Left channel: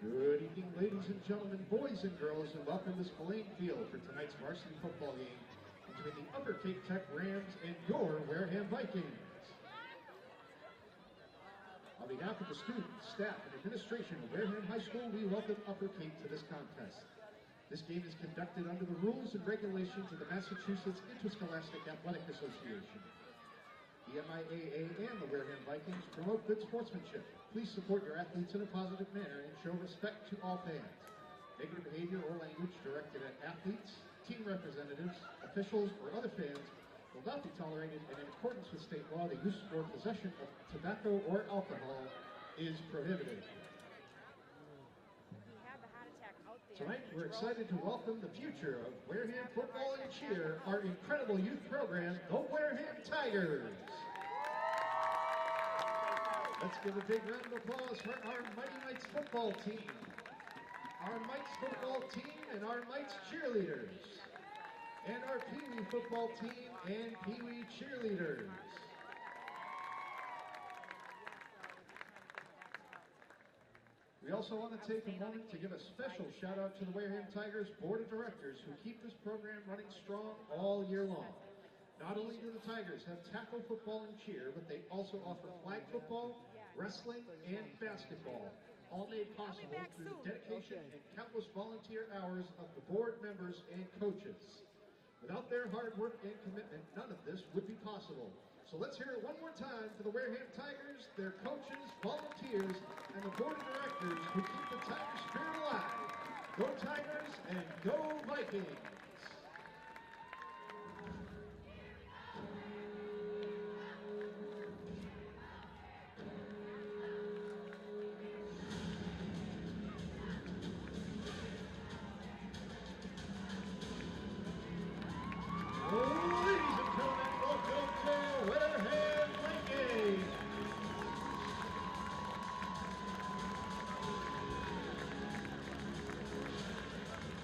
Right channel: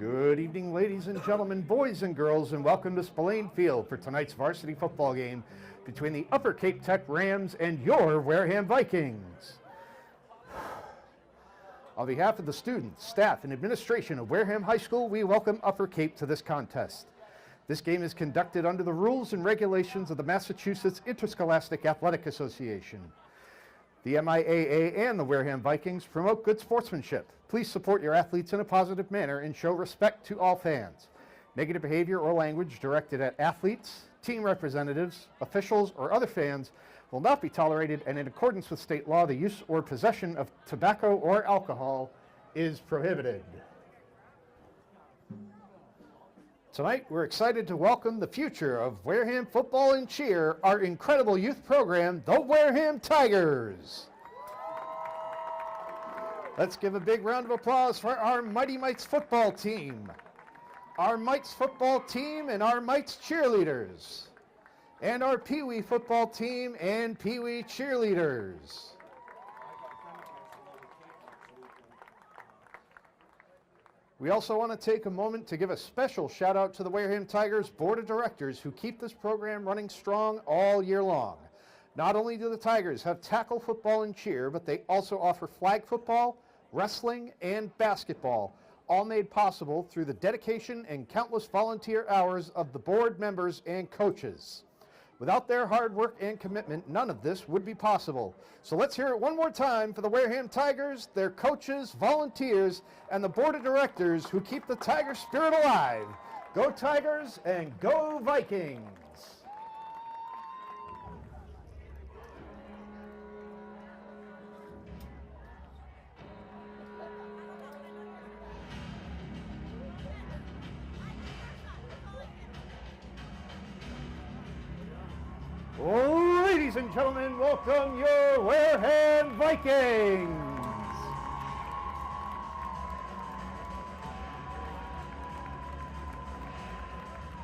Good evening, ladies and gentlemen, boys and girls, and welcome to Spillane Field for tonight's varsity football game between the Upper Cape Tech Rams and your Wareham Vikings. On behalf of the students, staff, and administration of Wareham High School, we welcome Upper Cape to this contest. This game is conducted under the rules and regulations of the Massachusetts Interscholastic Athletic Association. The MIAA and the Wareham Vikings promote good sportsmanship. Please support your athletes in a positive manner and show respect to all fans. Negative behavior or language directed at athletes, team representatives, officials, or other fans will not be tolerated, and in accordance with state law, the use or possession of tobacco or alcohol is prohibited. Tonight, we're excited to welcome the future of Wareham football and cheer, our incredible youth program, the Wareham Tigers. Let's give a big round of applause for our Mighty Mites football team, our Mites football team and our Mites cheerleaders, and our Pee Wee football team and Pee Wee cheerleaders. We also want to take a moment to give a special shout out to the Wareham Tigers Board of Directors who keep this program running strong all year long. Not only do the Tigers have tackle football and cheer, but they also offer flag football, wrestling, and basketball, all made possible through the dedication and countless volunteer hours of the board members and coaches. Without their hard work and commitment, none of this would be possible. So let's hear it one more time for the Wareham Tigers, their coaches, volunteers, and the board of directors who keep the Tiger spirit alive. Go Tigers and go Vikings! Ladies and gentlemen, welcome your Wareham Vikings!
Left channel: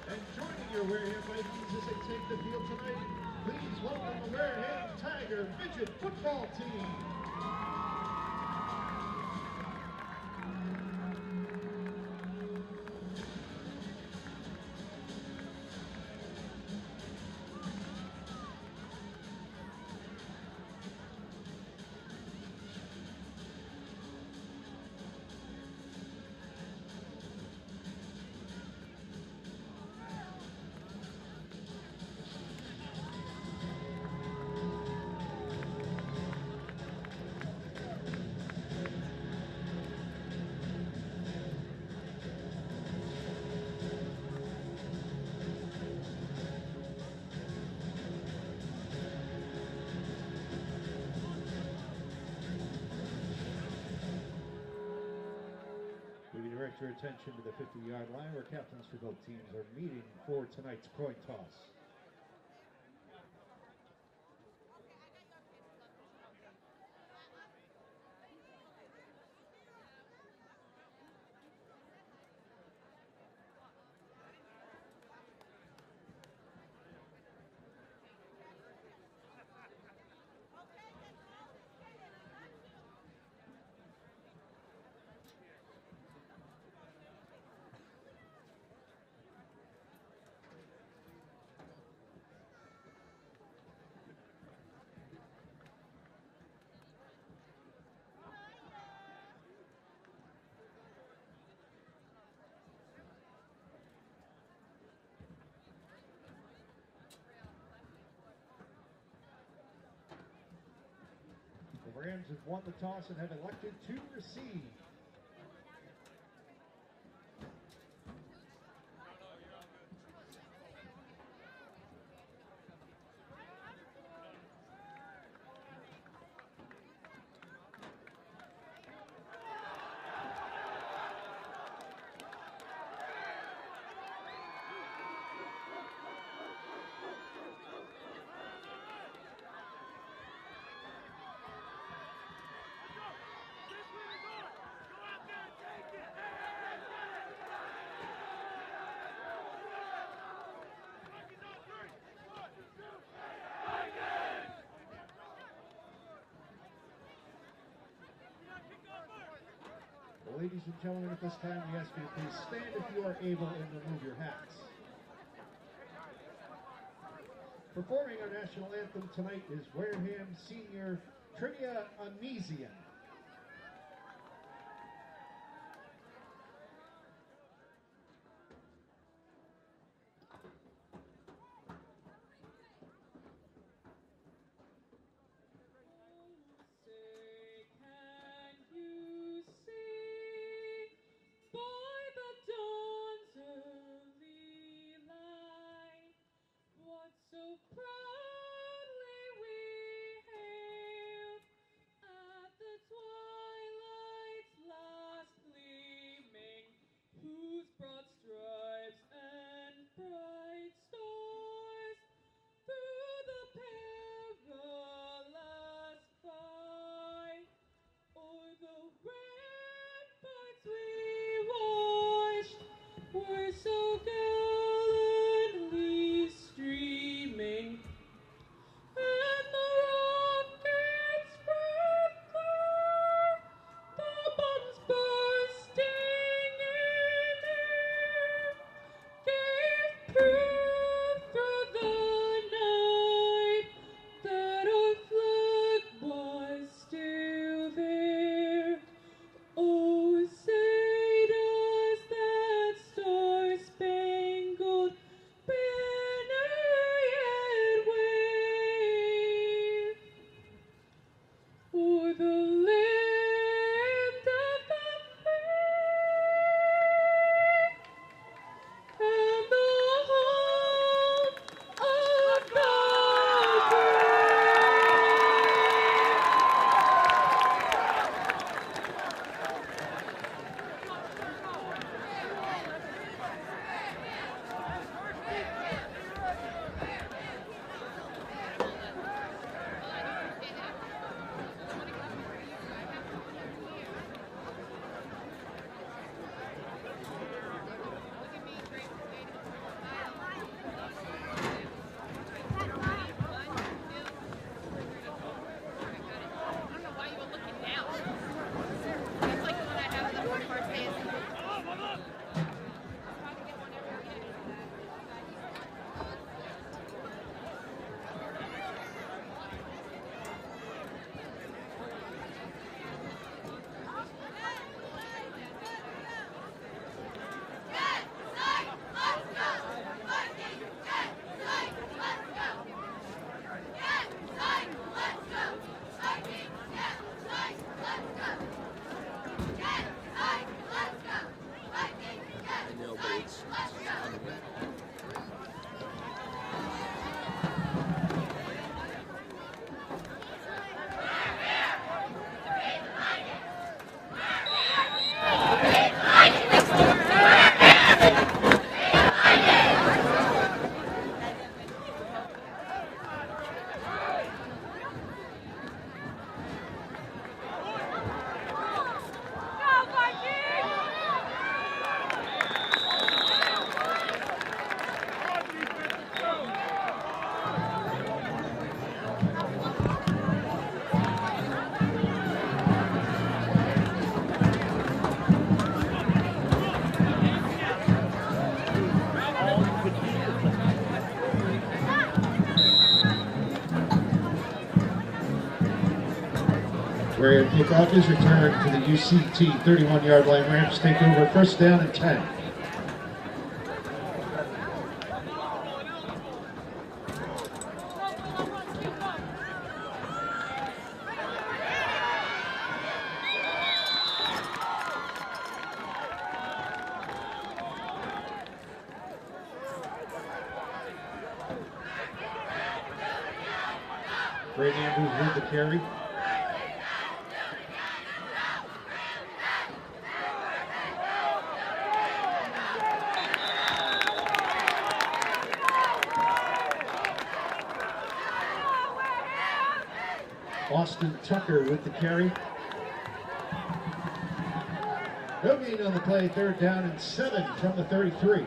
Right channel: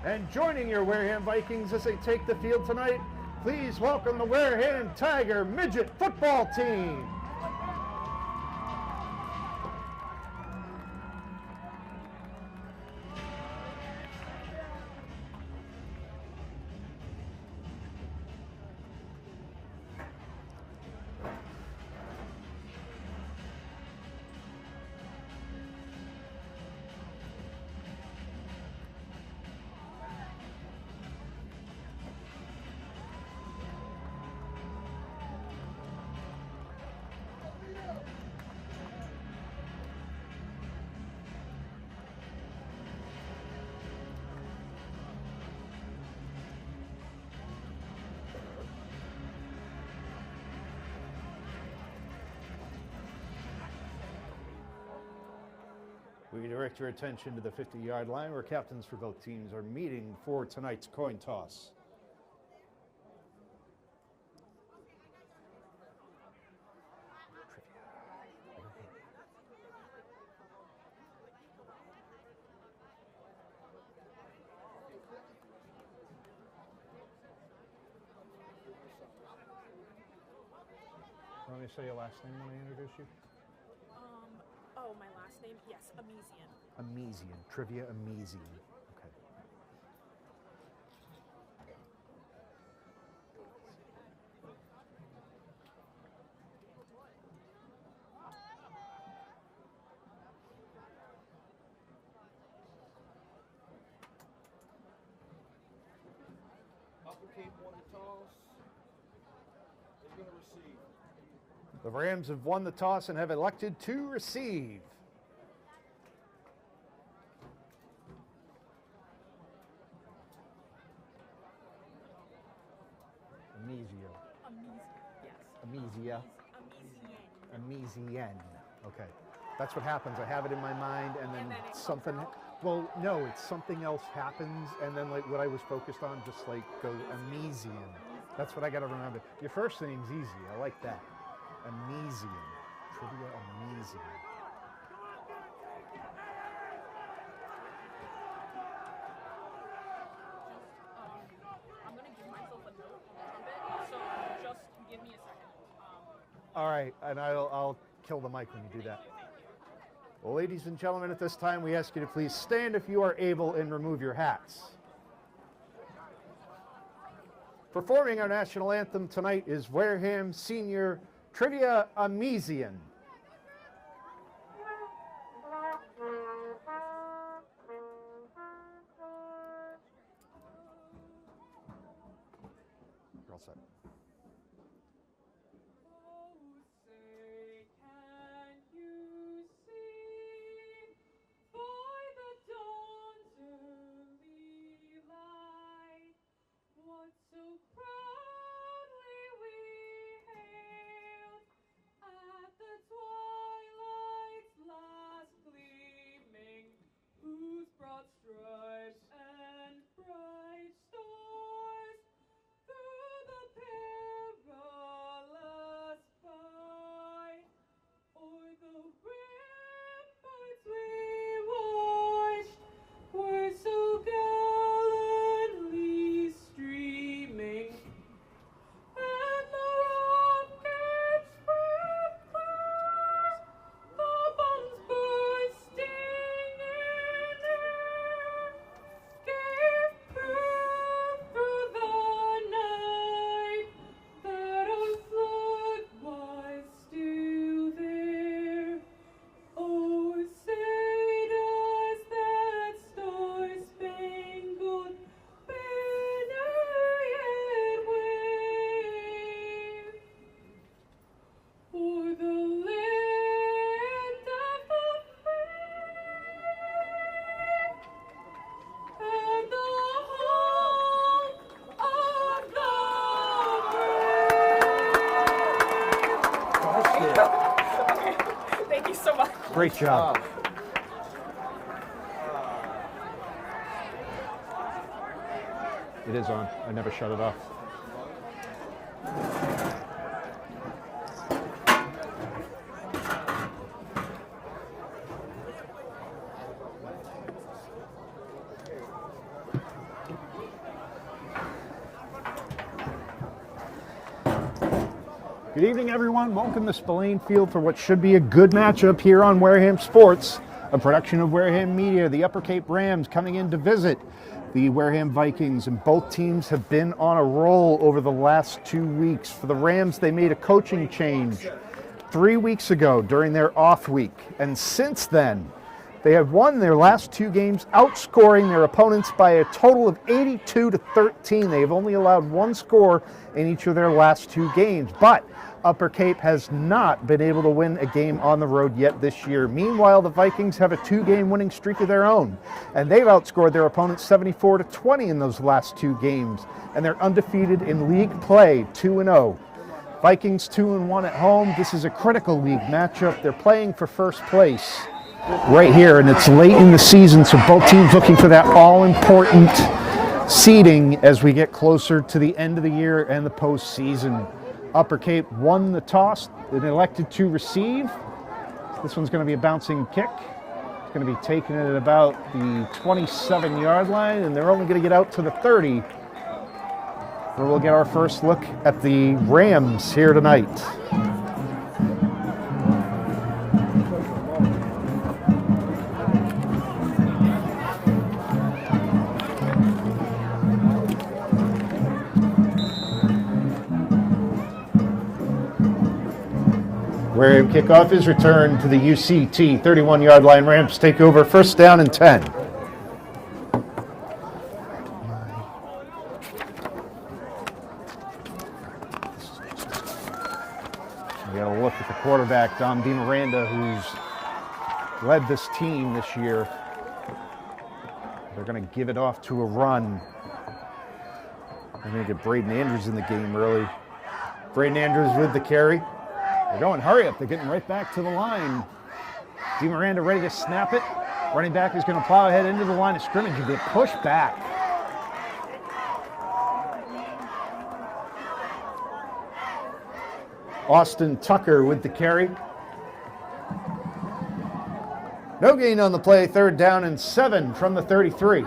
And joining your Wareham Vikings as they take the field tonight, please welcome the Wareham Tiger Midget Football Team. Direct your attention to the 50-yard line where captains for both teams are meeting for tonight's coin toss. Let me say your last name when I introduce you. Oh, my last name? Yes, Amesian. Amesian. Trivia Amesian. Okay. Upper Cape won the toss. They're going to receive. The Rams have won the toss and have elected to receive. Amesian. Okay. That's what happens. I have it in my mind and then something, well, no, it's something else happens and then like what I was focused on just like go Amesian. That's what I got to remember. Your first name's easy. I like that. Amesian. Trivia Amesian. All right, and I'll kill the mic when you do that. Well, ladies and gentlemen, at this time, we ask you to please stand if you are able and remove your hats. Performing our national anthem tonight is Wareham Senior Trivia Amesian. All set. So proudly we hailed at the twilight's last gleaming, whose broad stripes and bright stars through the perilous fight o'er the ramparts we watched were so gallantly streaming, and the rockets spread clear, the bombs bursting in air, gave proof through the night that our flag was still there. Oh, say does that star-spangled banner yet wave o'er the land of the free and the home of the Thank you so much. Great job. It is on. I never shut it off. Good evening, everyone. Welcome to Spillane Field for what should be a good matchup here on Wareham Sports, a production of Wareham Media. The Upper Cape Rams coming in to visit the Wareham Vikings, and both teams have been on a roll over the last 2 weeks. For the Rams, they made a coaching change 3 weeks ago during their off week, and since then, they have won their last 2 games, outscoring their opponents by a total of 82-13. They have only allowed 1 score in each of their last 2 games, but Upper Cape has not been able to win a game on the road yet this year. Meanwhile, the Vikings have a 2-game winning streak of their own, and they've outscored their opponents 74-20 in those last 2 games, and they're undefeated in league play, 2-0. Vikings 2-1 at home. This is a critical league matchup. They're playing for first place right here, and it's late in the season, so both teams looking for that all-important seeding as we get closer to the end of the year and the postseason. Upper Cape won the toss and elected to receive. This one's going to be a bouncing kick. It's going to be taken at about the 27-yard line, and they're only going to get out to the 30. Where we'll get our first look at the Rams here tonight. Wareham kickoff is returned to the UCT 31-yard line. Rams take over, first down and 10. We got a look at the quarterback, Dom DiMiranda, who's led this team this year. They're going to give it off to a run. They're going to get Braden Andrews in the game early. Braden Andrews with the carry. They're going, hurry up, they're getting right back to the line. DiMiranda ready to snap it. Running back is going to plow ahead into the line of scrimmage and get pushed back. Austin Tucker with the carry. No gain on the play, third down and 7 from the 33.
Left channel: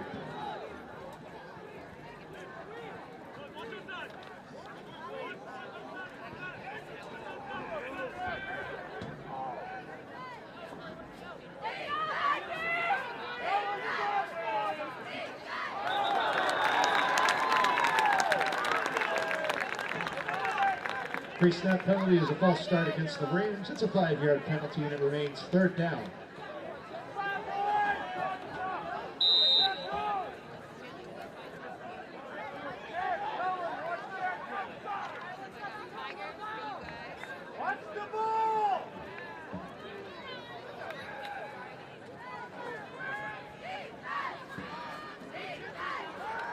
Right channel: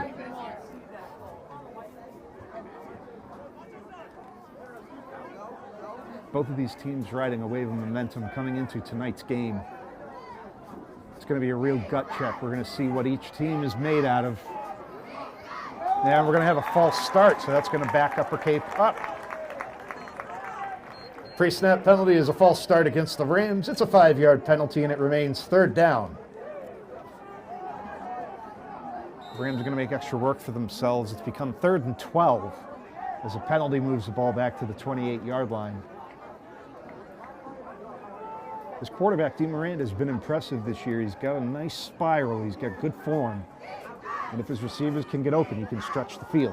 Both of these teams riding a wave of momentum coming into tonight's game. going to be a real gut check. We're going to see what each team is made out of. And we're going to have a false start, so that's going to back Upper Cape up. Pre-snap penalty is a false start against the Rams. It's a 5-yard penalty, and it remains 3rd down. The Rams are going to make extra work for themselves. It's become 3rd and 12 as a penalty moves the ball back to the 28-yard line. His quarterback, DeMorand, has been impressive this year. He's got a nice spiral. He's got good form. And if his receivers can get open, he can stretch the field.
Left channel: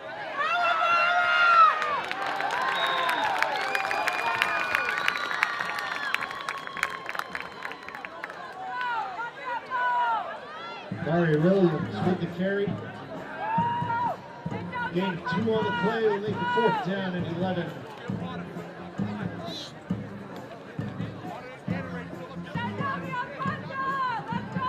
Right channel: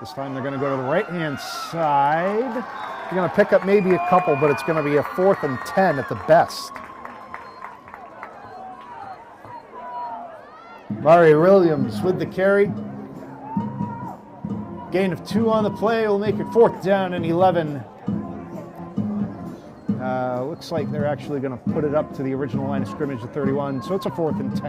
This time they're going to go to the right-hand side. They're going to pick up maybe a couple, but it's going to be a 4th and 10 at the best. Mari Williams with the carry. Gain of 2 on the play will make it 4th down and 11. Looks like they're actually going to put it up to the original line of scrimmage at 31, so it's a 4th and 10.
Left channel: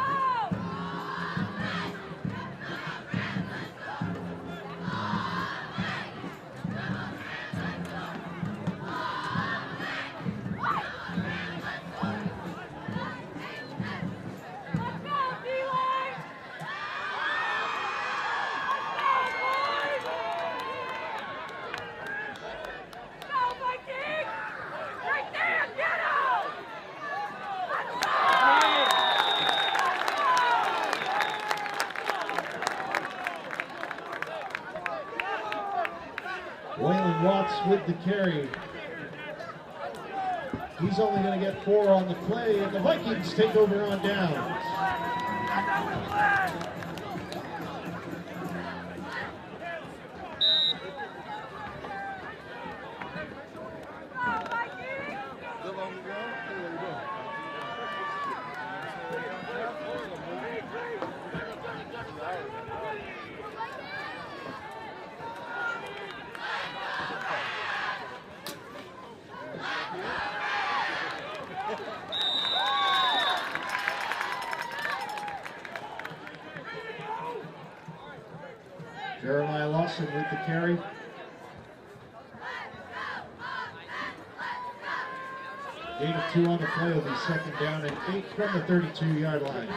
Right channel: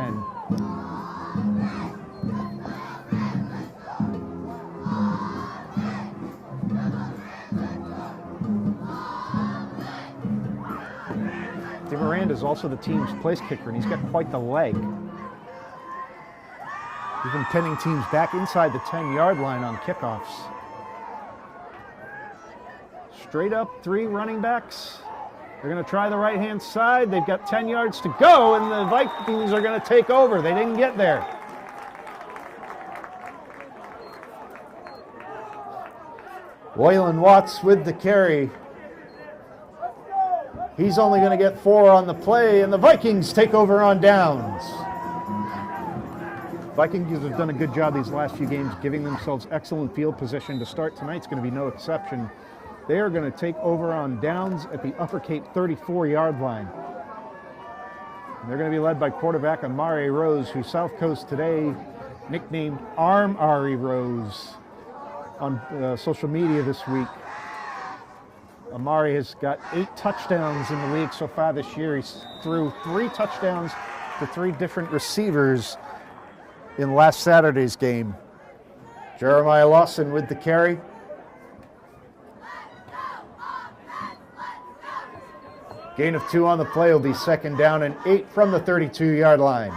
DeMorand is also the team's place kicker, and he's got quite the leg. He's been pinning teams back inside the 10-yard line on kickoffs. Straight up 3 running backs. They're going to try the right-hand side. They've got 10 yards to go, and the Vikings are going to take over. They didn't get there. Waylon Watts with the carry. He's only going to get 4 on the play, and the Vikings take over on downs. Vikings have done a good job these last few games, giving themselves excellent field position. To start tonight's going to be no exception. They are going to take over on downs at the Upper Cape 34-yard line. They're going to be led by quarterback Amari Rose, who South Coast Today nicknamed Arm Ari Rose on social media this week. Amari has got 8 touchdowns in the league so far this year. He's threw 3 touchdowns to 3 different receivers in last Saturday's game. Jeremiah Lawson with the carry. Gain of 2 on the play will be 2nd down and 8 from the 32-yard line.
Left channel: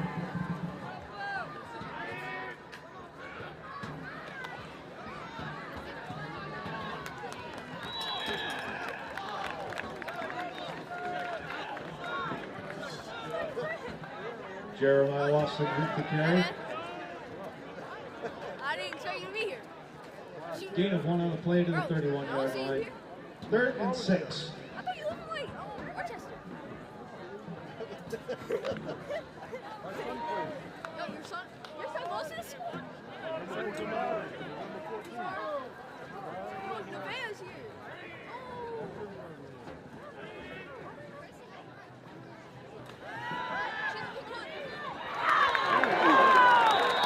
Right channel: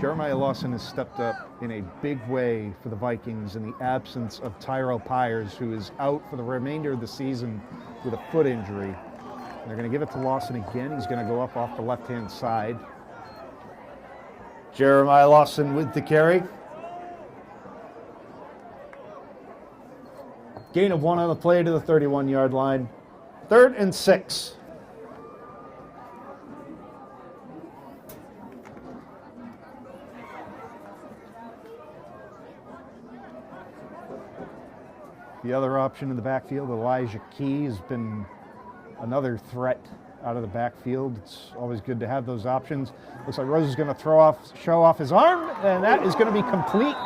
Jeremiah Lawson has stepped up in a big way for the Vikings in the absence of Tyrell Pyers, who is out for the remainder of the season with a foot injury. They're going to give it to Lawson again. He's going to go up off the left-hand side. Jeremiah Lawson with the carry. Gain of 1 on the play to the 31-yard line. 3rd and 6. The other option in the backfield, Elijah Key, has been another threat out of the backfield. It's always good to have those options. Looks like Rose is going to show off his arm, and that is going to be complete.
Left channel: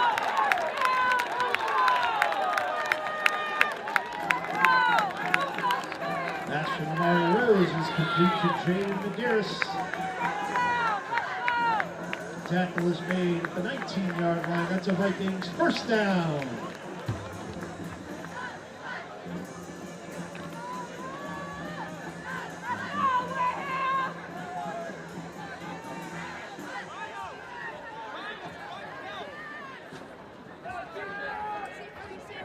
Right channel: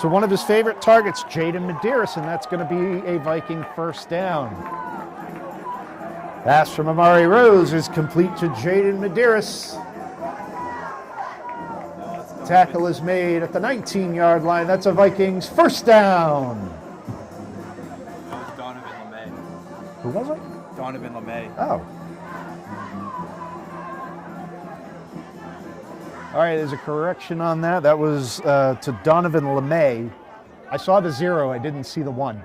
So one of his favorite targets, Jaden Medeiros, and that's going to be a Viking 1st down. Pass from Amari Rose is complete to Jaden Medeiros. Tackle is made at the 19-yard line. That's a Vikings 1st down. Who was it? Donovan LeMay. Oh. All right, there's a correction on that. That was to Donovan LeMay. I saw the 0. I didn't see the 1.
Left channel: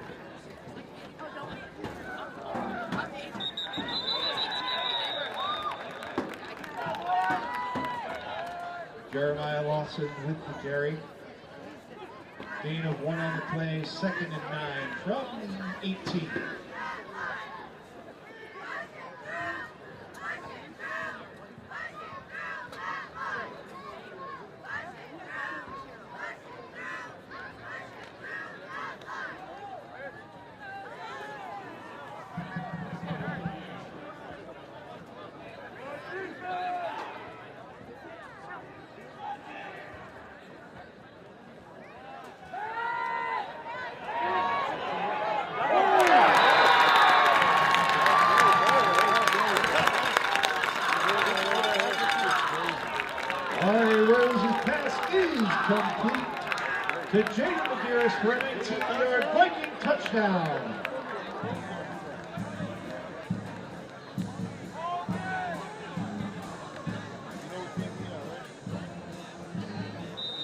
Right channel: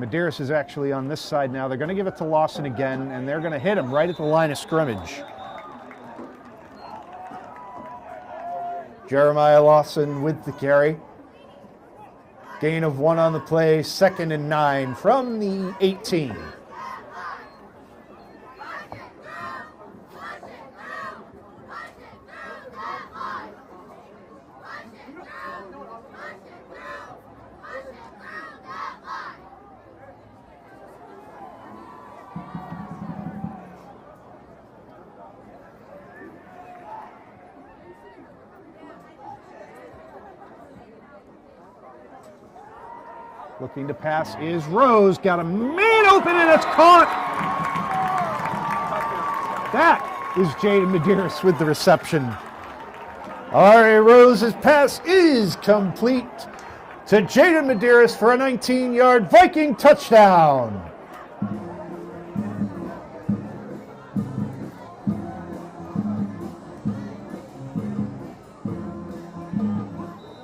Medeiros is actually on this side now. They're going to give it to Lawson again, and they're going to hit him right at the line of scrimmage. Jeremiah Lawson with the carry. Gain of 1 on the play, 2nd and 9 from the 18. Looking to pass is Rose. Got a man open and it's caught. That is Jaden Medeiros with the reception. Ari Rose's pass is complete to Jaden Medeiros for a 19-yard Viking touchdown.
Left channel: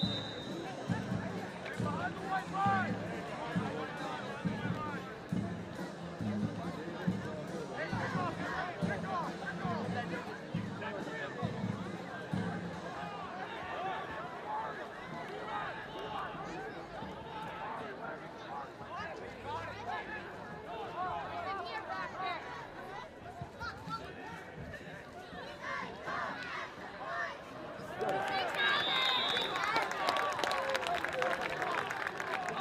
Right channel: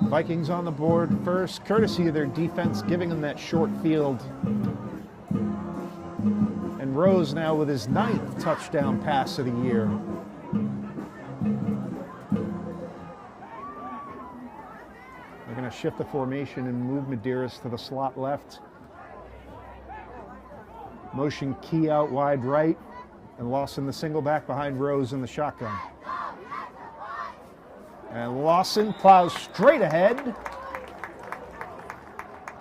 Vikings on the board first, courtesy of their defense giving them that short field. And Rose now with his 9th touchdown pass of the year. They're going to shift the formation and move Medeiros to the slot left. Motion key out wide right, and Lawson the single back behind Rose in the shotgun. And Lawson plows straight ahead.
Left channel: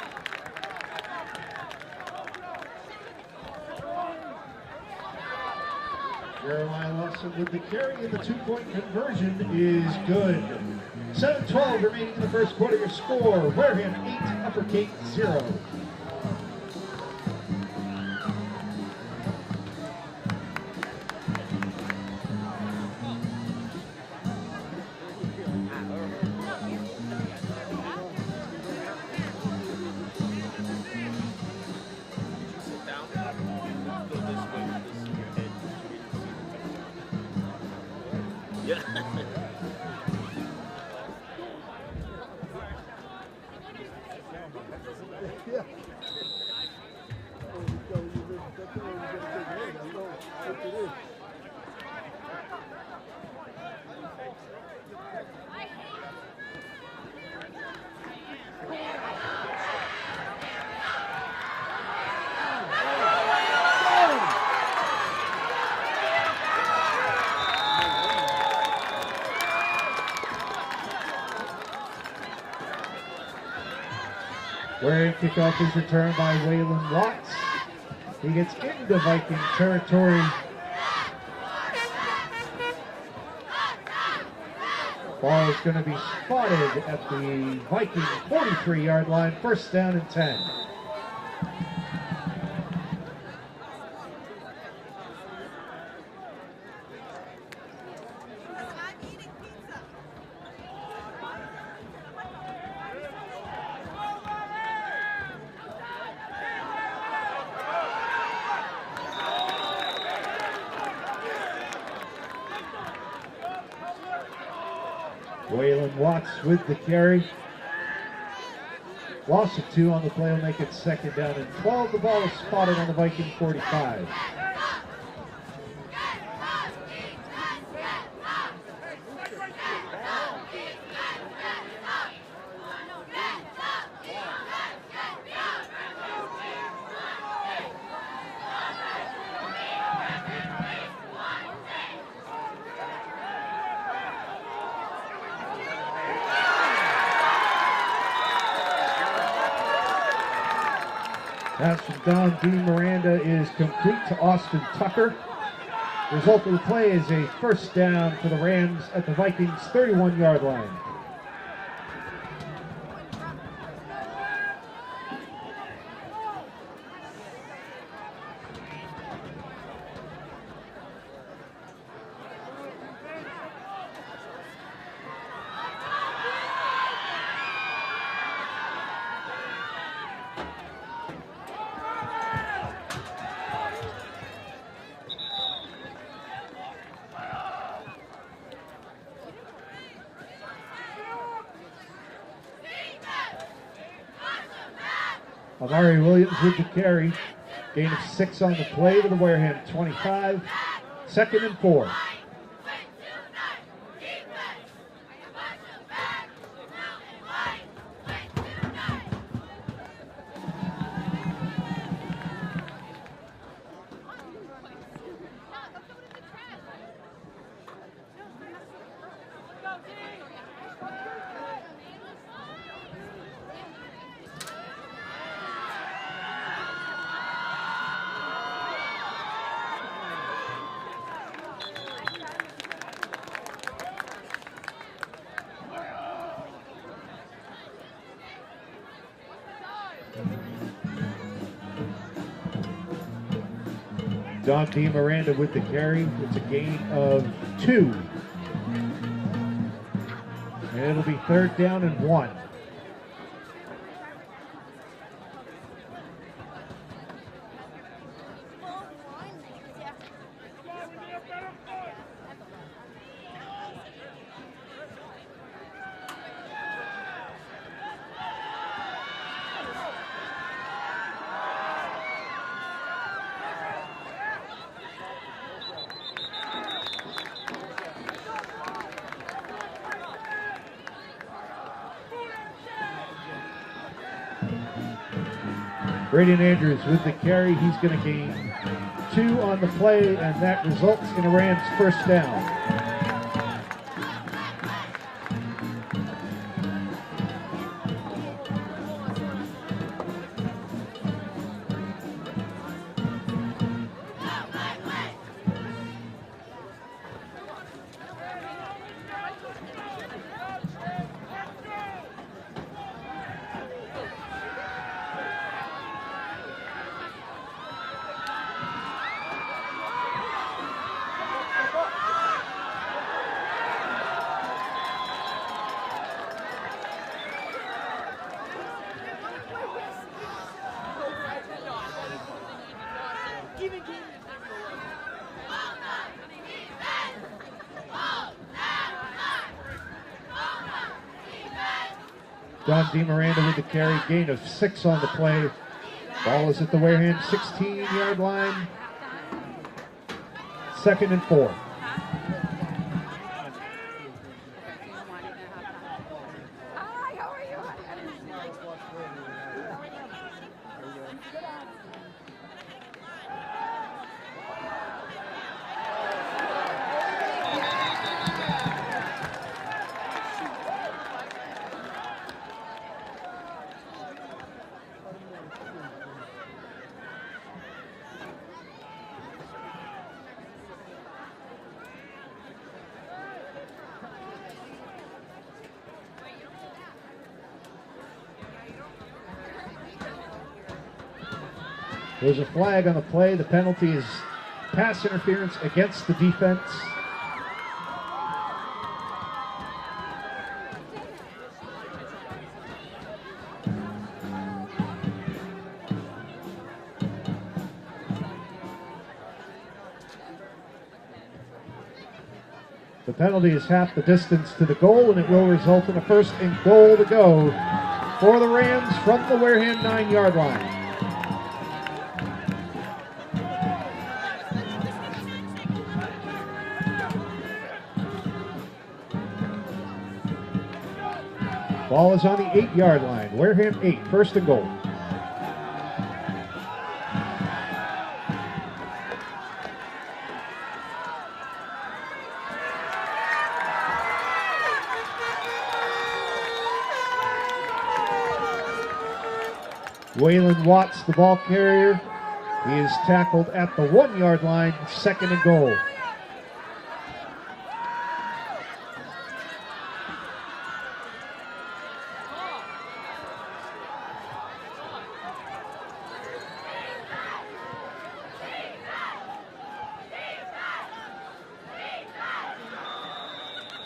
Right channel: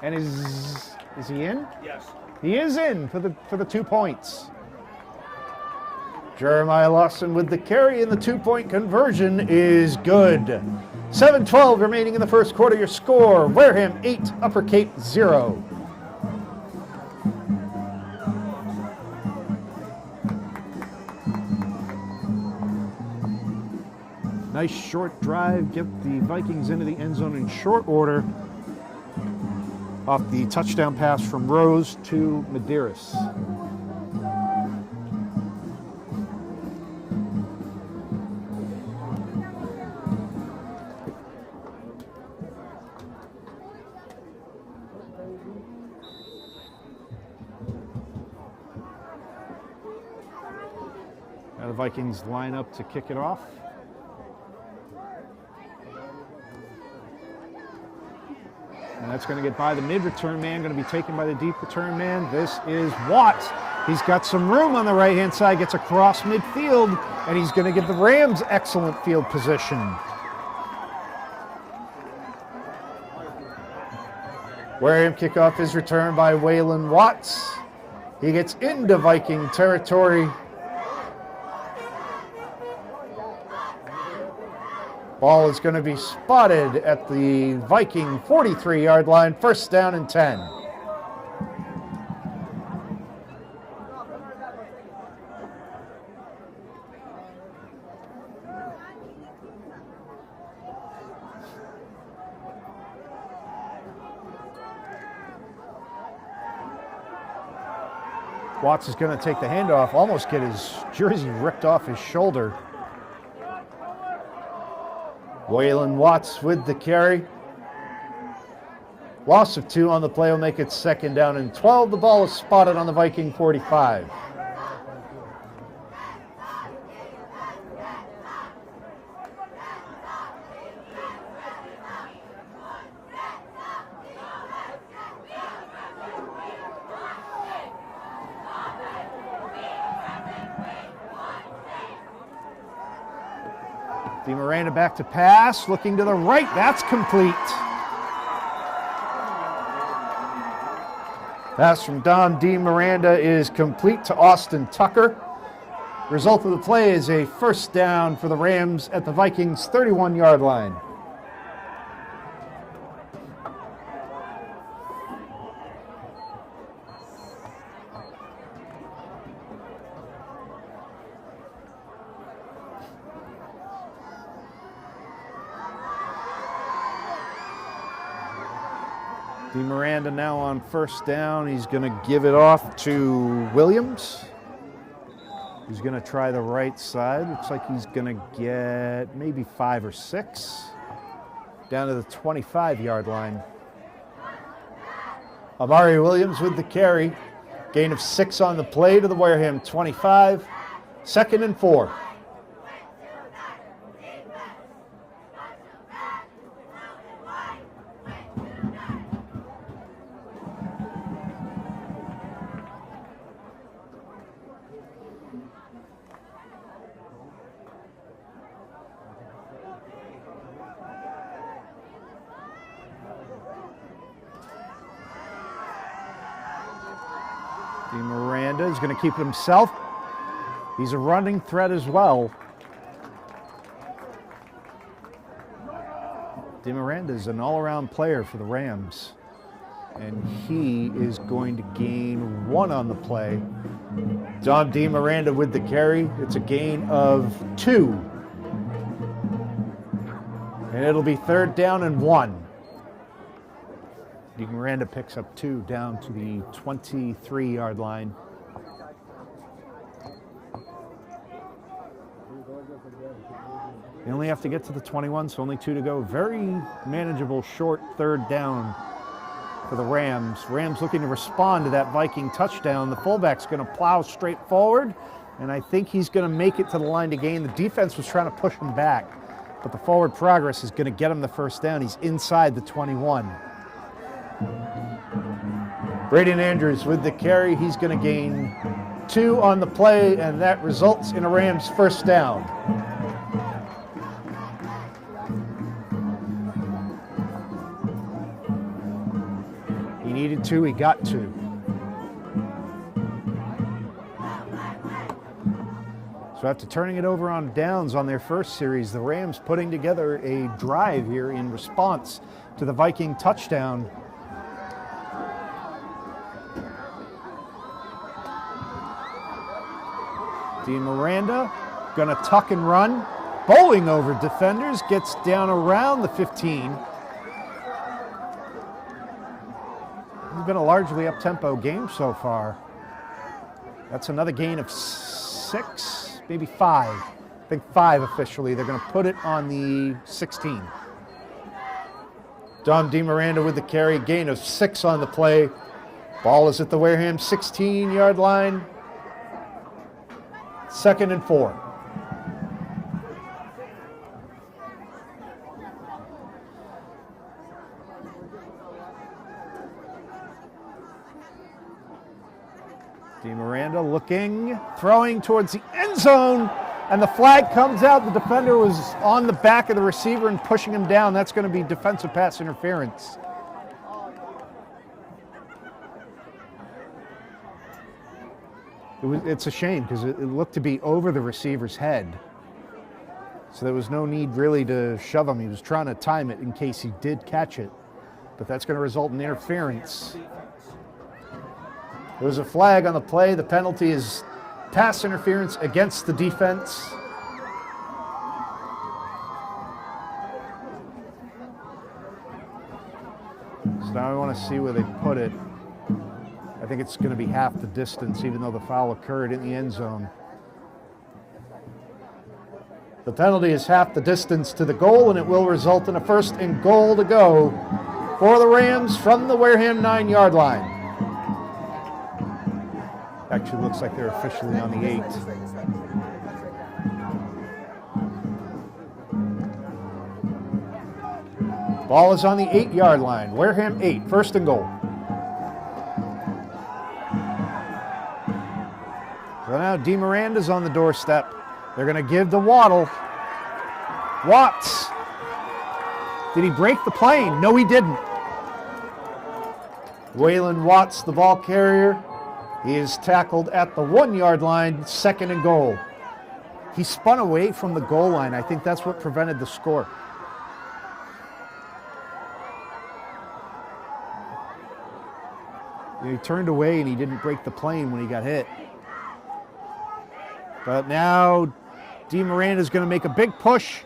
And is he in? Yes. He is in for the 2 points. Jeremiah Lawson with the carry, and the 2-point conversion is good. 7:12 remaining in the first quarter. Your score: Wareham 8, Upper Cape 0. Nice short drive, get the Vikings into the end zone in short order off the touchdown pass from Rose to Medeiros. Now the Vikings line up to kick it off. That's going to get by the mid-return man, going to be taken by the deep return man. This is Watt. He's got some room on the right-hand side, gets across midfield, and he's going to give the Rams excellent field position. Wareham kickoff is returned by Waylon Watts. He gets into Viking territory. Ball is going to be spotted at the Viking 43-yard line, 1st down and 10. Watts is going to take the handoff, almost get his jersey ripped off his shoulder. Waylon Watts with the carry. Loss of 2 on the play will make it 2nd down and 12. The ball is spotted on the Viking 45. Miranda back to pass, looking to the right, that's complete. Pass from Don D. Miranda is complete to Austin Tucker. The result of the play is a 1st down for the Rams at the Vikings 31-yard line. Miranda now on 1st down. He's going to give it off to Williams. He's going to try the right side. Looks like he's going to get maybe 5 or 6. Down to the 25-yard line. Amari Williams with the carry. Gain of 6 on the play to the Wareham 25. 2nd and 4. Miranda is going to keep himself. He's a running threat as well. Miranda is an all-around player for the Rams. And he is going to gain 1 on the play. Don D. Miranda with the carry. It's a gain of 2. And it'll be 3rd down and 1. Miranda picks up 2 down to the 23-yard line. They only have to get to the 21, so only 2 to go. Very manageable short 3rd down for the Rams. Rams looking to respond to that Viking touchdown. The fullback's going to plow straight forward, and I think he's going to make it to the line to gain. The defense was trying to push him back, but the forward progress is going to get him the 1st down. He's inside the 21. Braden Andrews with the carry. He's going to gain 2 on the play, and that results in a Rams 1st down. He needed 2, he got 2. So after turning it over on downs on their first series, the Rams putting together a drive here in response to the Viking touchdown. Dean Miranda gonna tuck and run, bowling over defenders, gets down around the 15. It's been a largely up-tempo game so far. That's another gain of 6, maybe 5. I think 5 officially. They're gonna put it on the 16. Don DeMiranda with the carry, gain of 6 on the play. Ball is at the Wareham 16-yard line. 2nd and 4. DeMiranda looking, throwing towards the end zone, and the flag comes out. The defender was on the back of the receiver and pushing him down. That's going to be defensive pass interference. It's a shame because it looked to be over the receiver's head. So there was no need really to shove him. He was trying to time it in case he did catch it. But that's going to result in interference. There's a flag on the play. The penalty is pass interference against the defense. So now I want to see where they put it. I think it's going to be half the distance, even though the foul occurred in the end zone. The penalty is half the distance to the goal, and it will result in a 1st and goal to go for the Rams from the Wareham 9-yard line. Actually looks like they're officially on the 8. Ball is on the 8-yard line. Wareham 8, 1st and goal. So now DeMiranda's on the doorstep. They're going to give to Waddle. Watts. Did he break the plane? No, he didn't. Waylon Watts, the ball carrier, is tackled at the 1-yard line, 2nd and goal. He spun away from the goal line. I think that's what prevented the score. He turned away and he didn't break the plane when he got hit. But now DeMiranda's going to make a big push,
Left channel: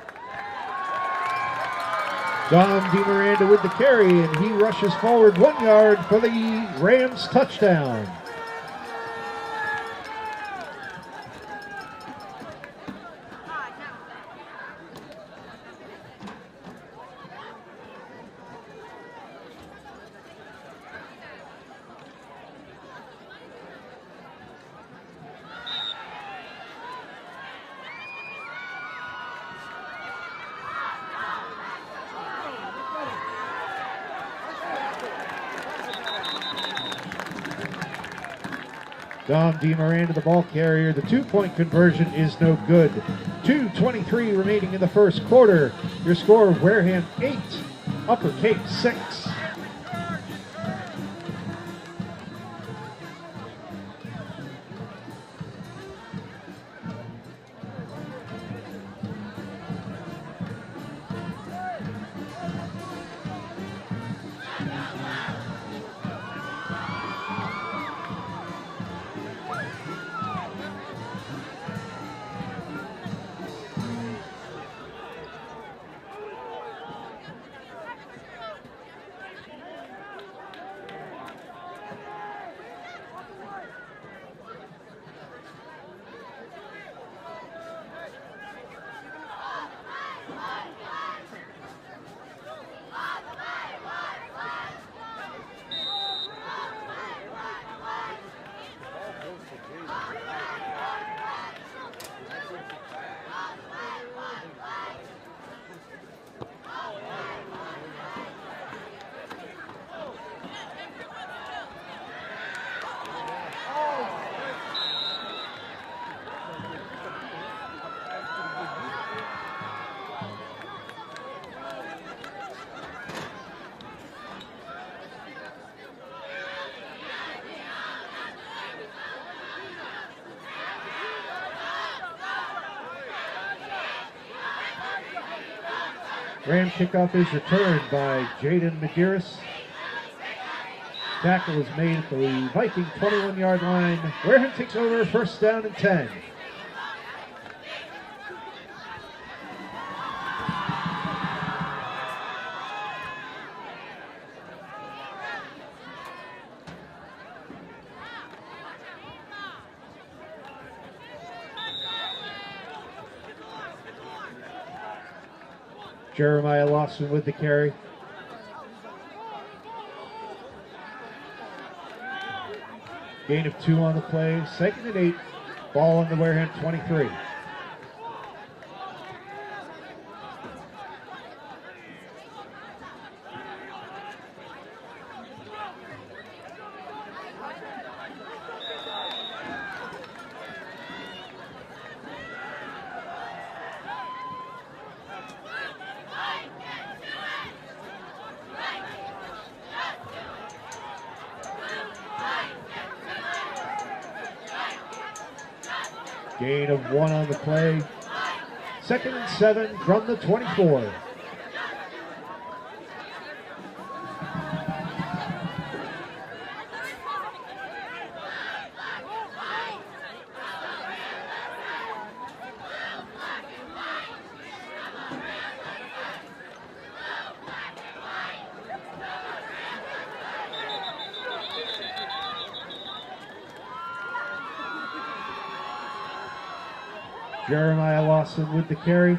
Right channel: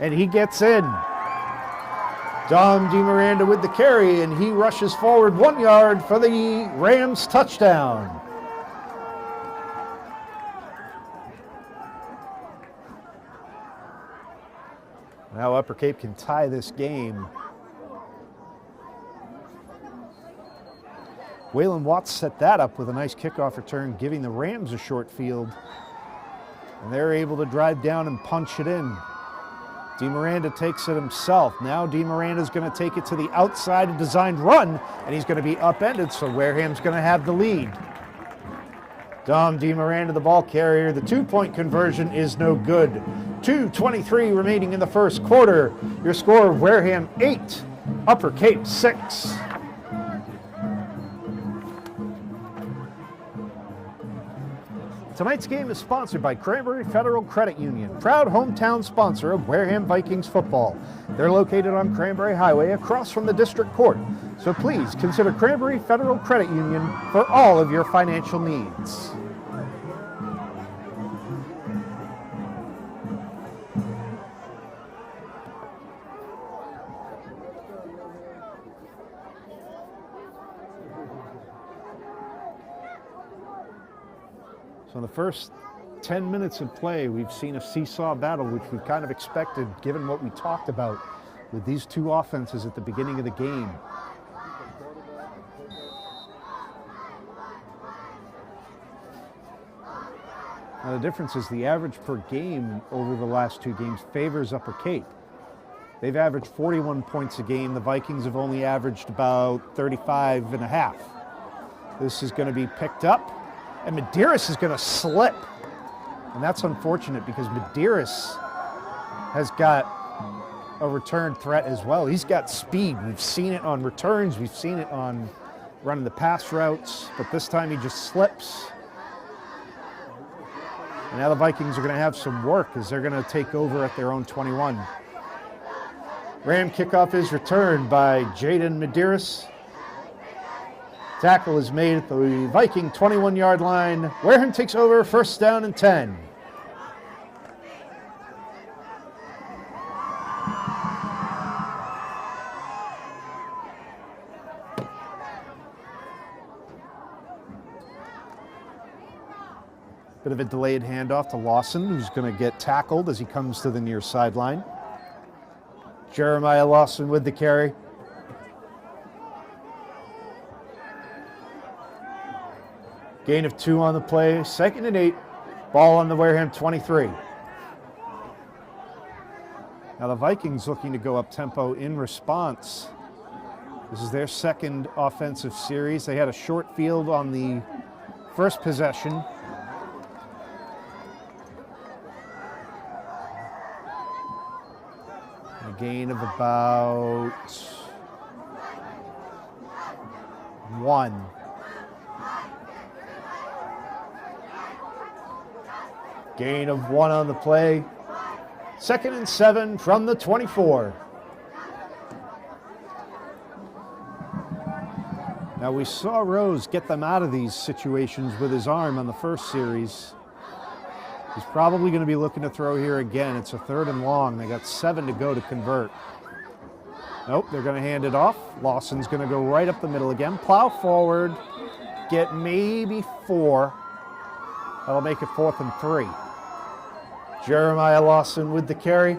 and he gets in. Don DeMiranda with the carry, and he rushes forward 1 yard for the Rams touchdown. Now Upper Cape can tie this game. Waylon Watts set that up with a nice kickoff return, giving the Rams a short field. And they're able to drive down and punch it in. DeMiranda takes it himself. Now DeMiranda's going to take it to the outside, a designed run, and he's going to be upended, so Wareham's going to have the lead. Dom DeMiranda, the ball carrier. The 2-point conversion is no good. 2:23 remaining in the 1st quarter. Your score, Wareham 8, Upper Cape 6. Tonight's game is sponsored by Cranberry Federal Credit Union, proud hometown sponsor of Wareham Vikings football. They're located on Cranberry Highway across from the District Court. So please consider Cranberry Federal Credit Union for all of your financial needs. For the first 10 minutes of play, we've seen a seesaw battle, which we kind of expected given what we talked about with these two offenses at the beginning of the game. Now the difference is the average per game over the last two games favors Upper Cape. They've averaged 41 points a game. The Vikings have only averaged about 35 and a half. This is going to be picked up, and Medeiros is going to slip. And that's unfortunate because Medeiros has got a return threat as well. He's got speed. We've seen it on returns. We've seen it on running the pass routes, but this time he just slips. And now the Vikings are going to have some work as they're going to take over at their own 21. Ram kickoff is returned by Jaden Medeiros. Tackle is made at the Viking 21-yard line. Wareham takes over, first down and 10. Bit of a delayed handoff to Lawson, who's going to get tackled as he comes to the near sideline. Jeremiah Lawson with the carry. Gain of 2 on the play, 2nd and 8. Ball on the Wareham 23. Now the Vikings looking to go up tempo in response. This is their second offensive series. They had a short field on the first possession. A gain of about 1. Gain of 1 on the play. 2nd and 7 from the 24. Now we saw Rose get them out of these situations with his arm on the first series. He's probably going to be looking to throw here again. It's a 3rd and long. They got 7 to go to convert. Nope, they're going to hand it off. Lawson's going to go right up the middle again. Plow forward. Get maybe 4. That'll make it 4th and 3. Jeremiah Lawson with the carry.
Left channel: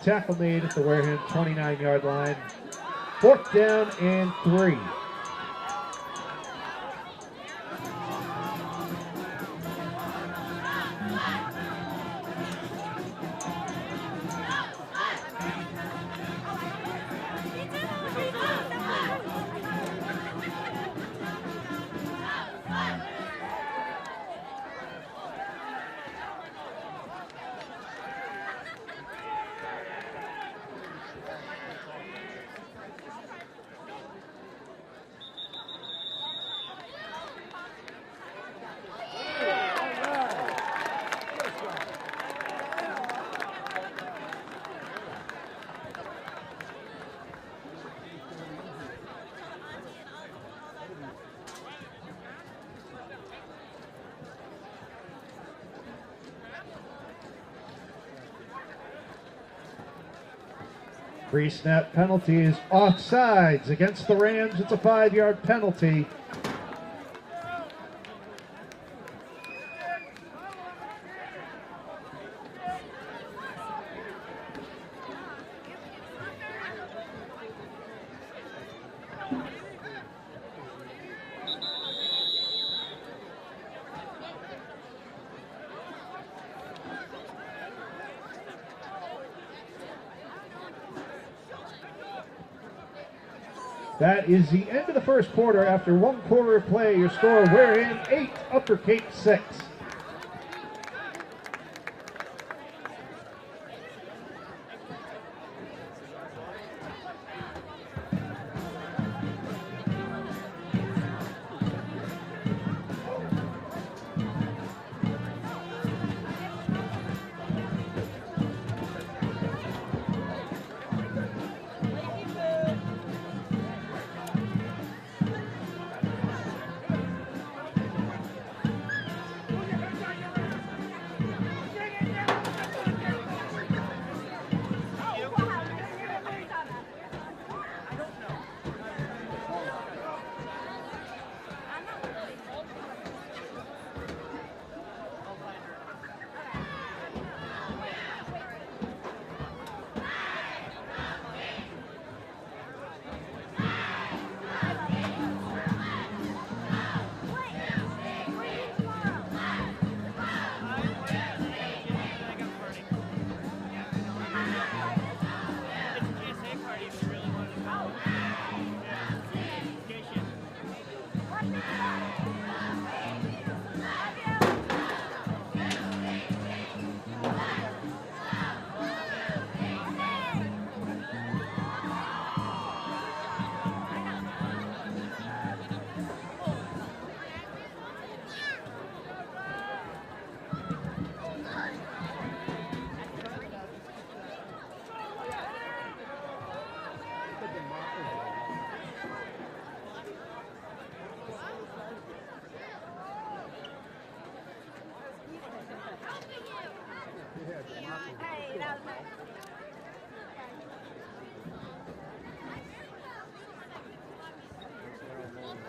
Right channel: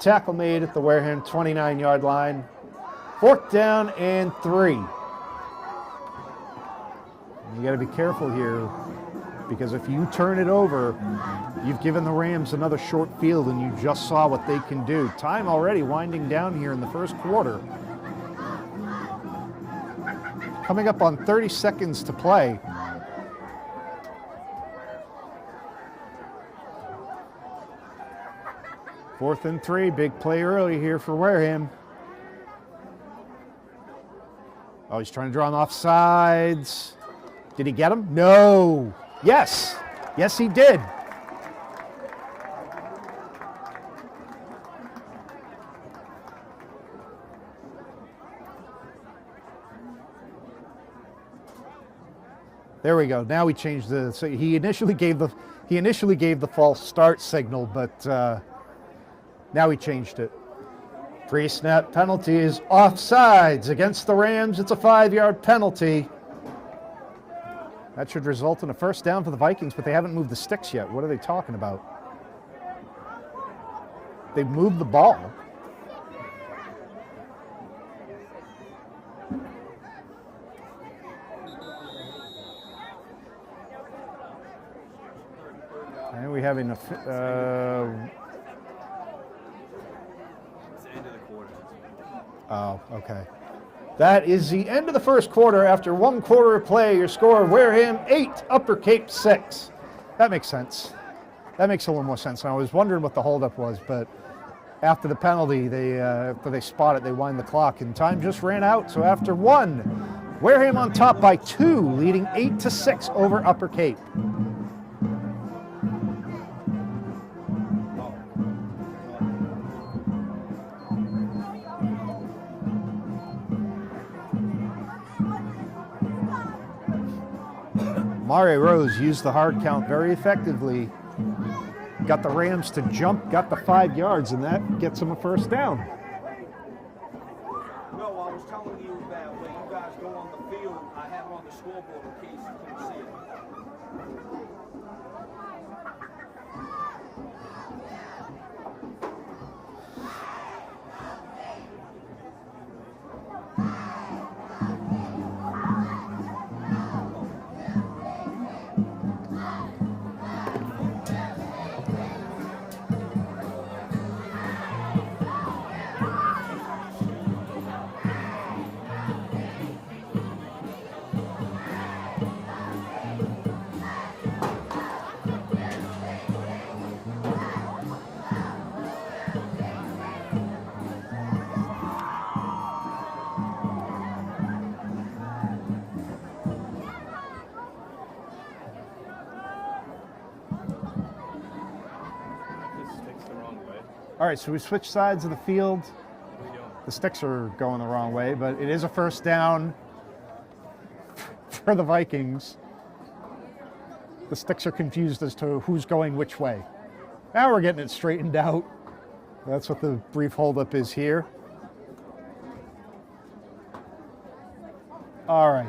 Tackle made at the Wareham 29-yard line. 4th down and 3. You got to be careful here because if you turn it over, you've given the Rams another short field and you just saw what they can do. Time already winding down here in the first quarter. Coming up on 30 seconds to play. Fourth and 3, big play early here for Wareham. Oh, he's trying to draw him off sides. Did he get him? No. Yes. Yes, he did. There we go. Now we changed the. So he initially gave the false start signal, but now he changed it. Pre-snap penalty is offsides against the Rams. It's a 5-yard penalty. That should result in a first down for the Vikings, but they haven't moved the sticks yet. What are they talking about? They've moved the ball. And we have enough. Oh, okay. That is the end of the first quarter. After 1 quarter of play, your score, Wareham 8, Upper Cape 6. That makes sense. That makes a little more sense. And I was wondering what the holdup was, but after the penalty, after they spot it, they wind the clock, and time just ran out. So after 1, Wareham on top by 2, leading 8-6 over Upper Cape. Mare Rose used the hard count very effectively. Got the Rams to jump, got the 5 yards, and that gets them a first down. All right, so we switched sides of the field. The sticks are going the wrong way, but it is a first down for the Vikings. The sticks are confused as to who's going which way. Now we're getting it straightened out. That's what the brief holdup is here. All right.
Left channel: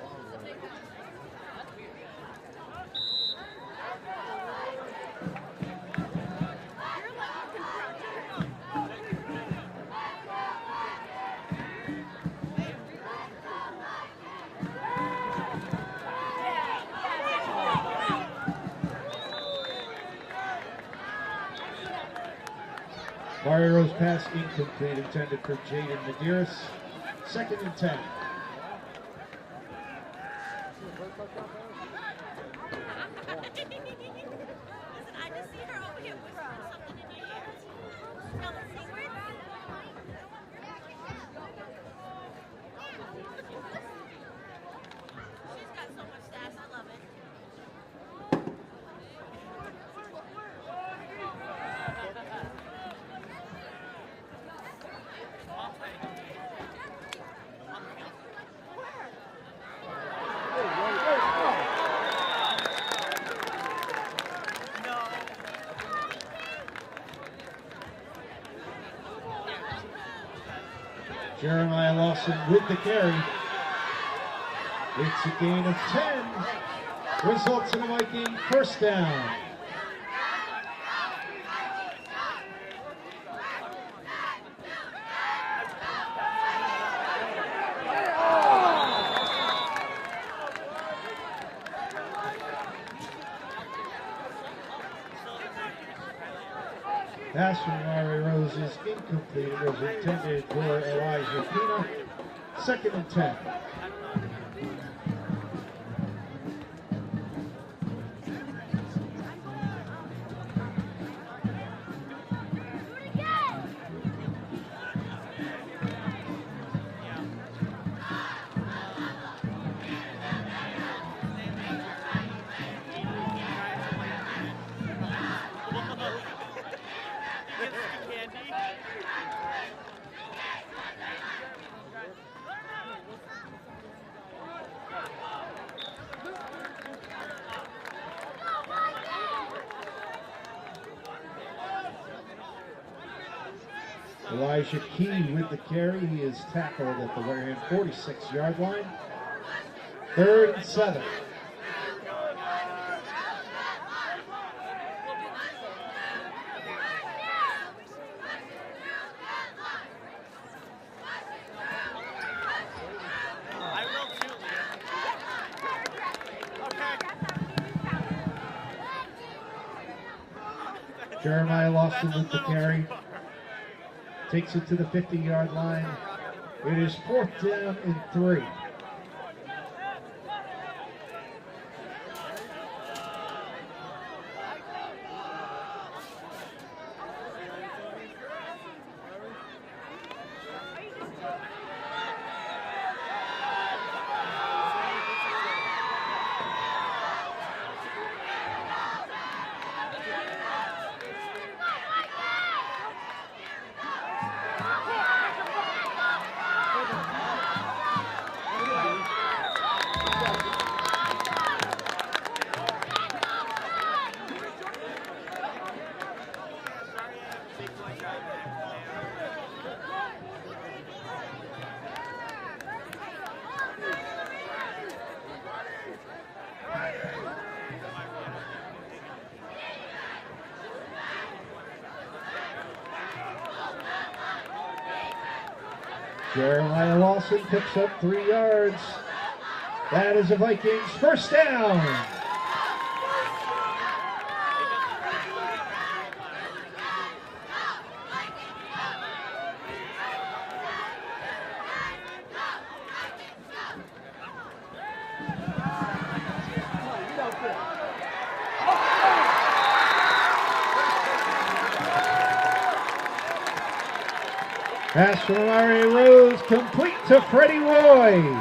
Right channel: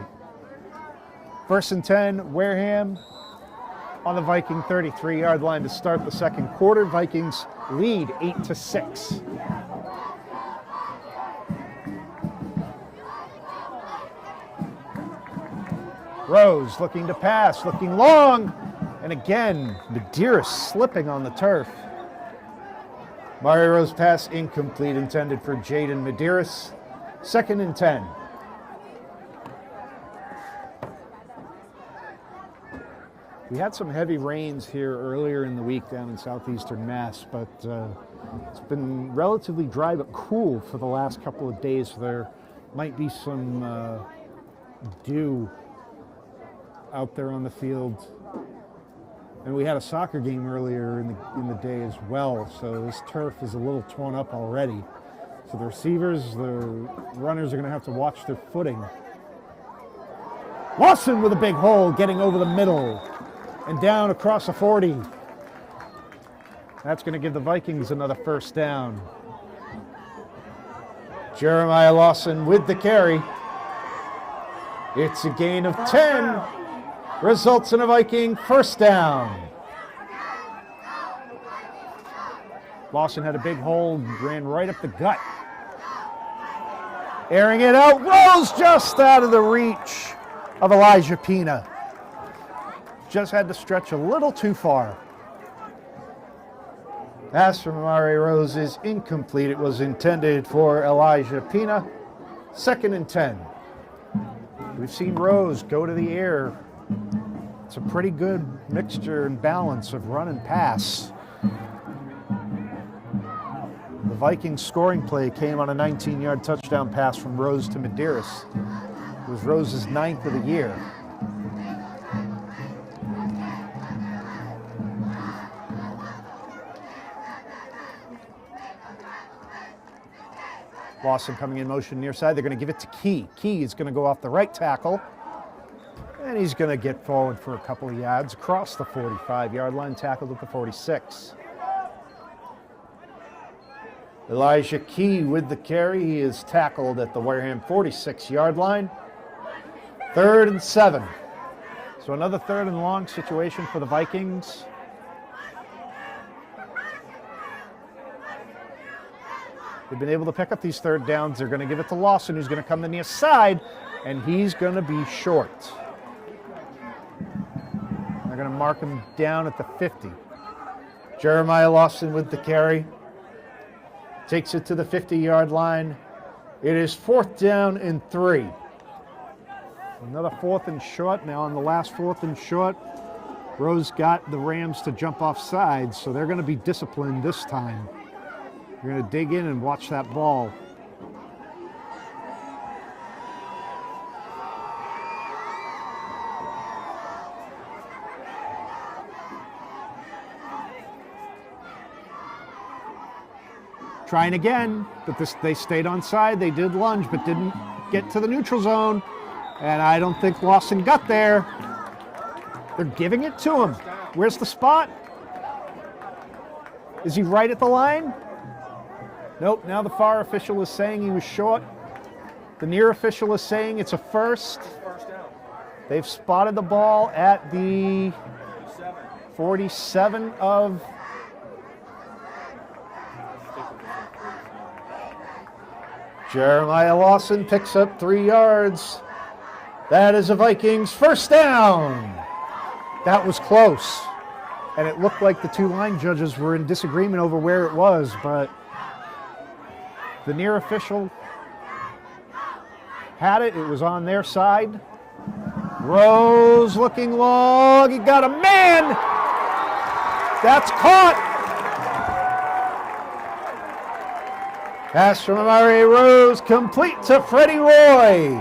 1st and 10, Wareham on the Viking 33-yard line to start the second quarter. Vikings lead 8-6. Rose looking to pass, looking long, and again, Medeiros slipping on the turf. Mari Rose pass incomplete, intended for Jaden Medeiros. 2nd and 10. We had some heavy rains here earlier in the week down in southeastern Mass, but it's been relatively dry but cool for the last couple of days. There might be some dew out there on the field. And we had a soccer game earlier in the day as well, so this turf is a little torn up already. So the receivers, the runners are going to have to watch their footing. Lawson with a big hole, getting over the middle and down across the 40. That's going to give the Vikings another first down. Jeremiah Lawson with the carry. It's a gain of 10. Results in a Viking first down. Lawson had a big hole, ran right up the gut. Airing it out, Rose just out of the reach of Elijah Pina. Just had to stretch a little too far. Pass from Mari Rose is incomplete. It was intended for Elijah Pina. 2nd and 10. We've seen Rose go to the air. It's a pretty good mixture and balance of run and pass. The Vikings scoring play came on a 19-yard touchdown pass from Rose to Medeiros. It was Rose's 9th of the year. Lawson coming in motion near side. They're going to give it to Key. Key is going to go off the right tackle. And he's going to get forward for a couple of yards across the 45-yard line, tackled at the 46. Elijah Key with the carry. He is tackled at the Wareham 46-yard line. 3rd and 7. So another 3rd and long situation for the Vikings. They've been able to pick up these 3rd downs. They're going to give it to Lawson, who's going to come to the near side, and he's going to be short. They're going to mark him down at the 50. Jeremiah Lawson with the carry. Takes it to the 50-yard line. It is 4th down and 3. Another 4th and short. Now on the last 4th and short, Rose got the Rams to jump off sides, so they're going to be disciplined this time. We're going to dig in and watch that ball. Trying again, but they stayed on side. They did lunge, but didn't get to the neutral zone. And I don't think Lawson got there. They're giving it to him. Where's the spot? Is he right at the line? Nope, now the far official is saying he was short. The near official is saying it's a first. They've spotted the ball at the 47 of Jeremiah Lawson picks up 3 yards. That is a Vikings first down. That was close. And it looked like the two line judges were in disagreement over where it was, but the near official had it. It was on their side. Rose looking long. He got a man. That's caught. Pass from Mari Rose, complete to Freddie Roy.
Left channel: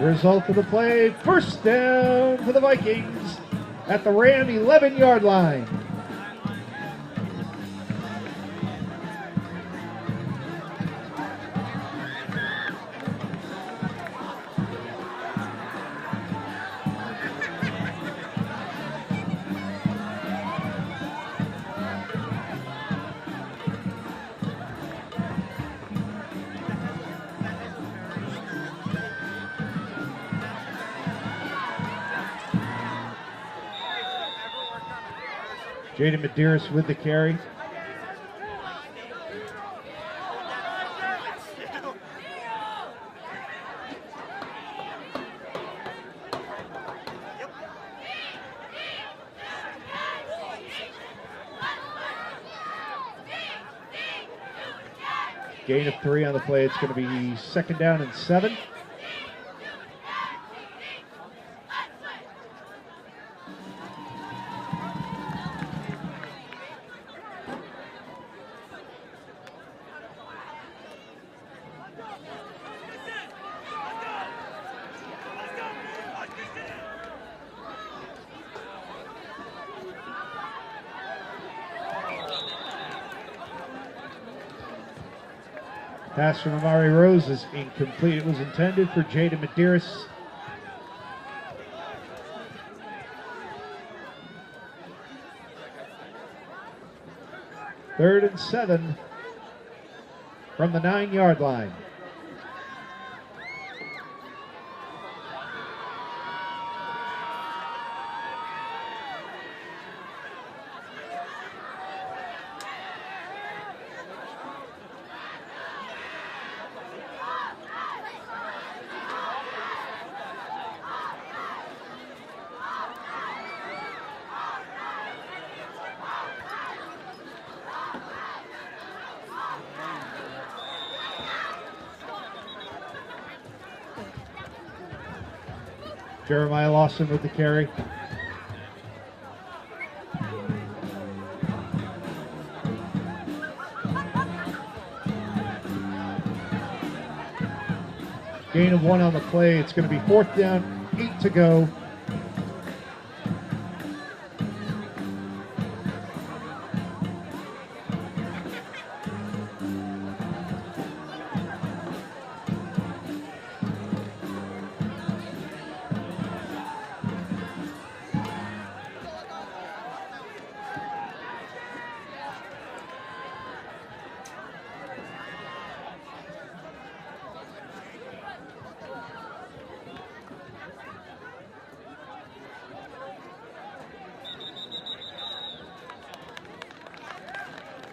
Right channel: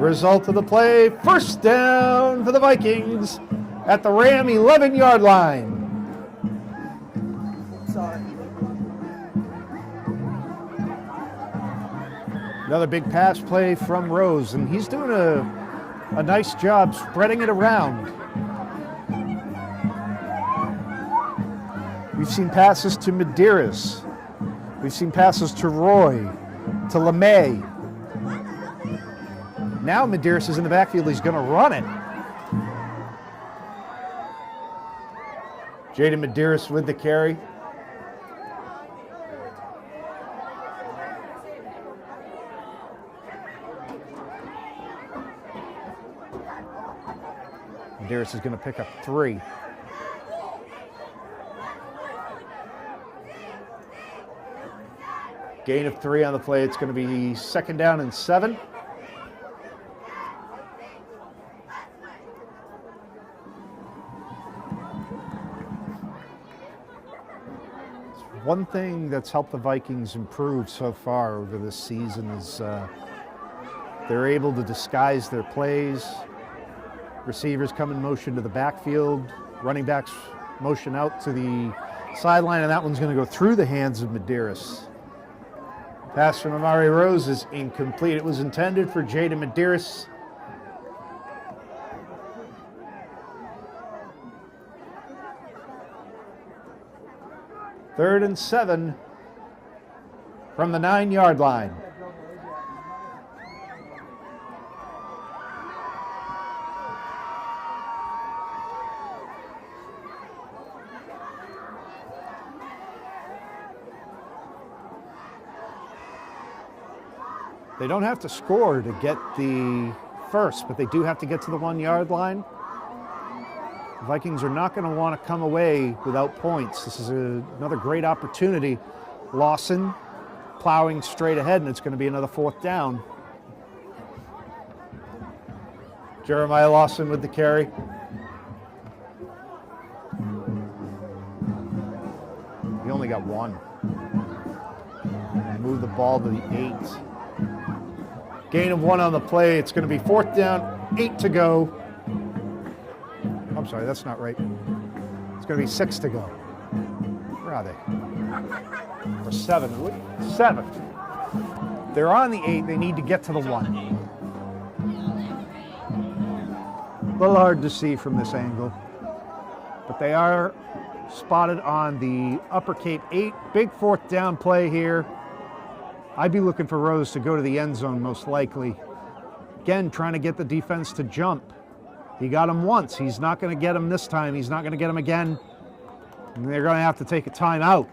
Result of the play, first down for the Vikings at the Ram 11-yard line. Another big pass play from Rose, and he's doing a nice job spreading it around. We've seen passes to Medeiros. We've seen passes to Roy, to LeMay. Now Medeiros is in the backfield. He's going to run it. Jaden Medeiros with the carry. Medeiros is going to pick up 3. Gain of 3 on the play. It's going to be 2nd down and 7. One thing that's helped the Vikings improve so far over this season is they're able to disguise their plays. Receivers come in motion to the backfield. Running backs motion out to the sideline, and that one's going to go through the hands of Medeiros. Pass from Amari Rose is incomplete. It was intended for Jaden Medeiros. Third and 7 from the 9-yard line. They don't have to score to get the first, but they do have to get to the 1-yard line. The Vikings are not going to want to come away without points. This is another great opportunity. Lawson plowing straight ahead, and it's going to be another 4th down. Jeremiah Lawson with the carry. He only got 1. Move the ball to the 8. Gain of 1 on the play. It's going to be 4th down, 8 to go. I'm sorry, that's not right. It's going to be 6 to go. Where are they? Or 7. 7. They're on the 8. They need to get to the 1. A little hard to see from this angle. But they are spotted on the upper Cape 8. Big 4th down play here. I'd be looking for Rose to go to the end zone most likely. Again, trying to get the defense to jump. He got him once. He's not going to get him this time. He's not going to get him again. And they're going to have to take a timeout.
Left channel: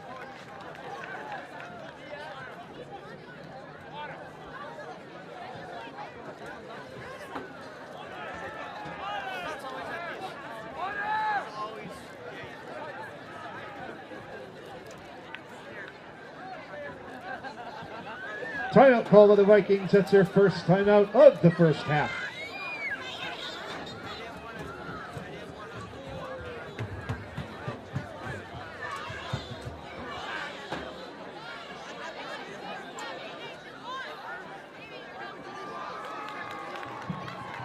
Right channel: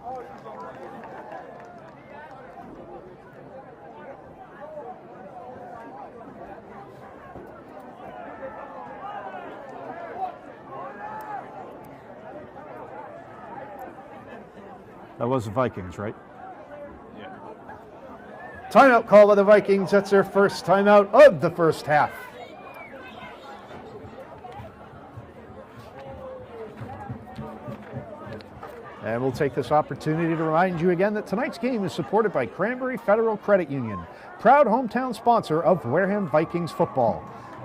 That was the Vikings, right? Timeout call to the Vikings. That's their first timeout of the first half. And we'll take this opportunity to remind you again that tonight's game is supported by Cranberry Federal Credit Union, proud hometown sponsor of Wareham Vikings football.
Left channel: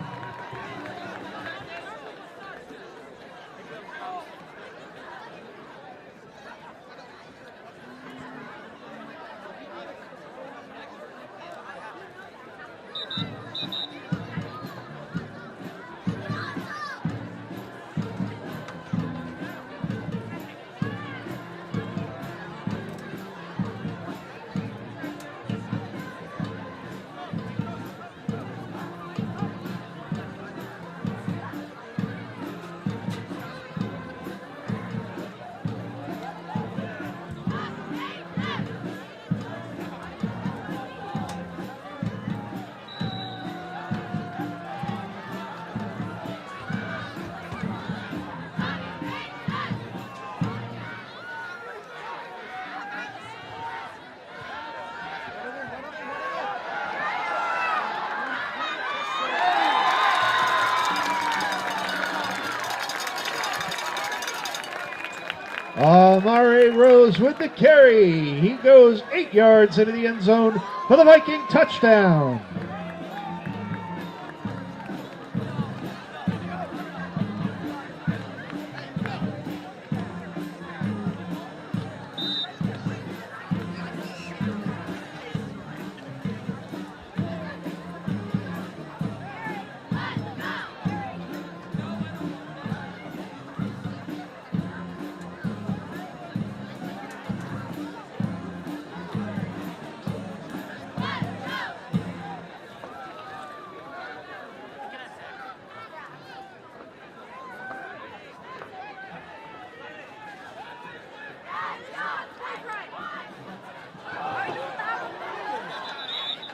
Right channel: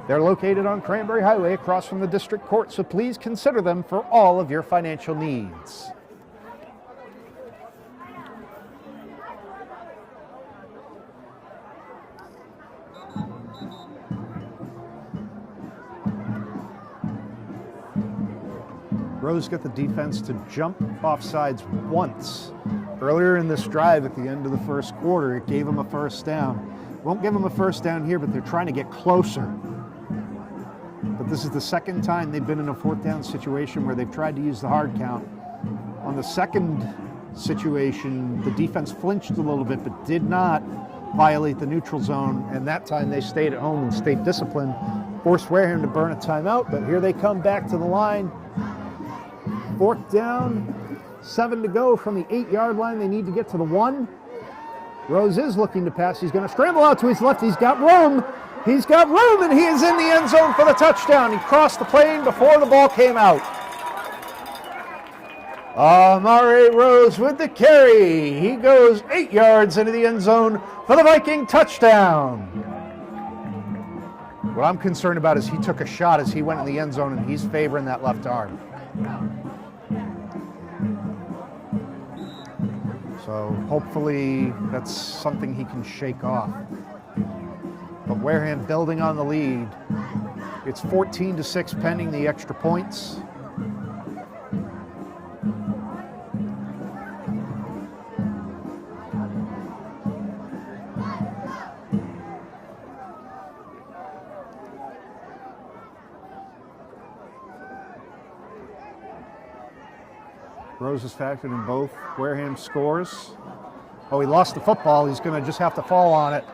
They're located on Cranberry Highway across from the district court, so please consider them for all of your financial needs. Rose got the defense to jump offsides once. Earlier in this drive at the end of the first quarter, it gave them a first down. Won't give them a first down here, but they're trying to get closer. But this is the second time they've been in a 4th down situation where they've tried to use the hard count. On the second situation, the defense flinched a little bit, but did not violate the neutral zone, and that time they stayed at home and stayed disciplined. Forced Wareham to burn a timeout, but here they come back to the line. 4th down, 7 to go from the 8-yard line. They need to get to the 1. Rose is looking to pass. He's going to scramble out to his left. He's got room. He's got room, and he is in the end zone for the touchdown. He crossed the plane before the ball came out. Amari Rose with the carry. He goes 8 yards into the end zone for the Viking touchdown. What I'm concerned about is he took a shot as he went in the end zone, and he's favoring that left arm. So hopefully that's something he can shake off. But Wareham building on the lead. It's 14-6 pending the extra points. Rose is factored in both. Wareham scores. Oh, he lost the football. He's going to just have to fall on it.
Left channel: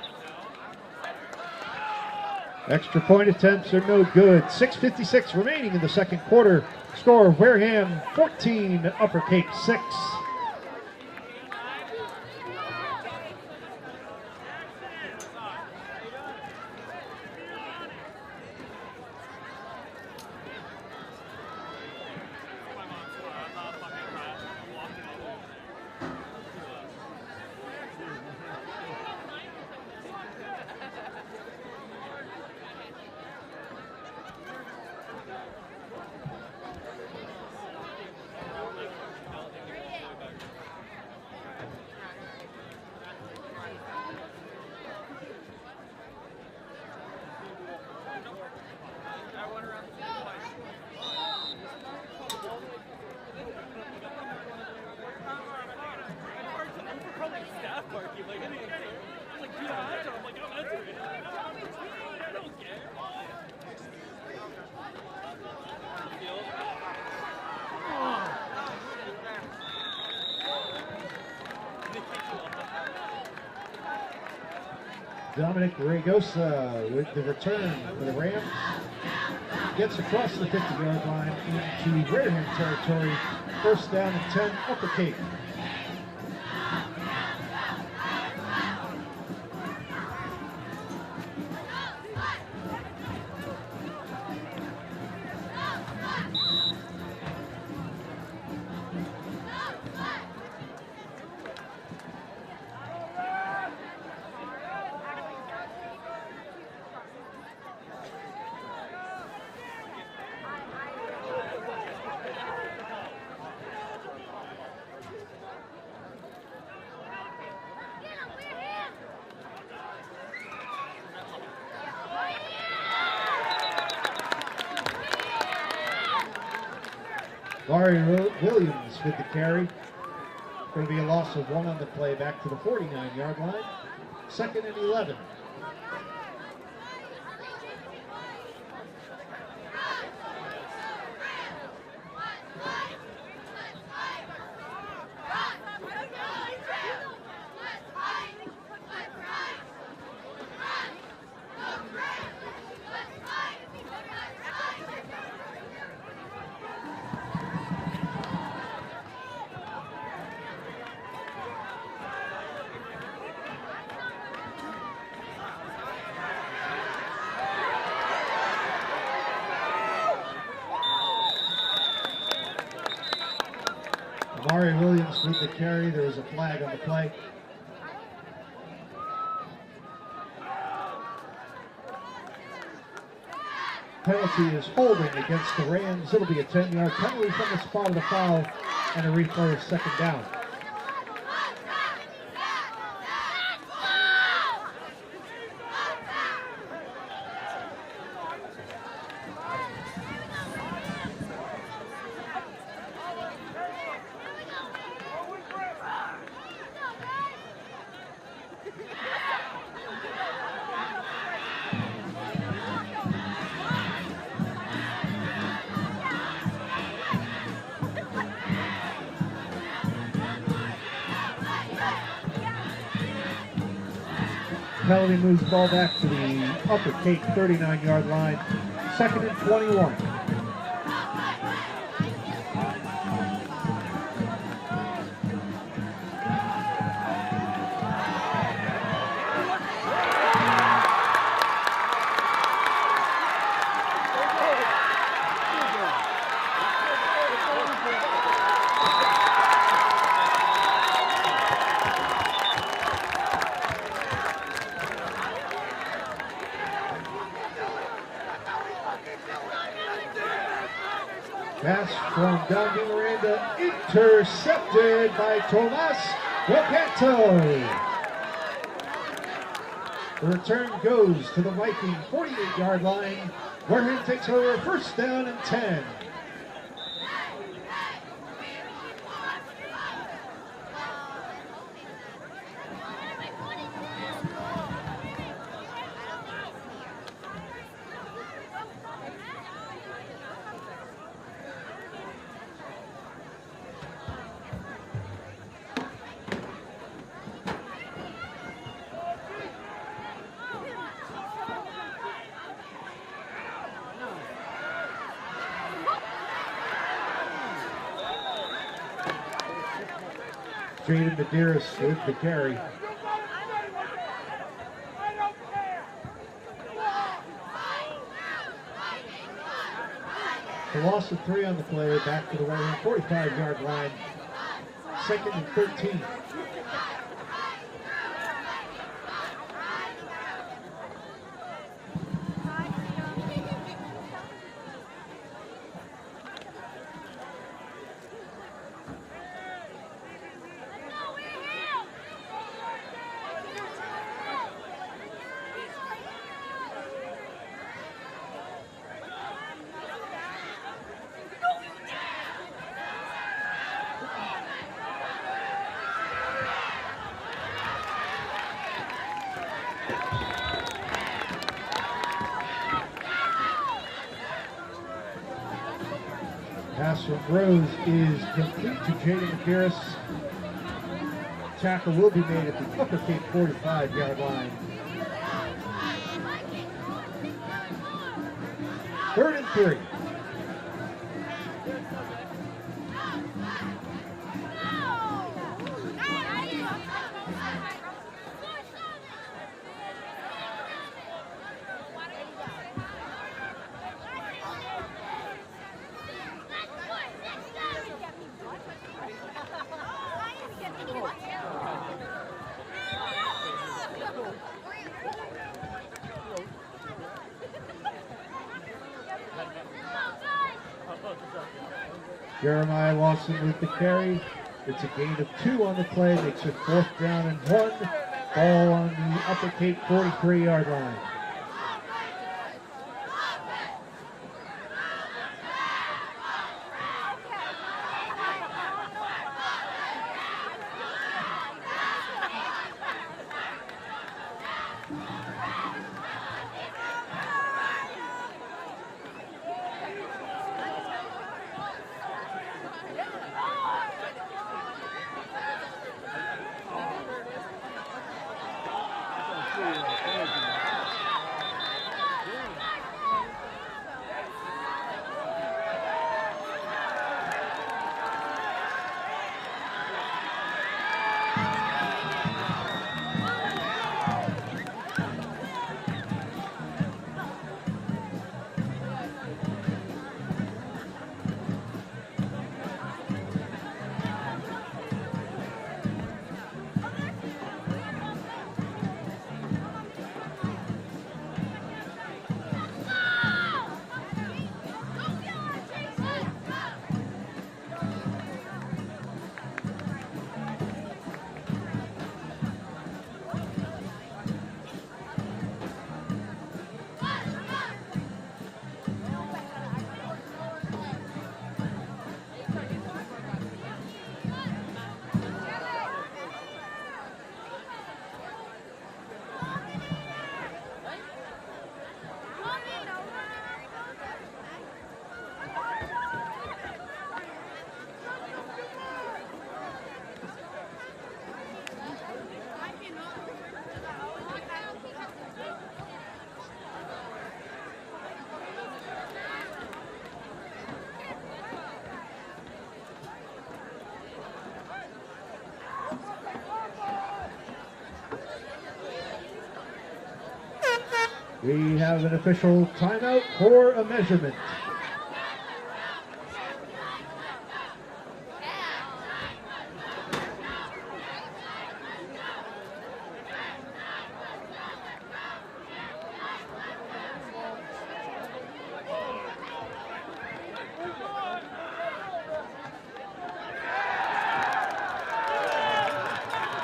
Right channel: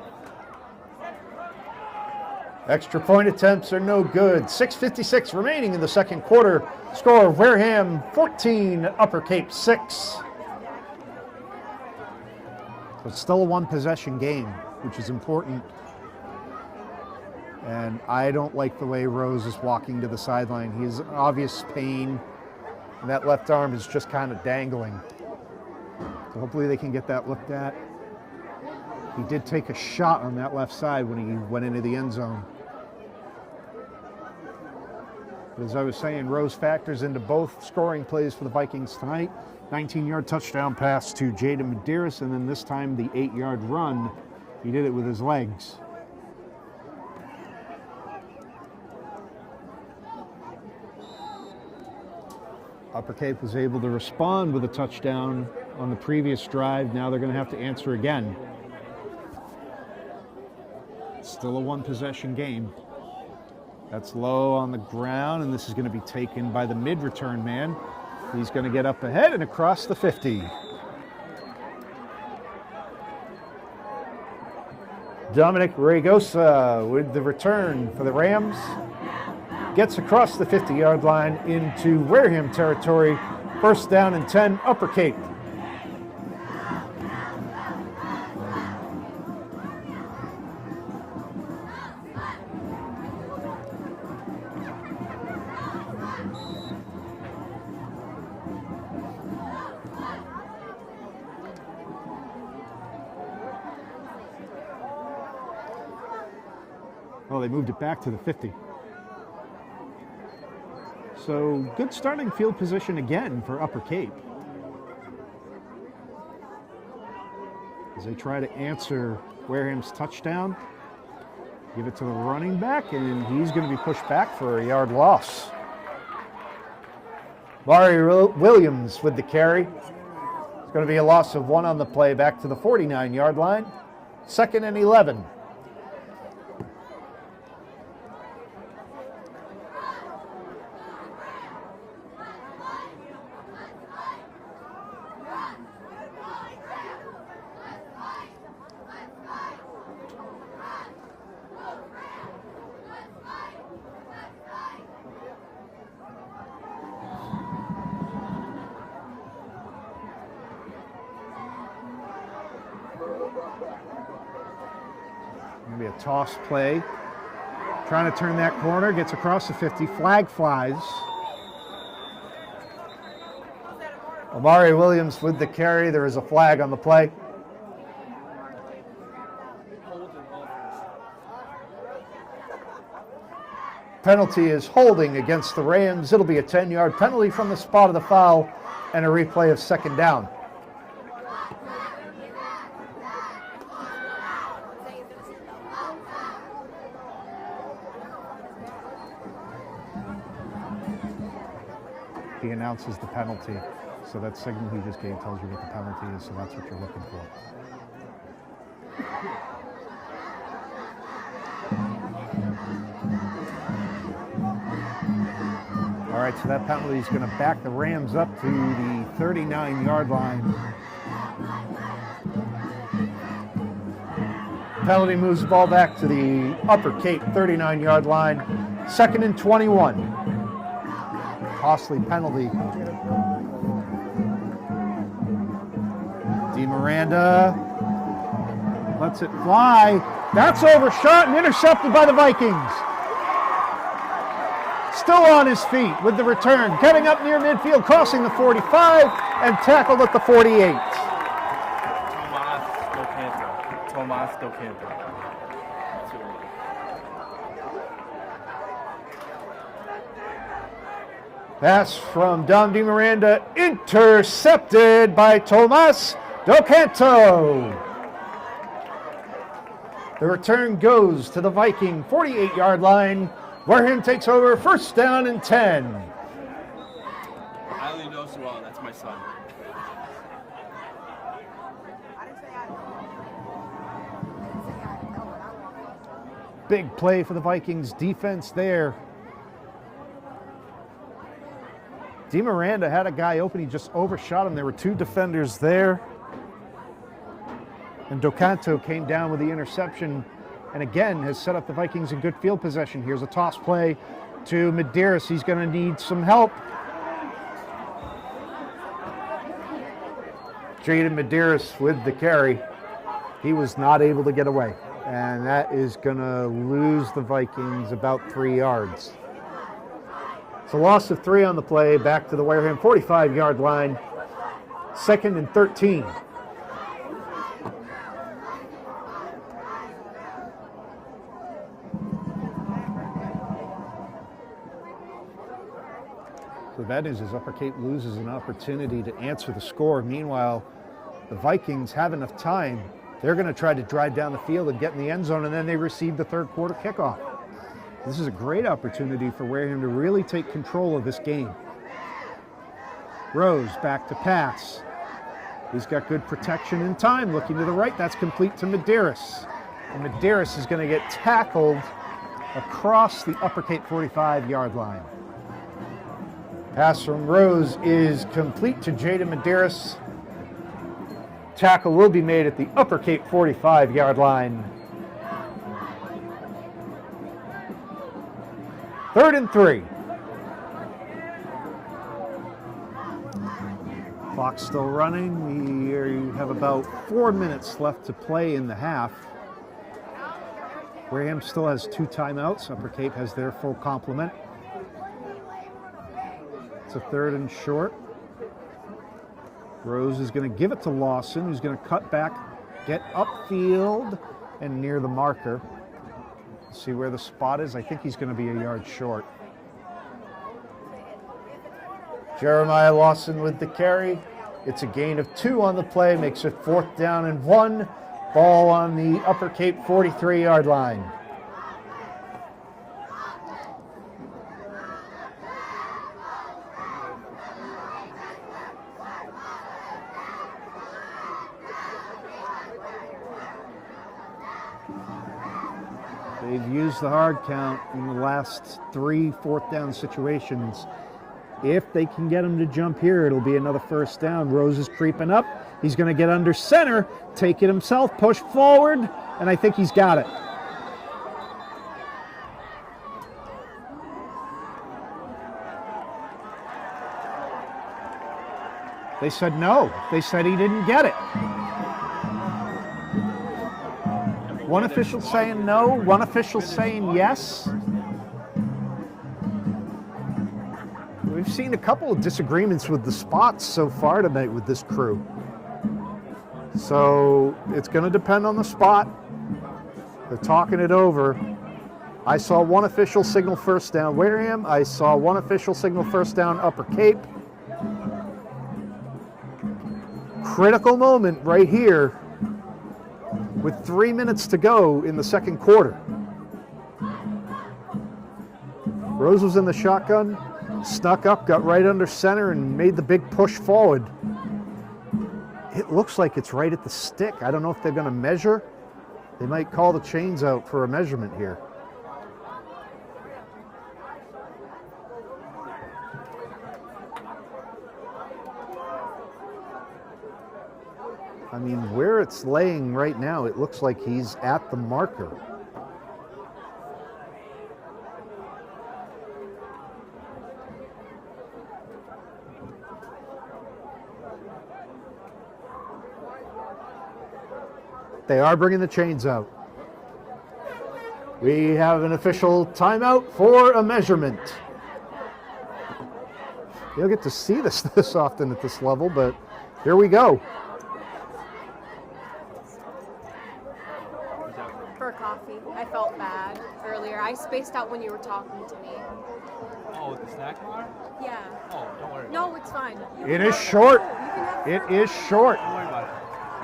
Extra point attempts are no good. 6:56 remaining in the second quarter. Score of Wareham 14, Upper Cape 6. It's still a one-possession game, which is important. And I don't like the way Rose is walking to the sideline. He's in obvious pain, and that left arm is just kind of dangling. So hopefully they can get that looked at. He did take a shot on that left side when he went into the end zone. As I was saying, Rose factors into both scoring plays for the Vikings tonight. 19-yard touchdown pass to Jaden Medeiros, and then this time the 8-yard run. He did it with his legs. Upper Cape was able to respond with a touchdown on the previous drive. Now they're going to have to answer again. Still a one-possession game. That's low on the ground, and this is going to be taken by the mid-return man. He's going to get up ahead and across the 50. Dominic Regosa with the return for the Rams. Gets across the 50-yard line into Wareham territory. First down and 10, Upper Cape. Well, they moved it back to the 50. So good starting field position again for Upper Cape. As they try to answer Wareham's touchdown. Give it to the running back, and he's going to be pushed back for a yard loss. Larry Williams with the carry. It's going to be a loss of 1 on the play, back to the 49-yard line. 2nd and 11. A toss play. Trying to turn that corner, gets across the 50, flag flies. Amari Williams with the carry. There is a flag on the play. Penalty is holding against the Rams. It'll be a 10-yard penalty from the spot of the foul and a replay of 2nd down. He announces the penalty. So that signal he just gave told you what the penalty is, so that's what you're looking for. All right, so that penalty is going to back the Rams up to the 39-yard line. Penalty moves the ball back to the Upper Cape 39-yard line. 2nd and 21. Costly penalty. Miranda lets it fly. That's overshot and intercepted by the Vikings. Still on his feet with the return. Getting up near midfield, crossing the 45, and tackled at the 48. Pass from Dom Di Miranda, intercepted by Tomas Docanto. The return goes to the Viking 48-yard line. Wareham takes over, first down and 10. Big play for the Vikings defense there. Di Miranda had a guy open, he just overshot him. There were two defenders there. And Docanto came down with the interception and again has set up the Vikings in good field possession. Here's a toss play to Medeiros. He's going to need some help. Jaden Medeiros with the carry. He was not able to get away. And that is going to lose the Vikings about 3 yards. It's a loss of 3 on the play, back to the Wareham 45-yard line, 2nd and 13. The bad news is Upper Cape loses an opportunity to answer the score. Meanwhile, the Vikings have enough time. They're going to try to drive down the field and get in the end zone, and then they receive the third quarter kickoff. This is a great opportunity for Wareham to really take control of this game. Rose back to pass. He's got good protection in time. Looking to the right, that's complete to Medeiros. And Medeiros is going to get tackled across the Upper Cape 45-yard line. Pass from Rose is complete to Jaden Medeiros. Tackle will be made at the Upper Cape 45-yard line. 3rd and 3. Clock still running. We have about 4 minutes left to play in the half. Wareham still has 2 timeouts. Upper Cape has their full complement. It's a 3rd and short. Rose is going to give it to Lawson, who's going to cut back, get upfield, and near the marker. See where the spot is? I think he's going to be a yard short. Jeremiah Lawson with the carry. It's a gain of 2 on the play, makes it 4th down and 1. Ball on the Upper Cape 43-yard line. They've used the hard count in the last 3 4th down situations. If they can get him to jump here, it'll be another first down. Rose is creeping up. He's going to get under center, take it himself, push forward, and I think he's got it. They said no. They said he didn't get it. One official saying no, one official saying yes. We've seen a couple of disagreements with the spots so far tonight with this crew. So it's going to depend on the spot. They're talking it over. I saw one official signal first down Wareham. I saw one official signal first down Upper Cape. Critical moment right here with 3 minutes to go in the second quarter. Rose was in the shotgun, snuck up, got right under center, and made the big push forward. It looks like it's right at the stick. I don't know if they're going to measure. They might call the chains out for a measurement here. I mean, where it's laying right now, it looks like he's at the marker. They are bringing the chains out. We have an official timeout for a measurement. You don't get to see this often at this level, but here we go. For coffee. I felt bad earlier. I spaced out when you were talking to me. Yeah. No, it's fine. It is short. It is short.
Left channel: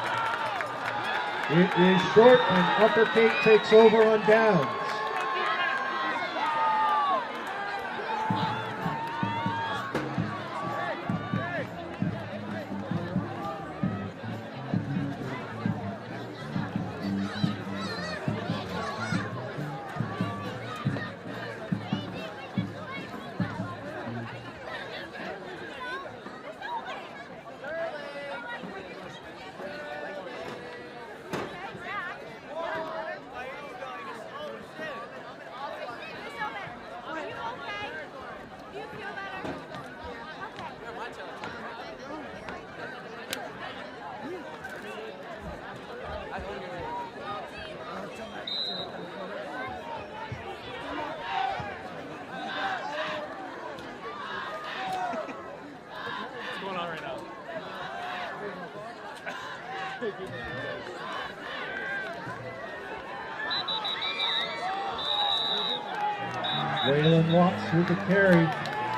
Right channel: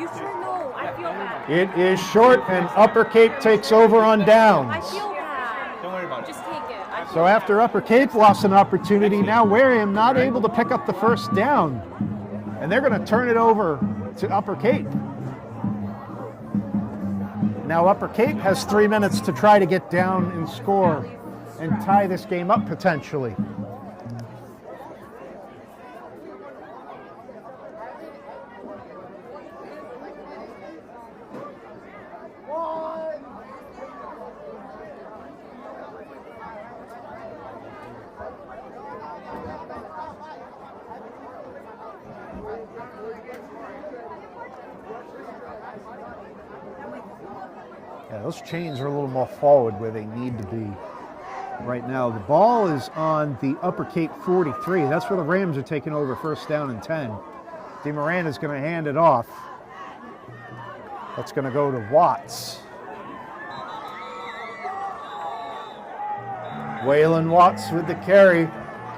You should know. I feel that. It is short, and Upper Cape takes over on downs. I feel that. Just take it. So after Upper Cape lost an opportunity, now Wareham not able to pick up the first down. And they're going to turn it over to Upper Cape. Now Upper Cape has 3 minutes to try to get down and score and tie this game up potentially. Those chains are a little more forward where they need to be right now. The ball is on the Upper Cape 43. That's where the Rams are taking over first down and 10. DeMoran is going to hand it off. That's going to go to Watts. Waylon Watts with the carry.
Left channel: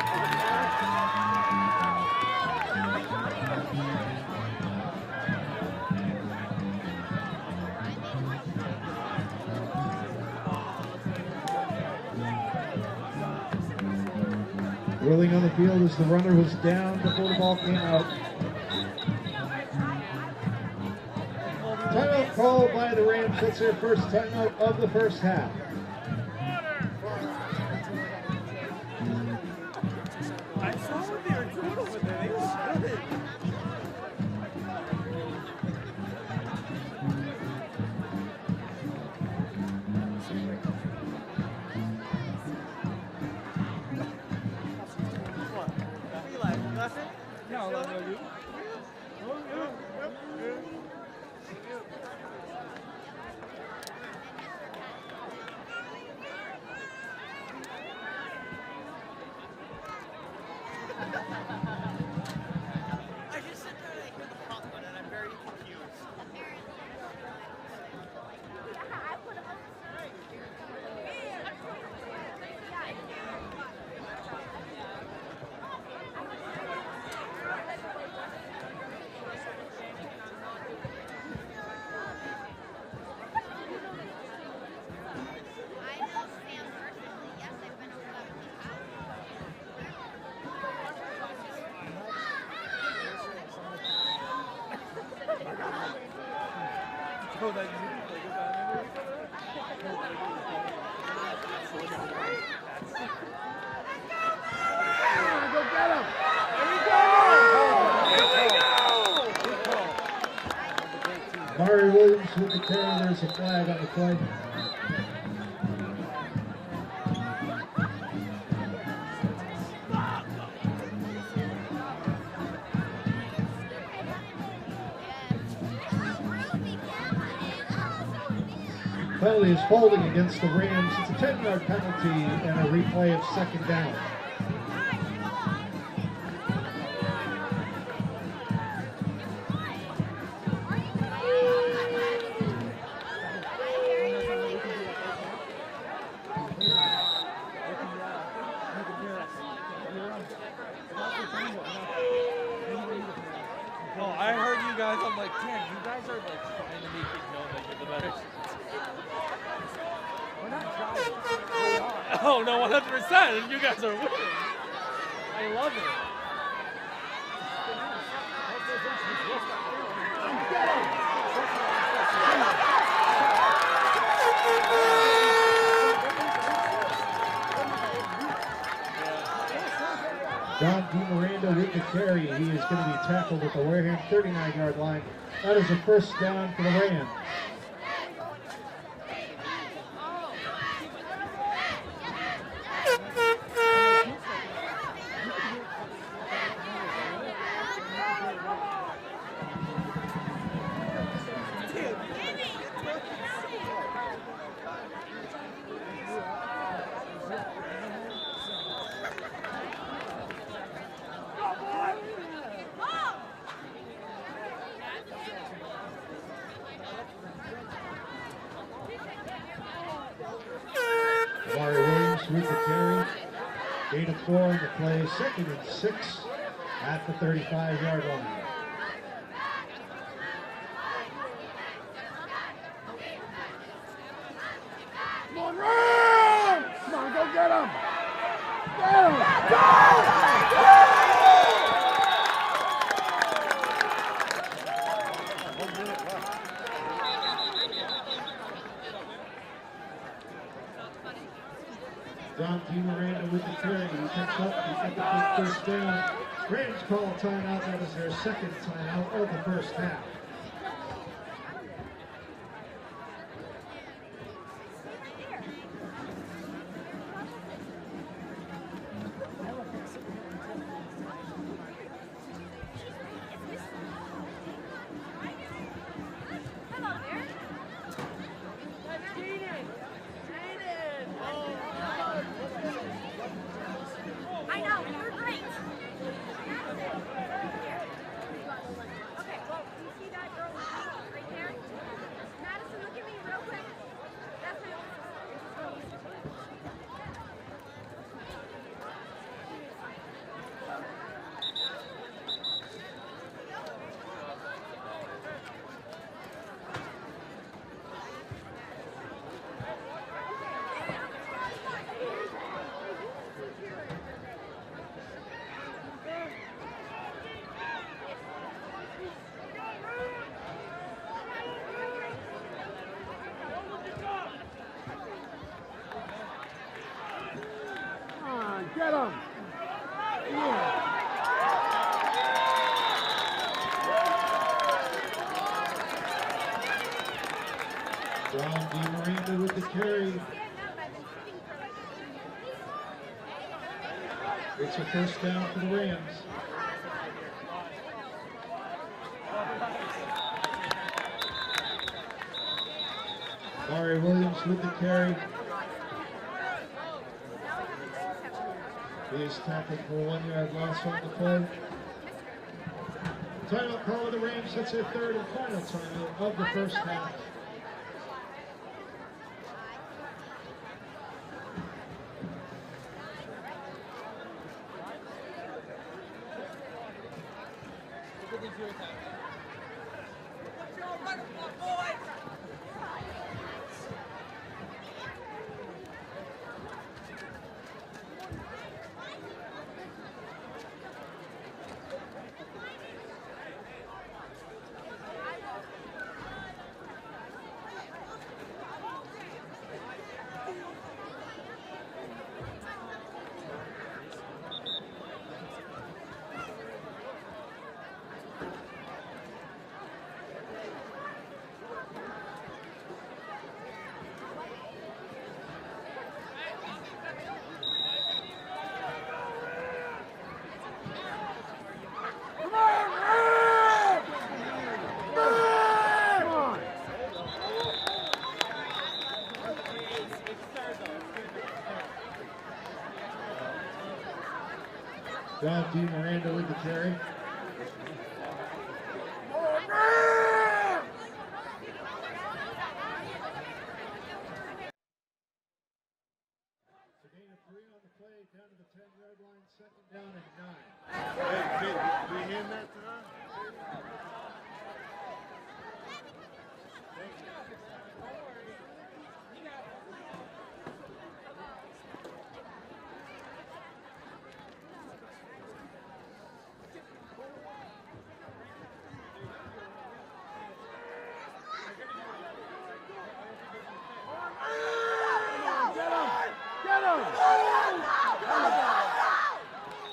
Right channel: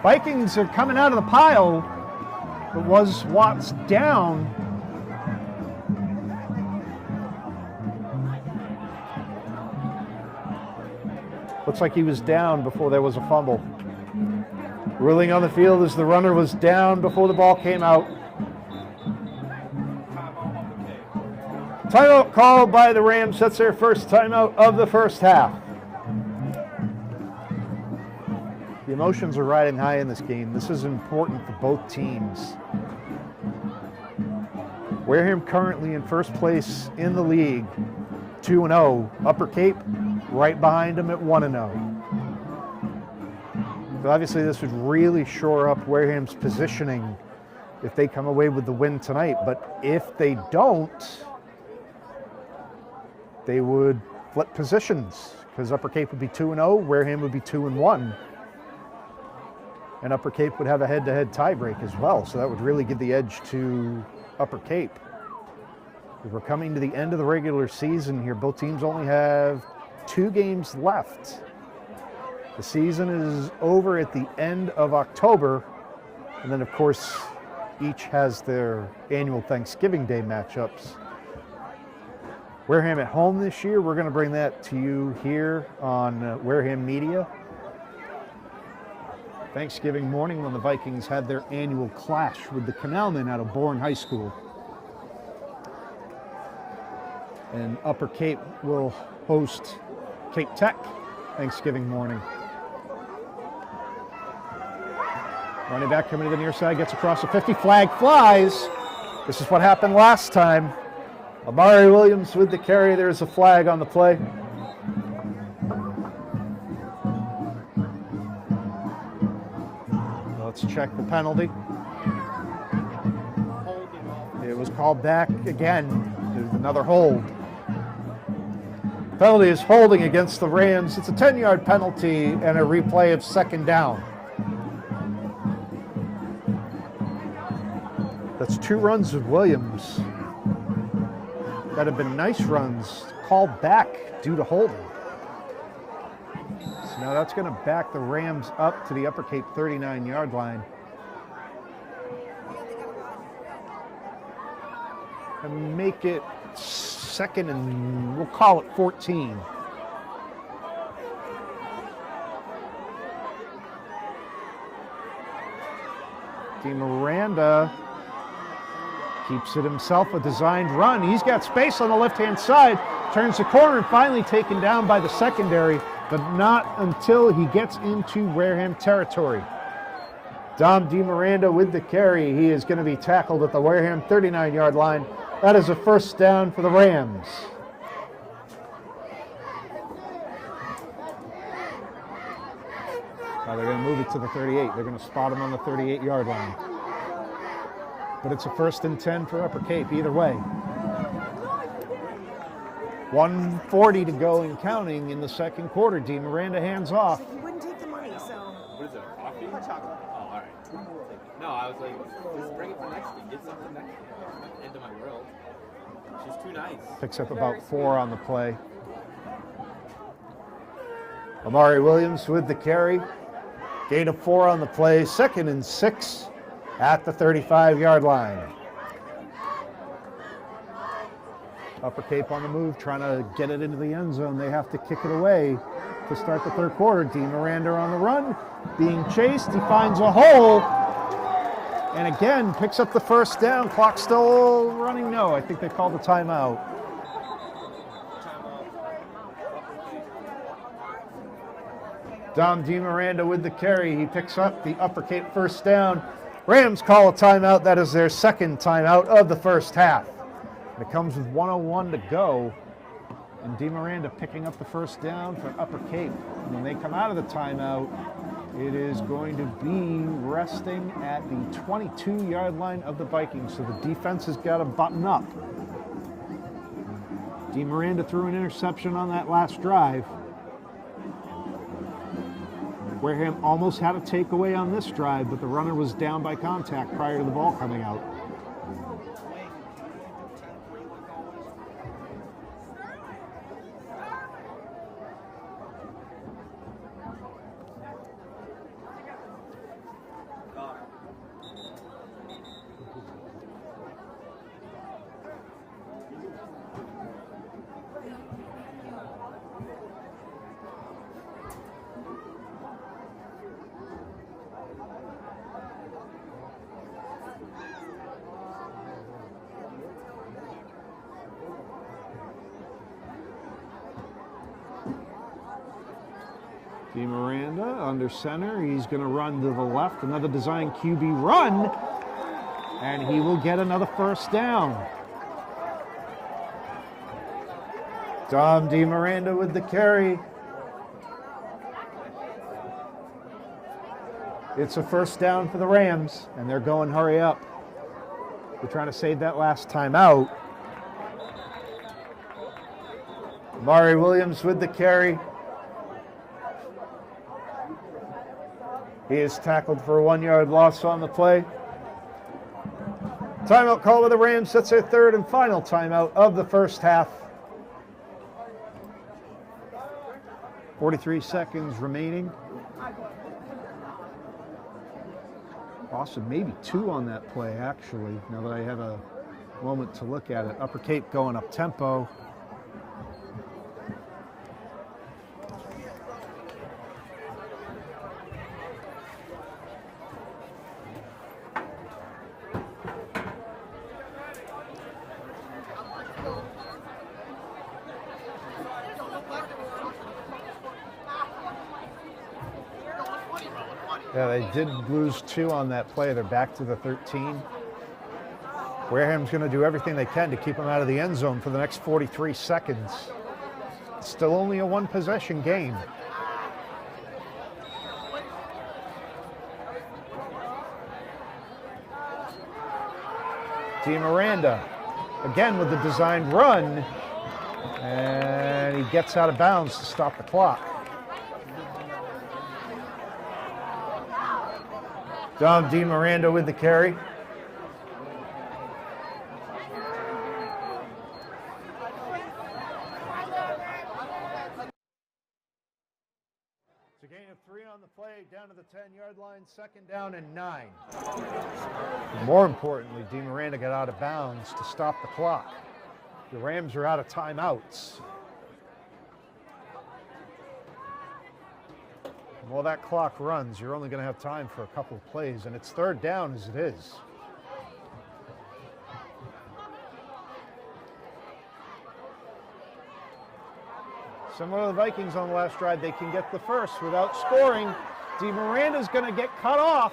Vikings are coming out of the pile. It was Watts down. Looks like he was down before there was a fumble. Ruling on the field as the runner was down before the ball came out. Timeout called by the Rams. That's their first timeout of the first half. The emotions are riding high in this game. This is important for both teams. Wareham currently in first place in the league, 2-0. Upper Cape right behind them at 1-0. So obviously this would really shore up Wareham's positioning if they come away with the win tonight. But if they don't, they would flip positions because Upper Cape would be 2-0, Wareham would be 2-1. And Upper Cape would have a head-to-head tiebreak as well. So that would really give the edge to Upper Cape. As we're coming to the end of the regular season here, both teams only have 2 games left. The season is over at the end of October. And then, of course, each has their annual Thanksgiving Day matchups. Wareham at home this year, we're going to bring that to you here on Wareham Media. Thanksgiving morning when the Vikings had their annual clash with the Canalmen out of Bourne High School. And Upper Cape will host Cape Tech Thanksgiving morning. Running back coming to the near side, gets across the 50, flag flies. This is what happened last time. Amari Williams with the carry, there's a flag on the play. Let's check the penalty. It was called back again. Another hold. Penalty is holding against the Rams. It's a 10-yard penalty and a replay of second down. That's 2 runs of Williams that have been nice runs, called back due to holding. So now that's going to back the Rams up to the Upper Cape 39-yard line. Well, I heard you guys, I'm like, And make it second and we'll call it 14. oh no, 100%. You guys are winning. I love it. Miranda keeps it himself, a designed run. He's got space on the left-hand side, turns the corner and finally taken down by the secondary, but not until he gets into Wareham territory. Dom DeMiranda with the carry. He is going to be tackled at the Wareham 39-yard line. That is a first down for the Rams. Now they're going to move it to the 38. They're going to spot him on the 38-yard line. But it's a 1st and 10 for Upper Cape either way. 1:40 to go and counting in the second quarter. DeMiranda hands off. Picks up about 4 on the play. Amari Williams with the carry. Gain of 4 on the play, 2nd and 6 at the 35-yard line. Upper Cape on the move, trying to get it into the end zone. They have to kick it away to start the third quarter. Dean Miranda on the run, being chased and finds a hole. And again, picks up the first down. Clock still running. No, I think they called a timeout. Dom DiMiranda with the carry. He picks up the Upper Cape first down. Rams call a timeout. That is their second timeout of the first half. It comes with 1:01 to go. And DiMiranda picking up the first down for Upper Cape. When they come out of the timeout, it is going to be resting at the 22-yard line of the Vikings. So the defense has got to button up. DiMiranda threw an interception on that last drive. Wareham almost had a takeaway on this drive, but the runner was down by contact prior to the ball coming out. DiMiranda under center. He's going to run to the left. Another design QB run. And he will get another first down. Dom DiMiranda with the carry. It's a first down for the Rams, and they're going hurry up. They're trying to save that last time out. Mari Williams with the carry. He is tackled for a 1-yard loss on the play. Timeout call with the Rams. That's their third and final timeout of the first half. 43 seconds remaining. Awesome, maybe 2 on that play, actually, where I had a moment to look at it. Upper Cape going up tempo. Yeah, they did lose 2 on that play. They're back to the 13. Wareham's going to do everything they can to keep them out of the end zone for the next 43 seconds. It's still only a 1-possession game. DiMiranda again with the designed run, and he gets out of bounds to stop the clock. Dom DiMiranda with the carry. It's a gain of 3 on the play, down to the 10-yard line, 2nd down and 9. More importantly, DiMiranda got out of bounds to stop the clock. The Rams are out of timeouts. While that clock runs, you're only going to have time for a couple of plays, and it's 3rd down as it is. Similar to the Vikings on the last drive, they can get the first without scoring. DiMiranda's going to get cut off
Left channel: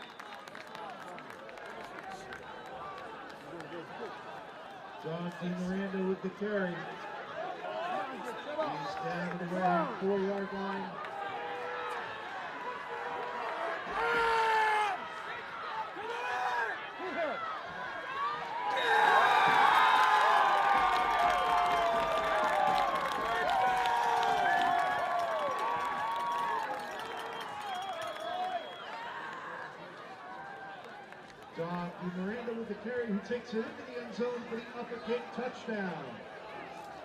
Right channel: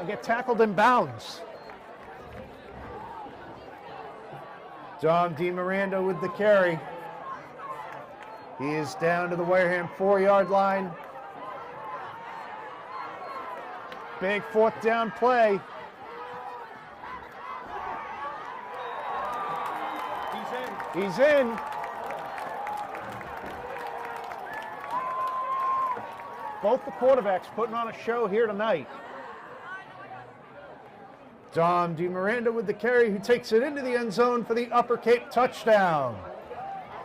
and get tackled in bounds. Dom DiMiranda with the carry. He is down to the Wareham 4-yard line. Big 4th down play. He's in. Both the quarterbacks putting on a show here tonight. Dom DiMiranda with the carry, who takes it into the end zone for the Upper Cape touchdown.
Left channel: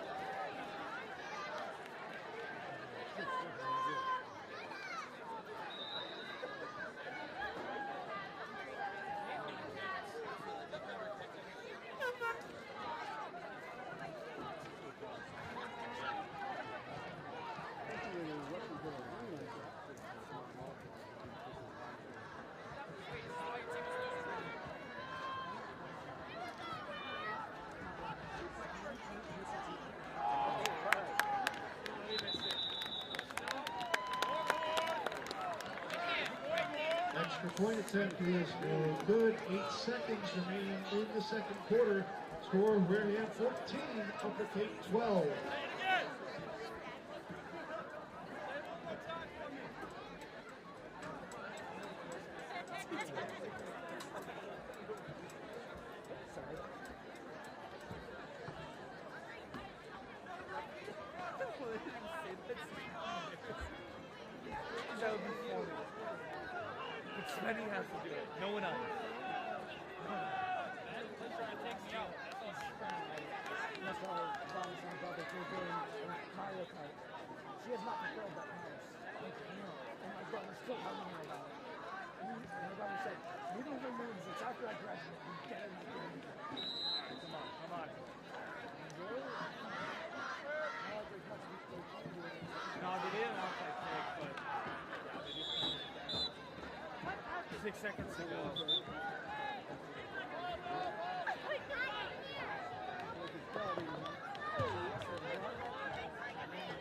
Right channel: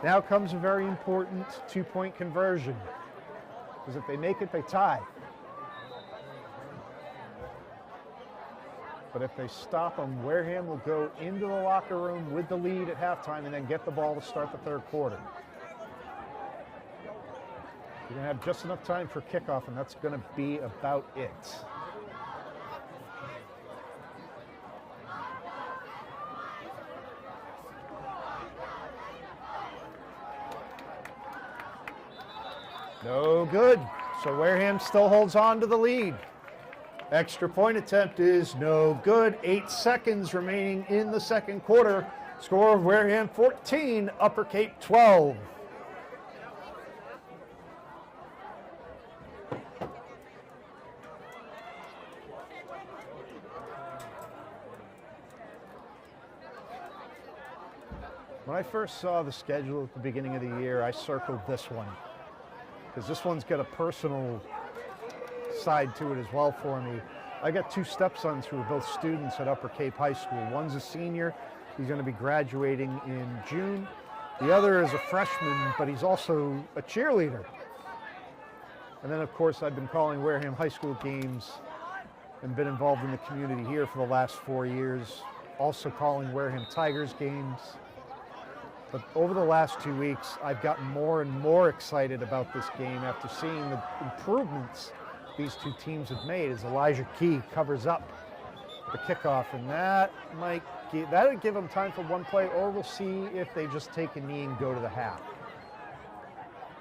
Now comes a very important 2-point conversion, because if they make it, they tie. but if they stop them, Wareham will go into the locker room with the lead at halftime and then get the ball to start the third quarter. You're going to have just enough time for kickoff, and that's going to be about it. No good. So Wareham still holds on to the lead. Extra point attempt is no good. 8 seconds remaining in the second quarter. Score of Wareham 14, Upper Cape 12. When I first saw the schedule at the beginning of the year, I circled this one, because this one's got a personal side to it as well for me. I got 2 stepsons who are both students at Upper Cape High School. One's a senior, he's going to be graduating in June. The other is a freshman, but he's also a cheerleader. And then, of course, I've been calling Wareham High School games and been involved in the community here for the last 4 years, also calling Wareham Tigers games. But over the last 2 weeks, I've gotten more and more excited about this game after seeing the improvements these 2 teams have made as Elijah Key covers up the kickoff, and that'll give them time for one play, or we'll see if they just take a knee and go to the half.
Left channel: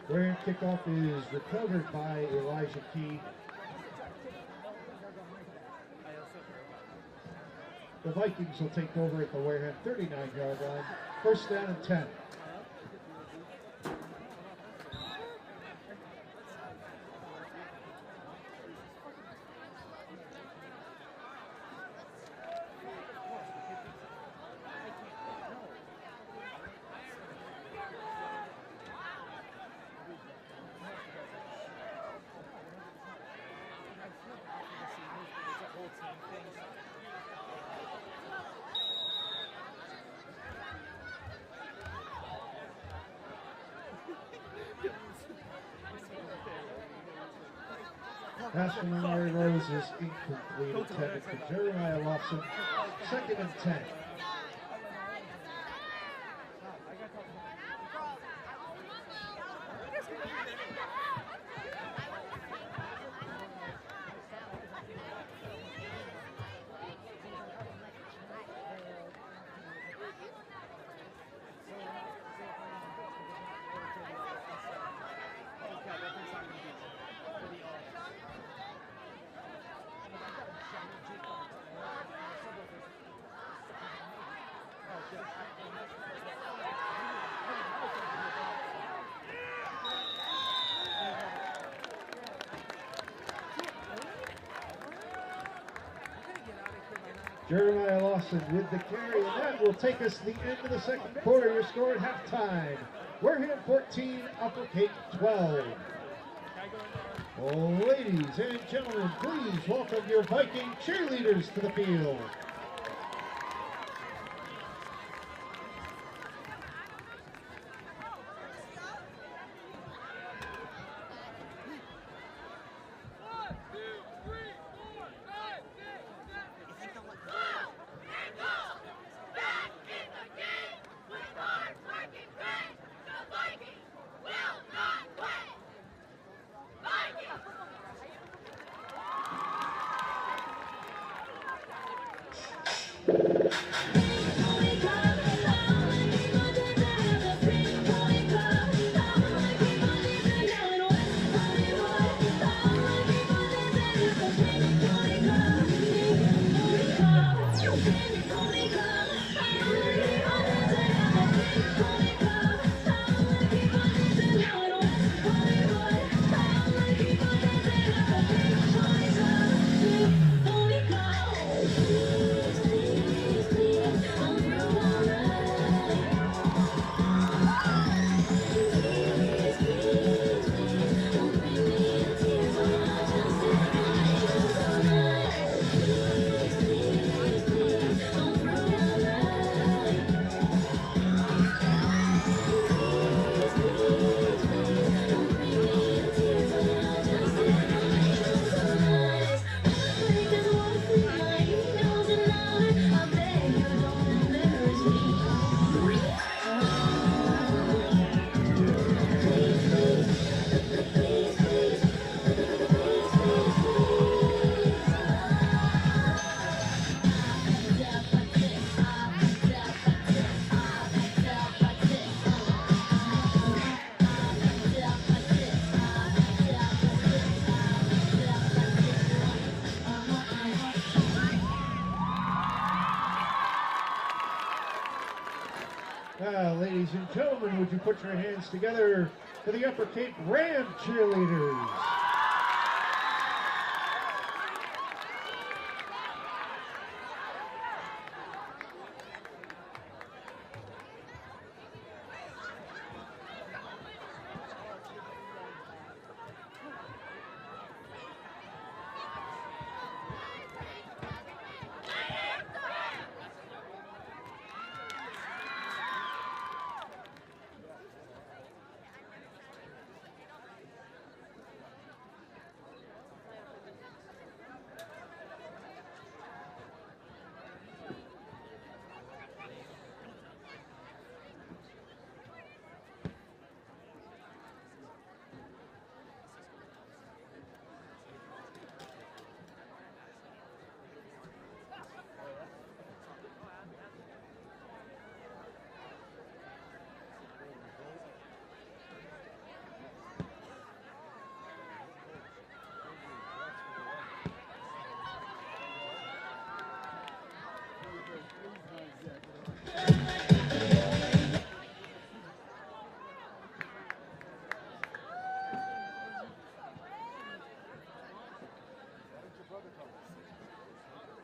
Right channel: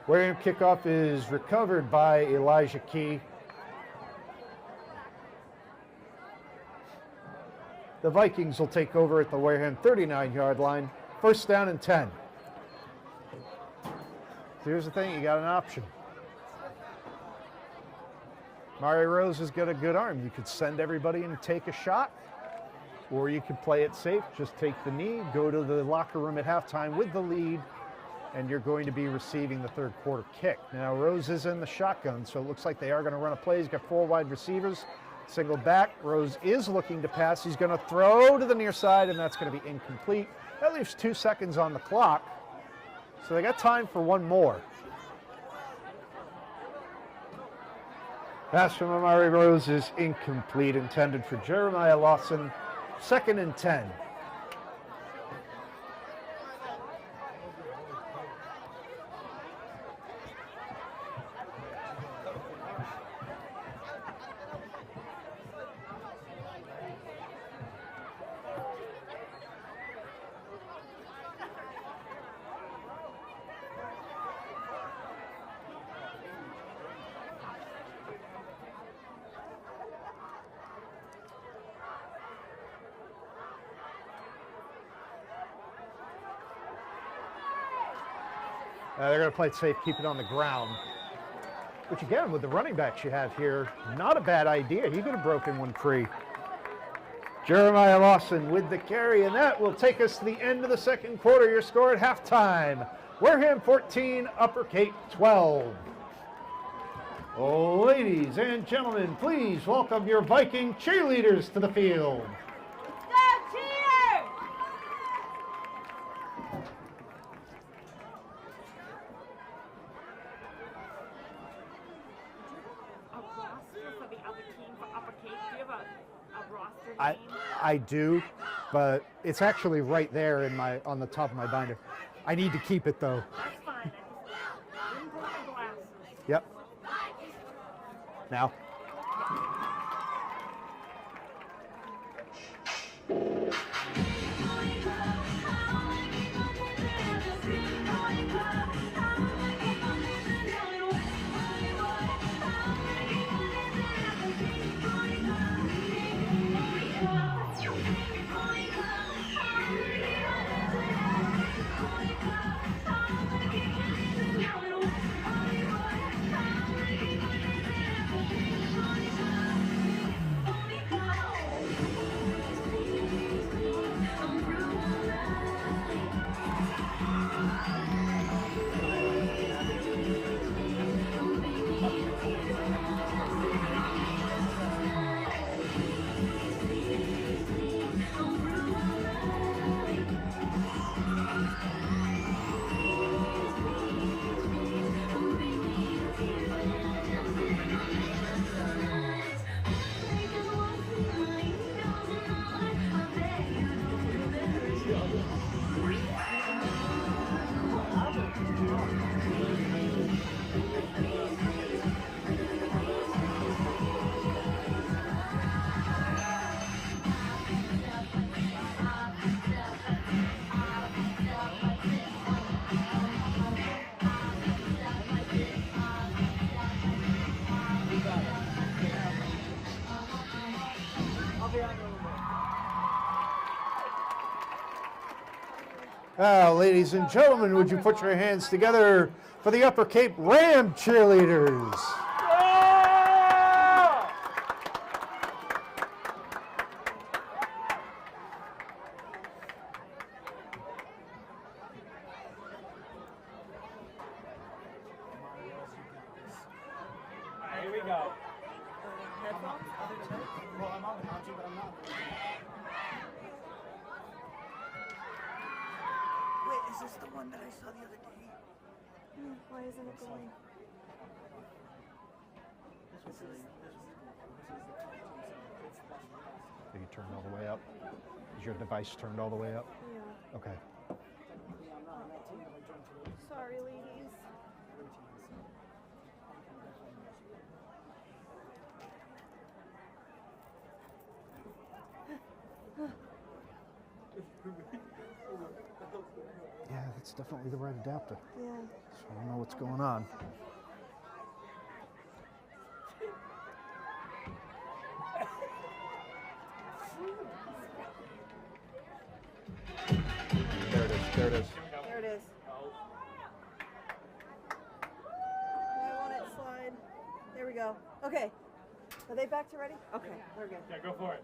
Wareham kickoff is recovered by Elijah Key. The Vikings will take over at the Wareham 39-yard line. First down and 10. Here's the thing, you got an option. Mari Rose has got a good arm. You could send everybody and take a shot, or you could play it safe, just take the knee, go to the locker room at halftime with the lead, and you're going to be receiving the third quarter kick. Now, Rose is in the shotgun, so it looks like they are going to run a play. He's got 4 wide receivers, single back. Rose is looking to pass. He's going to throw to the near side, and that's going to be incomplete. That leaves 2 seconds on the clock, so they got time for one more. Pass from Amari Rose is incomplete, intended for Jeremiah Lawson. Second and 10. They're going to play it safe, keep it on the ground. Which again, with the running backs you have here, not a bad idea. He could have broken one free. Jeremiah Lawson with the carry, and that will take us to the end of the second quarter. Your score at halftime: Wareham 14, Upper Cape 12. Ladies and gentlemen, please welcome your Viking cheerleaders to the field. I do, but it's actually right there in on the top of my binder. I need to keep it though. Yep. Now. Now, ladies and gentlemen, would you put your hands together for the Upper Cape Ram cheerleaders? Here we go. Wait, is this the one that I saw the other day? Why isn't it going? Are you turned all the way up? Is your device turned all the way up? Yeah. Okay. Sorry, ladies. Yeah, that's definitely the right adapter. Yeah. So I know what's going on. There it is. I want it slide. There we go. Okay. Are they back to ready? Okay, we're good. Yeah, go for it.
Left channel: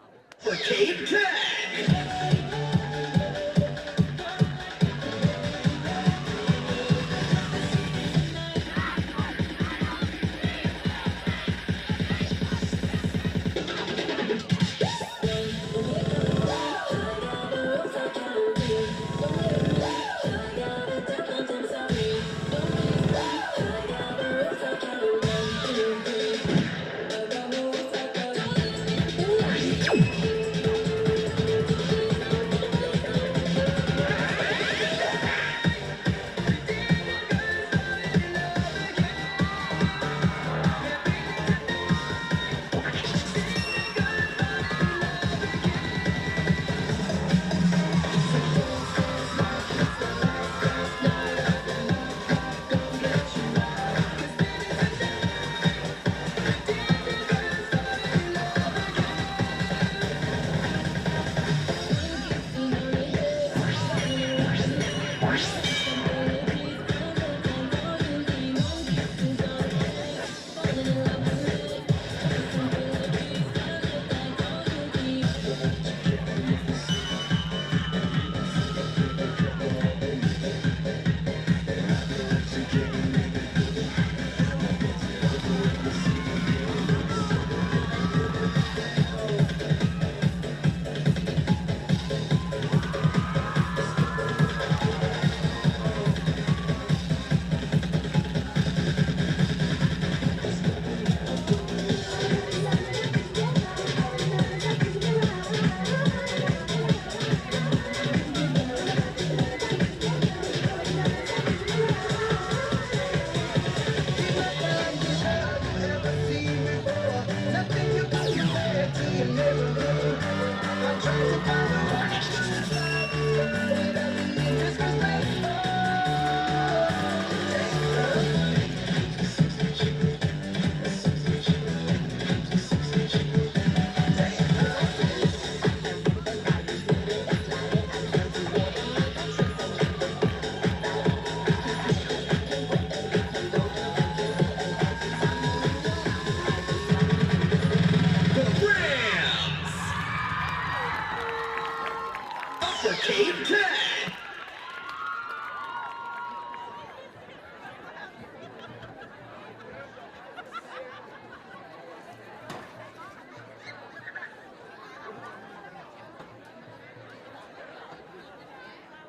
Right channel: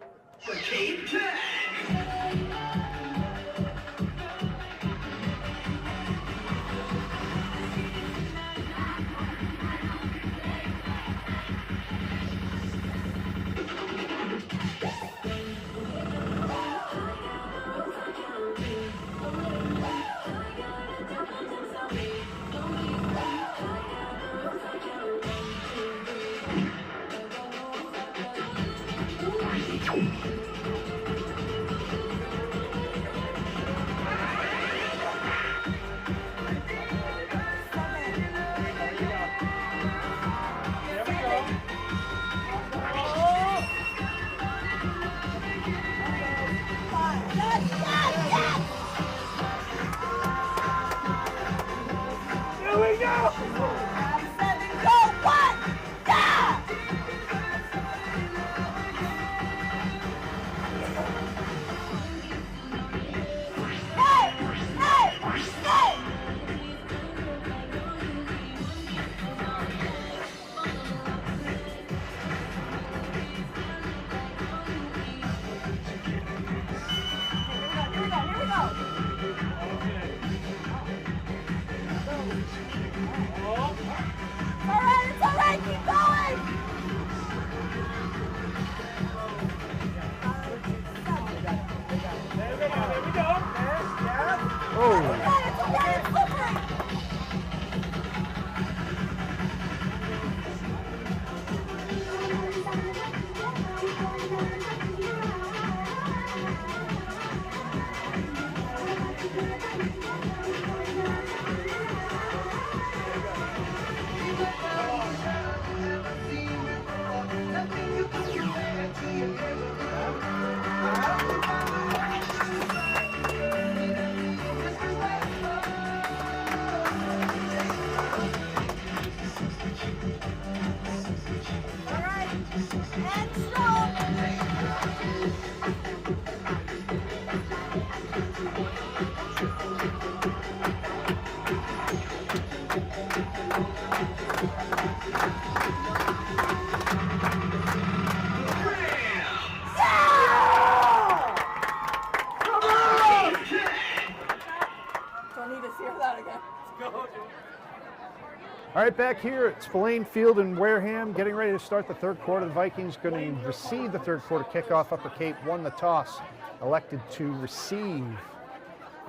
All right, back here at Spillane Field in Wareham, getting ready to start the third quarter. The Vikings going to receive the third quarter kickoff. Upper Cape won the toss, elected to receive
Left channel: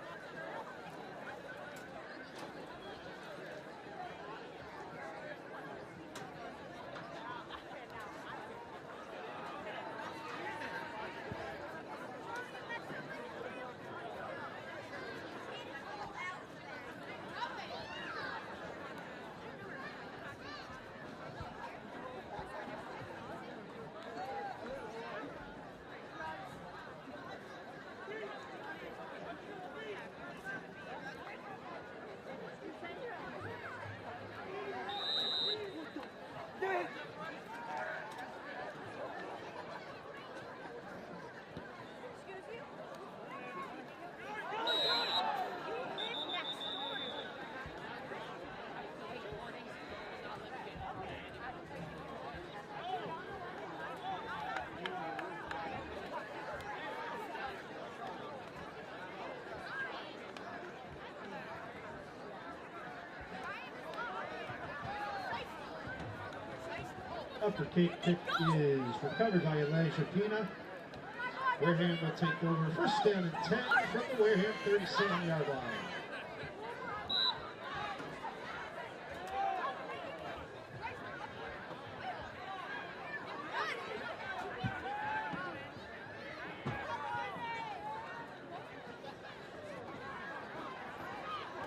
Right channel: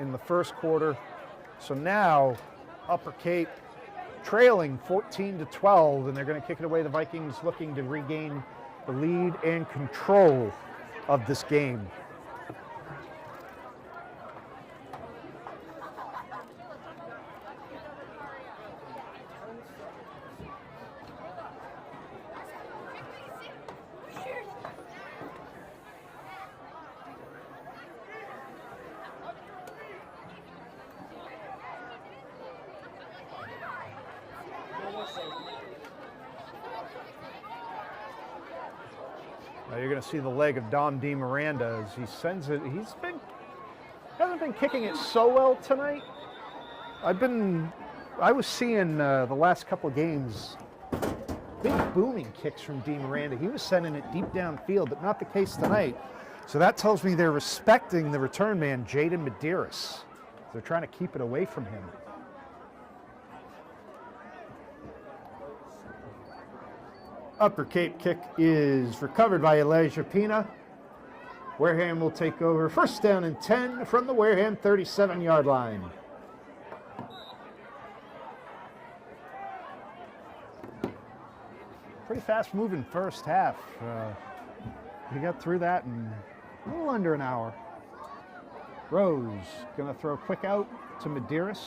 in the first quarter. So now Upper Cape trailing 14-12, and they're going to kick it away. The Vikings looking to regain the lead and control of this game. You're going to see the leg of Dom D. Miranda as he sends it. Hasn't been kicking it so well tonight. I was seeing the last couple of games, big booming kicks from Dean Miranda. He was sending it deep downfield, but not the case tonight. So that tells me they're respecting the return man, Jaden Medeiros. They're trying to keep it away from him. Upper Cape kick is recovered by Elijah Pina. Wareham will take over first down and 10 from the Wareham 37-yard line. Pretty fast moving first half. We got through that in a little under an hour. Rose gonna throw a quick out to Medeiros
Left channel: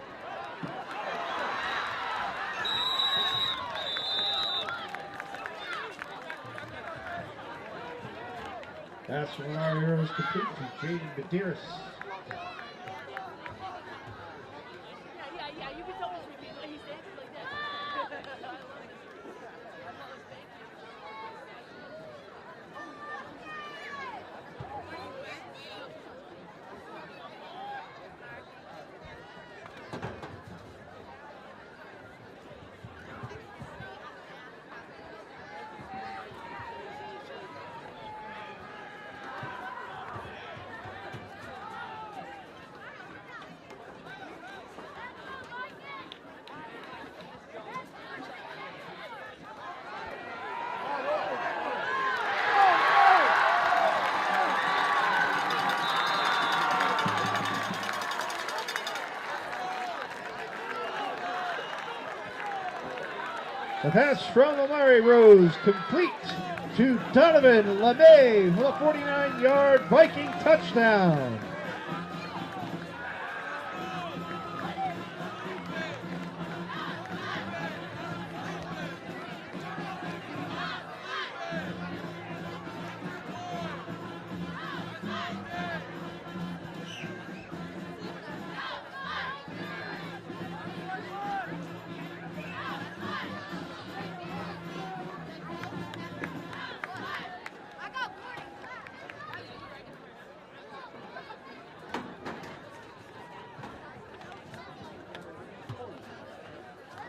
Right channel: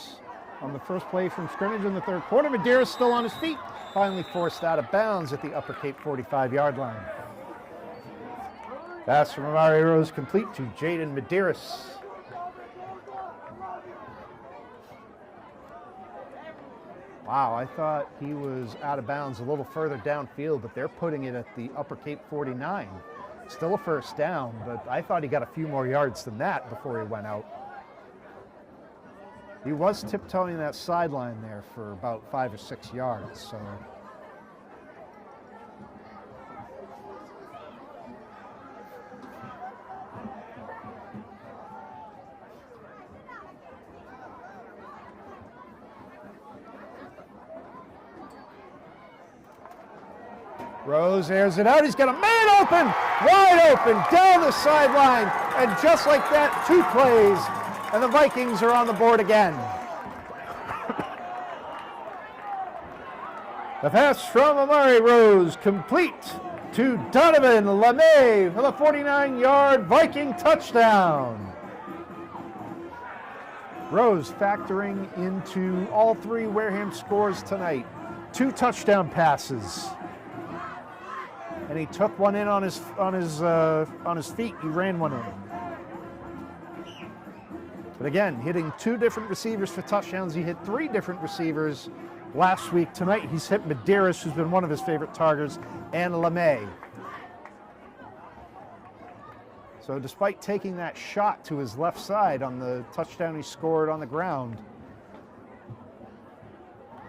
on the first play from scrimmage in the third quarter. Medeiros still on his feet, finally forced out of bounds at the Upper Cape 45-yard line. Pass from Amari Rose complete to Jaden Medeiros. Wow, I thought he was out of bounds a little further downfield, but they're putting it at the Upper Cape 49. Still a first down, but I thought he got a few more yards than that before he went out. He was tiptoeing that sideline there for about 5 or 6 yards, so. Rose airs it out. He's got a man open, wide open, down the sideline. And just like that, 2 plays, and the Vikings are on the board again. The pass from Amari Rose, complete to Donovan LeMay for the 49-yard Viking touchdown. Rose factoring into all 3 Wareham scores tonight. 2 touchdown passes. And he took one in on his feet. He ran one in. But again, hitting 2 different receivers for touchdowns. He hit 3 different receivers last week. Tonight, he's hit Medeiros, who's been one of his favorite targets, and LeMay. So despite taking that shot to his left side on the touchdown he scored on the ground,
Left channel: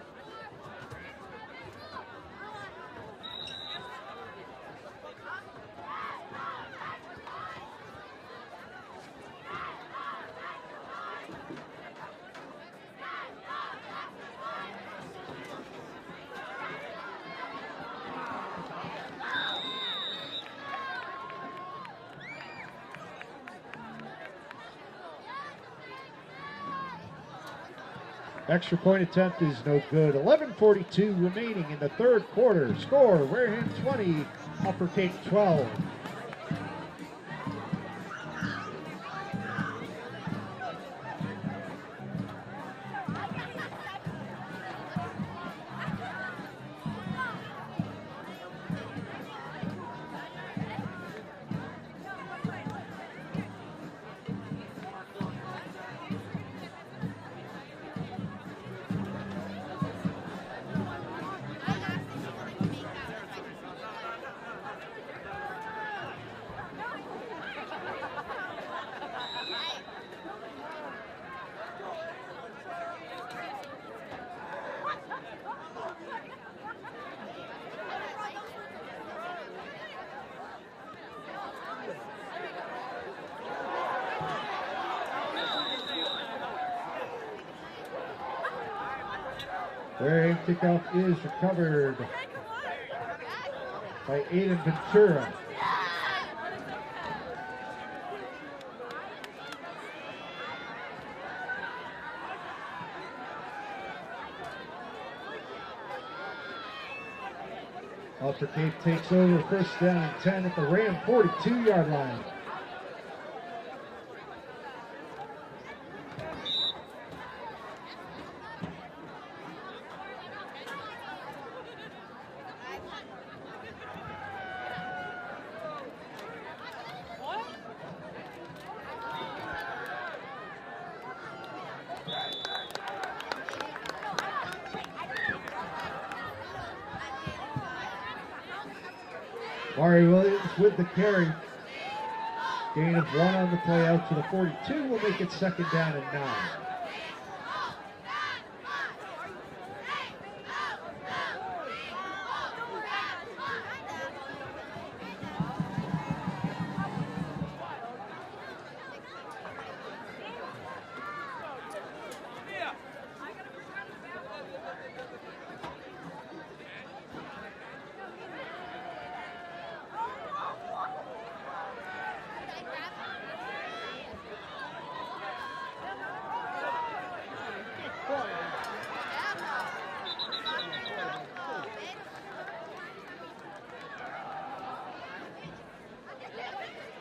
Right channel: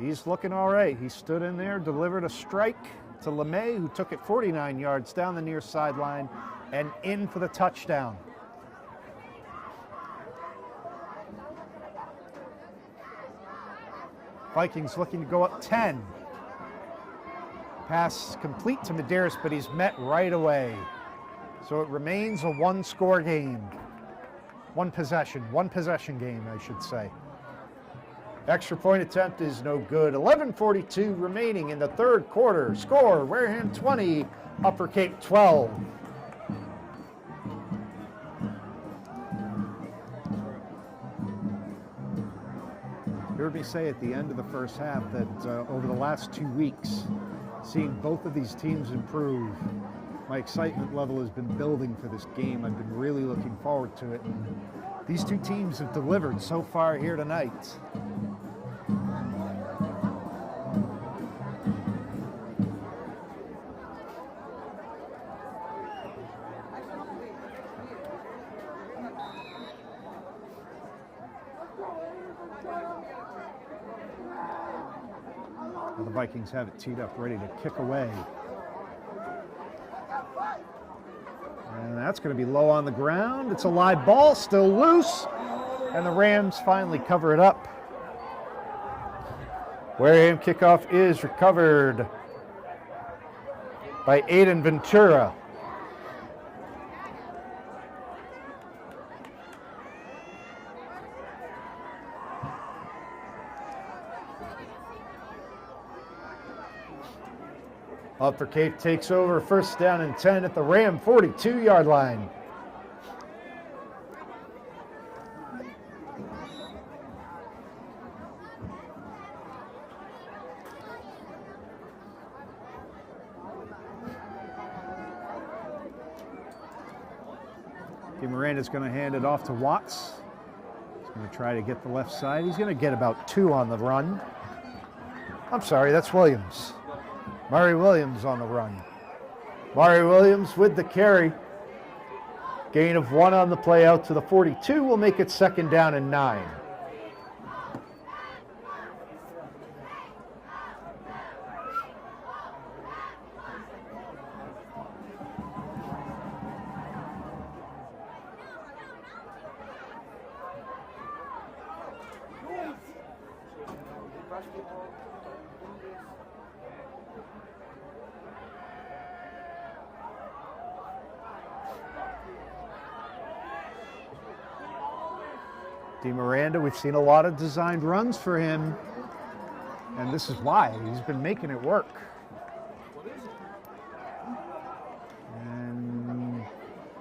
he's looking all right. He stood in there, delivered a strike to LeMay, who took it 49 yards down the near sideline and in for the touchdown. Vikings looking to go up 10. Pass complete to Medeiros, but he's met right away. So it remains a 1-score game. One possession game, I should say. Extra point attempt is no good. 11:42 remaining in the third quarter. Score, Wareham 20, Upper Cape 12. You heard me say at the end of the first half that over the last 2 weeks, seeing both of these teams improve, my excitement level has been building for this game. I've been really looking forward to it. And these 2 teams have delivered so far here tonight. The Vikings have it teed up, ready to kick away. And that's going to be low on the ground. It's a live ball, still loose. And the Rams finally cover it up. Wareham kickoff is recovered by Aiden Ventura. Upper Cape takes over first down and 10 at the Ram 42-yard line. Miranda's going to hand it off to Watts. He's going to try to get the left side. He's going to get about 2 on the run. I'm sorry, that's Williams. Murray Williams on the run. Murray Williams with the carry. Gain of 1 on the play out to the 42 will make it 2nd down and 9. Miranda, we've seen a lot of designed runs for him, and this is why he's been making it work. And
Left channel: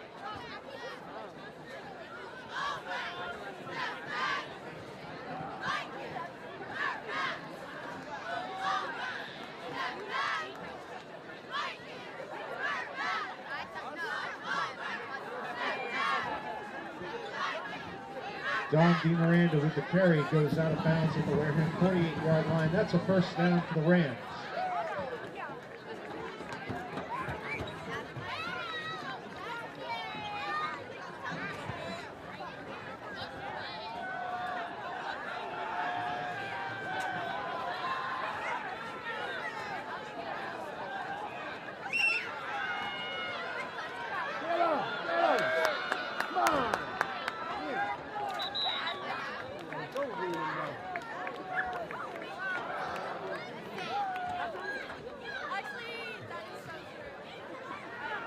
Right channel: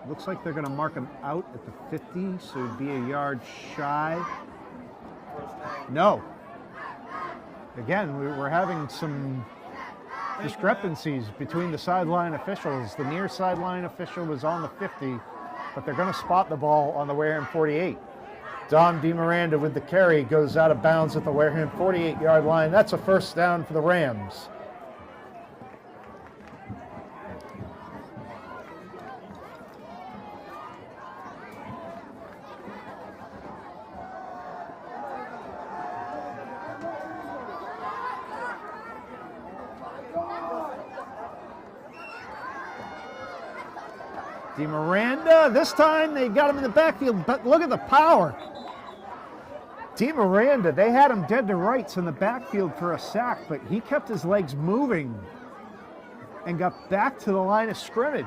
looks like they're going to mark him out at the 50, so he'd be a yard shy. No. Again, we're having some discrepancies between the sideline officials. The near sideline official is on the 50, but they're going to spot the ball on the Wareham 48. Don DeMiranda with the carry goes out of bounds at the Wareham 48-yard line. That's a 1st down for the Rams. DeMiranda, this time they got him in the backfield, but look at the power. DeMiranda, they had him dead to rights in the backfield for a sack, but he kept his legs moving and got back to the line of scrimmage.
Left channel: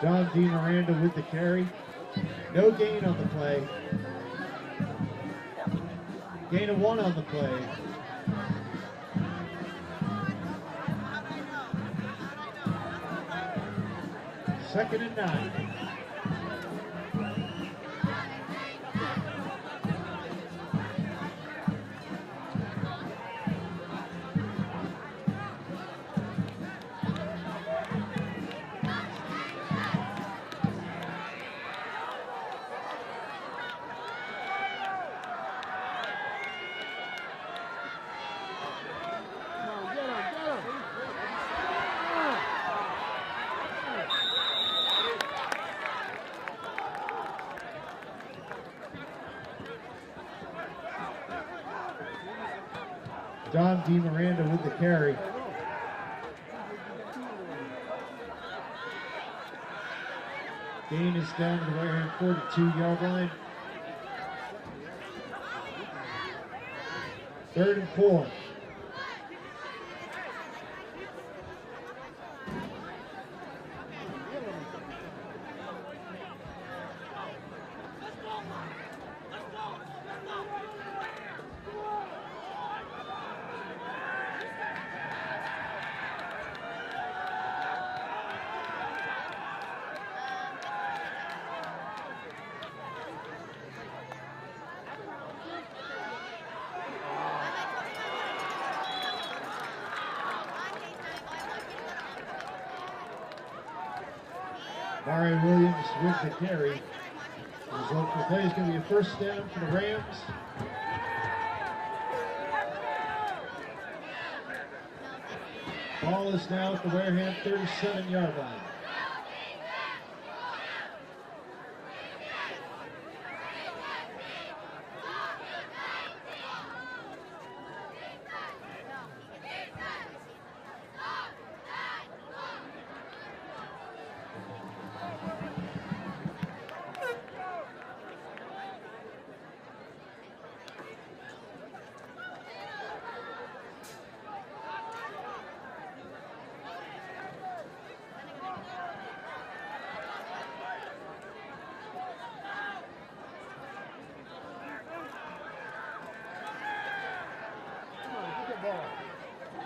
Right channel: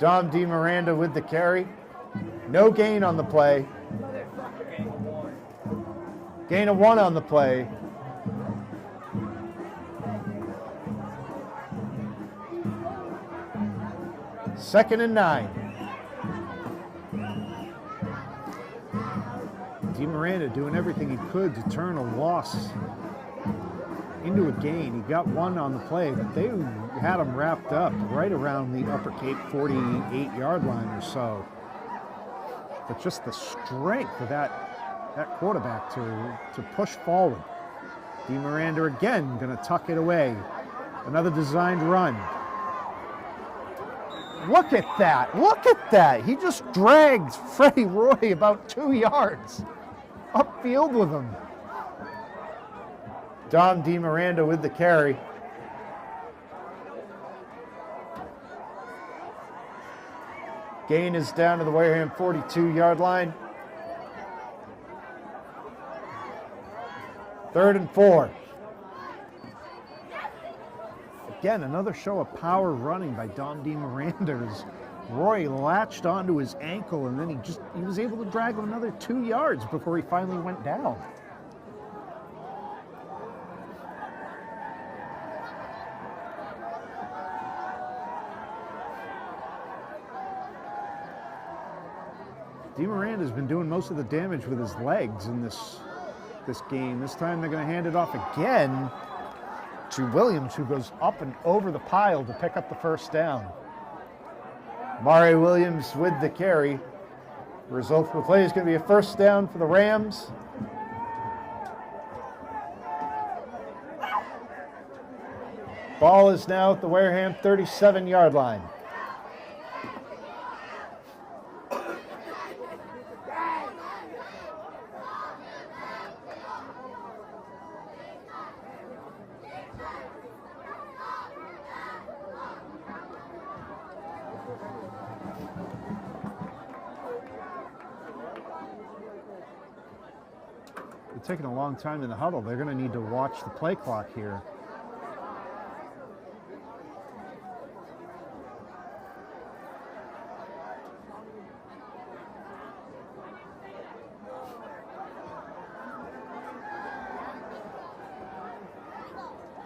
Don DeMiranda with the carry. No gain on the play. Gain of 1 on the play. Second and 9. DeMiranda doing everything he could to turn a loss into a gain. He got 1 on the play, but they had him wrapped up right around the upper Cape 48-yard line or so. But just the strength of that quarterback to push forward. DeMiranda again going to tuck it away. Another designed run. Look at that. Look at that. He just dragged Freddie Roy about 2 yards upfield with him. Don DeMiranda with the carry. Gain is down to the Wareham 42-yard line. 3rd and 4. Again, another show of power running by Don DeMiranda as Roy latched onto his ankle, and then he was able to drag him another 2 yards before he finally went down. DeMiranda's been doing most of the damage with his legs in this game. This time they're going to hand it off again to Williams, who goes up and over the pile to pick up the 1st down. Mari Williams with the carry. The result of the play is going to be a 1st down for the Rams. Ball is now at the Wareham 37-yard line. Taking a long time in the huddle. They're going to need to watch the play clock here.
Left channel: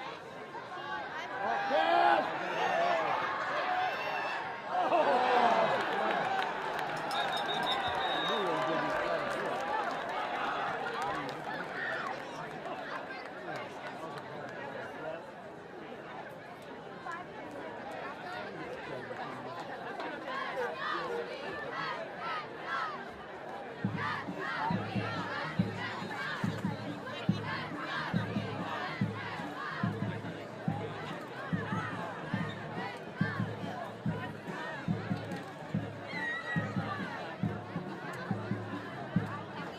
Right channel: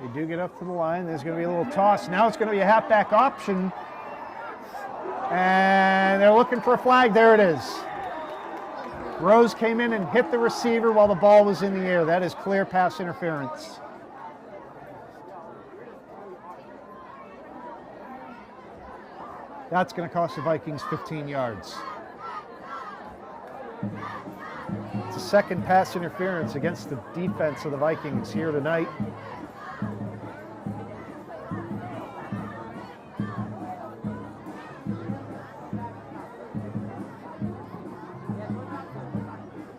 They do get up to the line. There's going to be a little toss. Now it's going to be a halfback option. And they're looking for a flag. There it is. Rose came in and hit the receiver while the ball was in the air. That is clear pass interference. That's going to cost the Vikings 15 yards. It's the 2nd pass interference against the defense of the Vikings here tonight.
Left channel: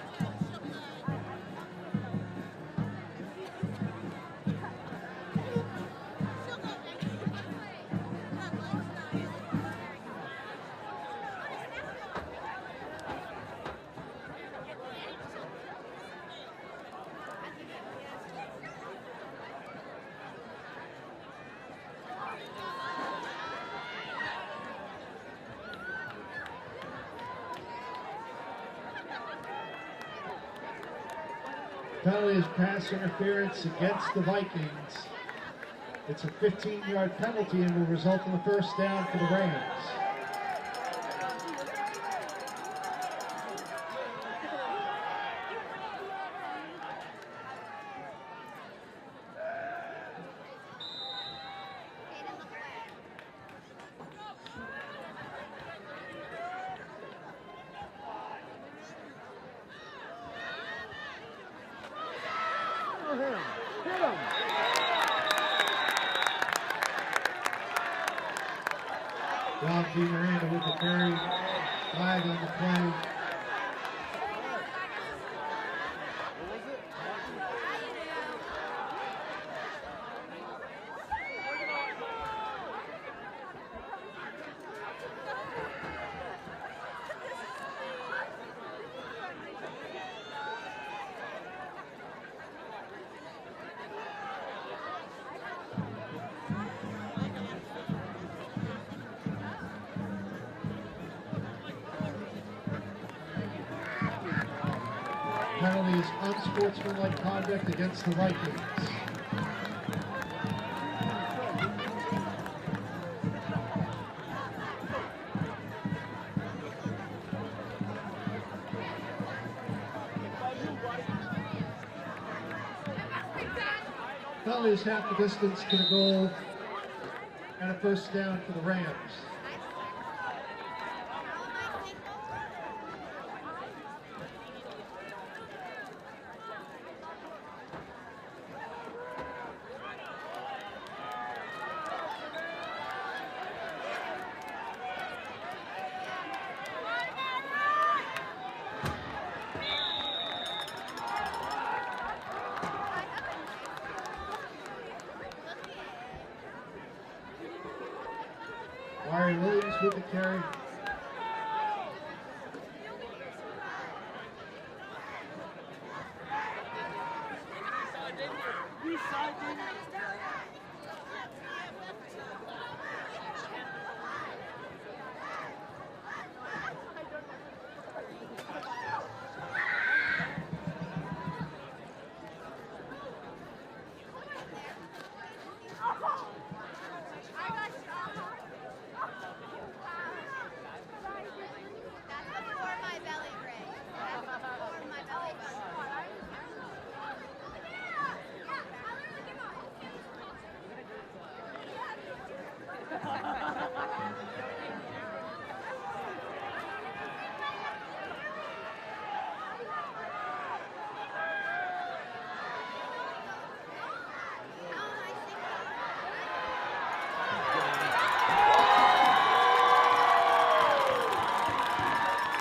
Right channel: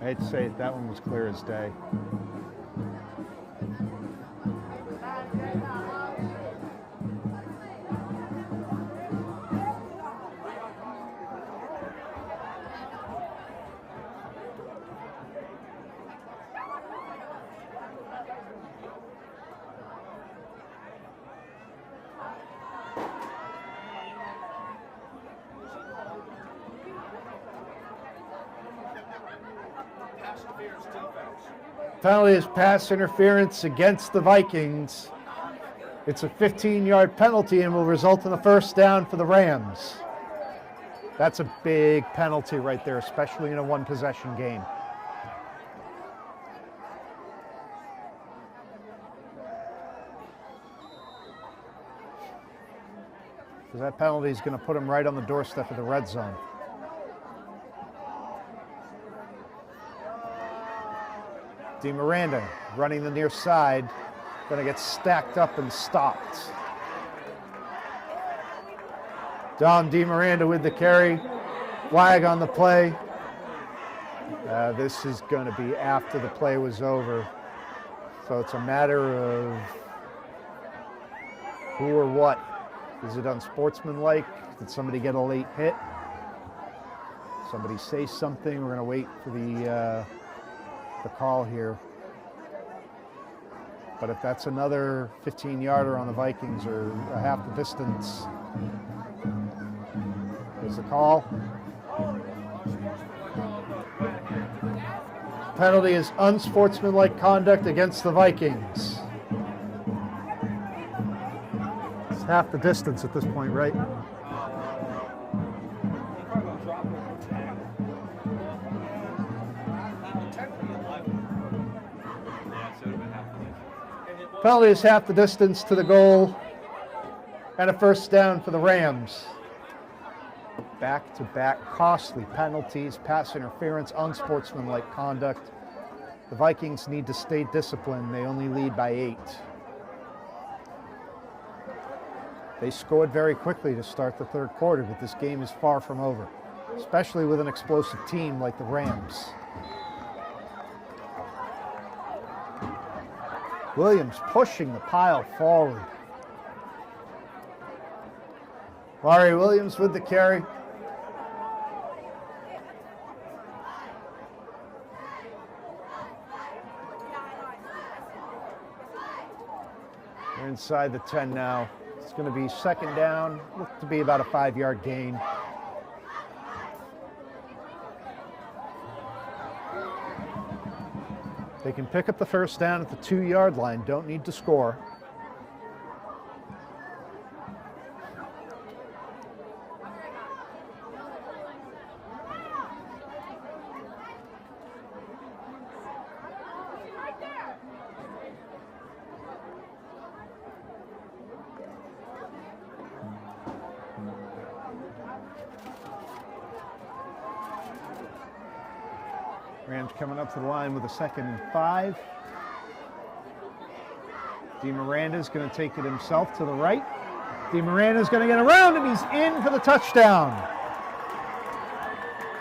I hate to say it, that one was clear as day. Penalty is pass interference against the Vikings. It's a 15-yard penalty and will result in a first down for the Rams. That's a big penalty right there, especially in a one-possession game. Because that penalty is going to put them right on the doorstep of the red zone. DeMiranda running the near side, going to get stacked up and stopped. Don DeMiranda with the carry, flag on the play. This is going to be after the play was over, so it's a matter of who or what. Is it unsportsmanlike? Did somebody get a late hit? Somebody say something? We're going to wait for the call here. But if that's another 15-yarder on the Vikings or a half the distance, is the call. Penalty is unsportsmanlike conduct against the Vikings. It's half the distance at this point, right? Penalty is half the distance to the goal and a first down for the Rams. Back-to-back costly penalties, pass interference, unsportsmanlike conduct. The Vikings need to stay disciplined. They only lead by 8. They scored very quickly to start the third quarter, but this game is far from over, especially with an explosive team like the Rams. Williams pushing the pile forward. Larry Williams with the carry. Inside the 10 now. It's going to be second down. Look to be about a 5-yard gain. They can pick up the first down at the 2-yard line. Don't need to score. Rams coming up to the line with a 2nd and 5. DeMiranda's going to take it himself to the right. DeMiranda's going to get around and he's in for the touchdown.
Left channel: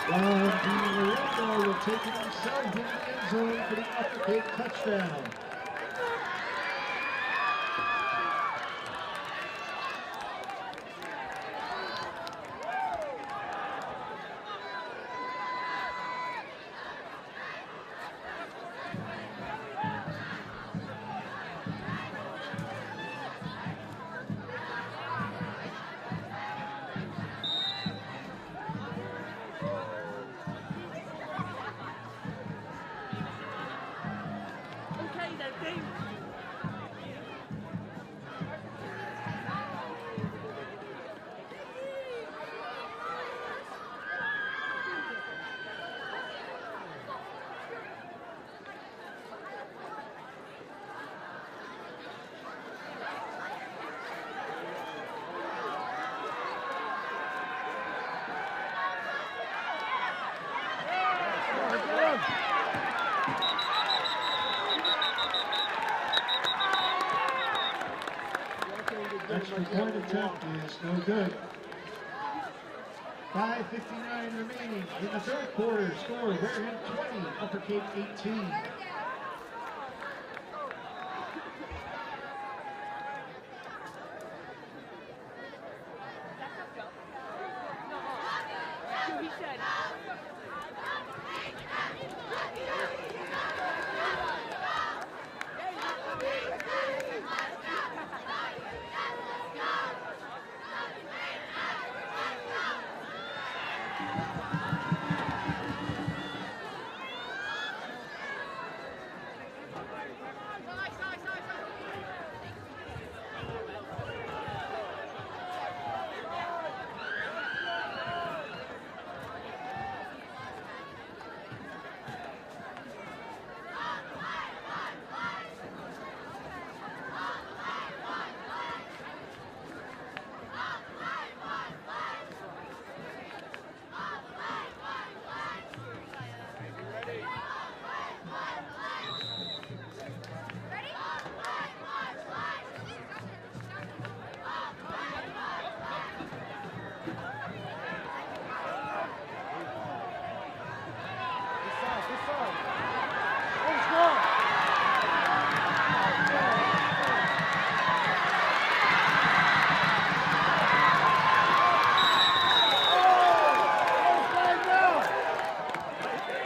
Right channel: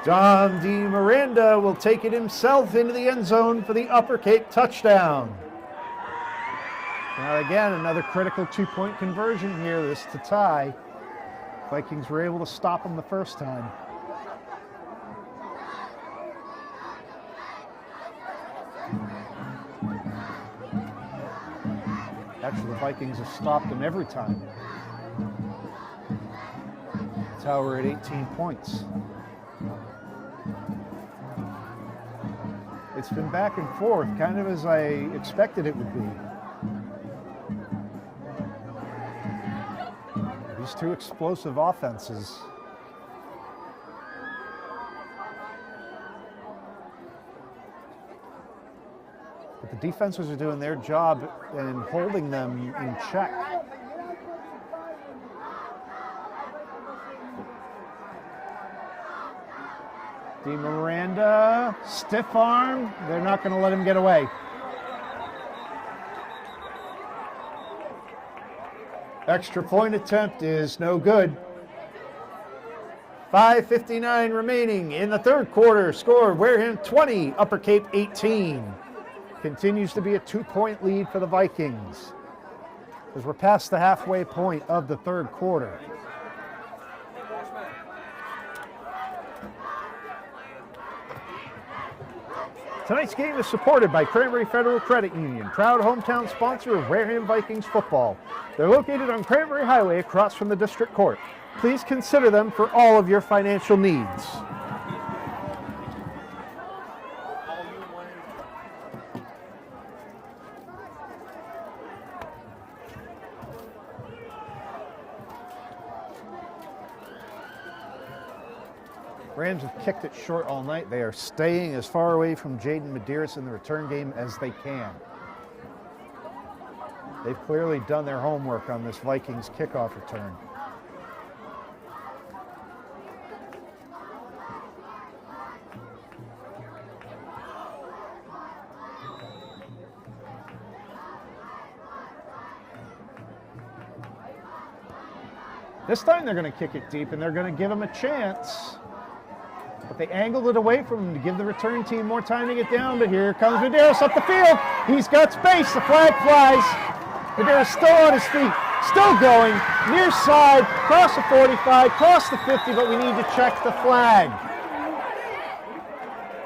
Don DeMiranda will take it himself into the end zone for the Upper Cape touchdown. Now again, another critical 2-point conversion here. This to tie. Vikings were able to stop him the first time. Actually, the Vikings have stopped him every time. That's how we're at 18 points. It's been back and forth, kind of as I expected it would be. These two explosive offenses. But the defenses are doing their job in holding them in check. DeMiranda, stiff arm. They're not going to let him get away. Extra point attempt is no good. 5:59 remaining in the third quarter. Score Wareham 20, Upper Cape 18. Continues to be a 2-point lead for the Vikings as we're past the halfway point of the third quarter. Tonight's game is supported by Cranberry Federal Credit Union, proud hometown sponsor of Wareham Vikings football. They're located on Cranberry Highway across from the district court. Please consider them for all of your financial needs. Rams have kicked it short all night. They are staying as far away from Jaden Medeiros in the return game as they can. They've clearly done their homework on this Vikings kickoff return. This time they're going to kick it deep and they're going to give them a chance. But they angled it away from him to give the returning team more time to get down. But here comes Medeiros up the field. He's got space. The flag flies. Medeiros still on his feet, still going. Near side, cross the 45, cross the 50, but we need to check the flag.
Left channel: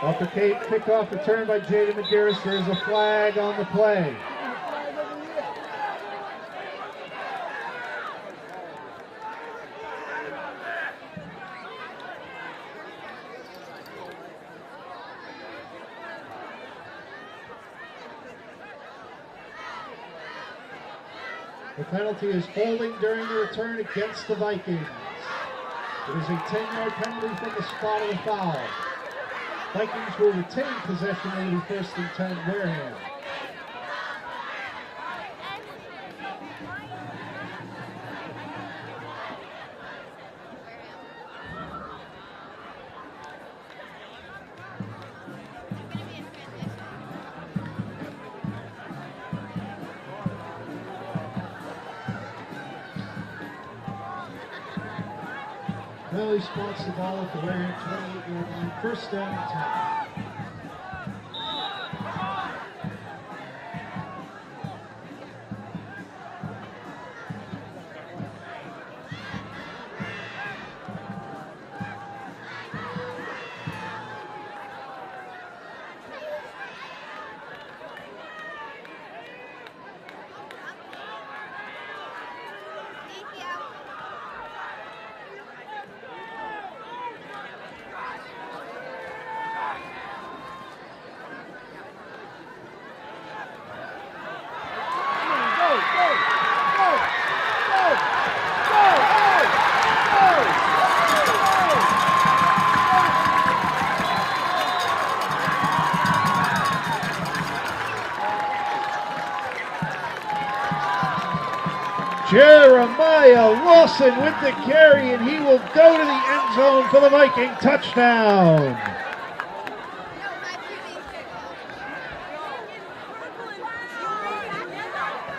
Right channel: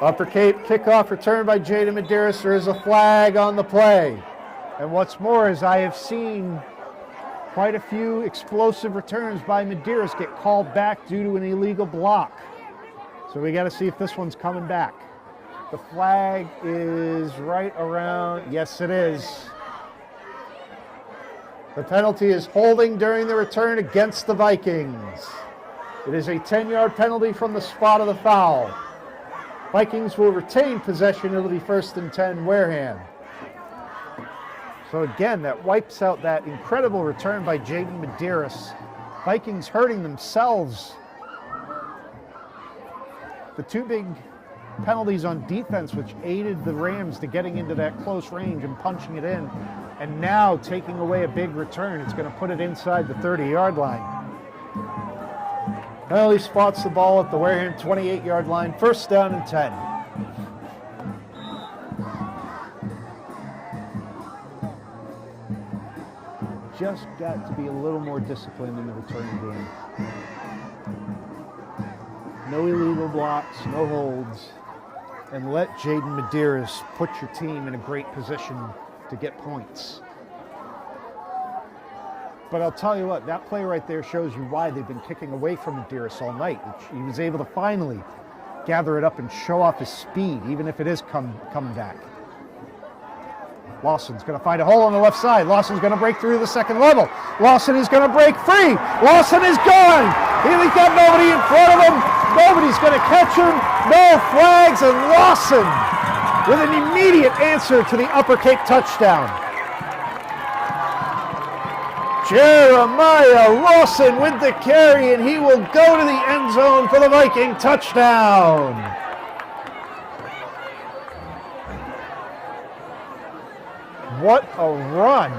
Upper Cape kickoff return by Jaden Medeiros. There is a flag on the play. And what's more is I have seen quite a few explosive returns by Medeiros get called back due to an illegal block. So we got to see if this one's coming back. The flag is right around, yes it is. The penalty is holding during the return against the Vikings. It is a 10-yard penalty from the spot of the foul. Vikings will retain possession. It'll be 1st and 10 Wareham. So again, that wipes out that incredible return by Jaden Medeiros. Vikings hurting themselves. The two big penalties on defense which aided the Rams to getting into that close range and punching it in. And now taking away a big return. It's going to put it inside the 30-yard line. Penalty spots the ball at the Wareham 28-yard line. 1st down and 10. Just got to be a little more disciplined in the return game. No illegal blocks, no holds, and let Jaden Medeiros put your team in a great position to get points. But I'll tell you what, that play right there shows you why they've been kicking away from Medeiros all night. He was able to finally gather it up and show off his speed, even if it is coming back. Lawson's going to find a hole on the left side. Lawson's going to break through the second level. Lawson is going to break free. Lawson is gone. He's got nobody in front of him. Nobody's going to catch him. No flags, and Lawson with an immediate answer to the Upper Cape touchdown. Jeremiah Lawson with the carry, and he will go to the end zone for the Viking touchdown. What a run.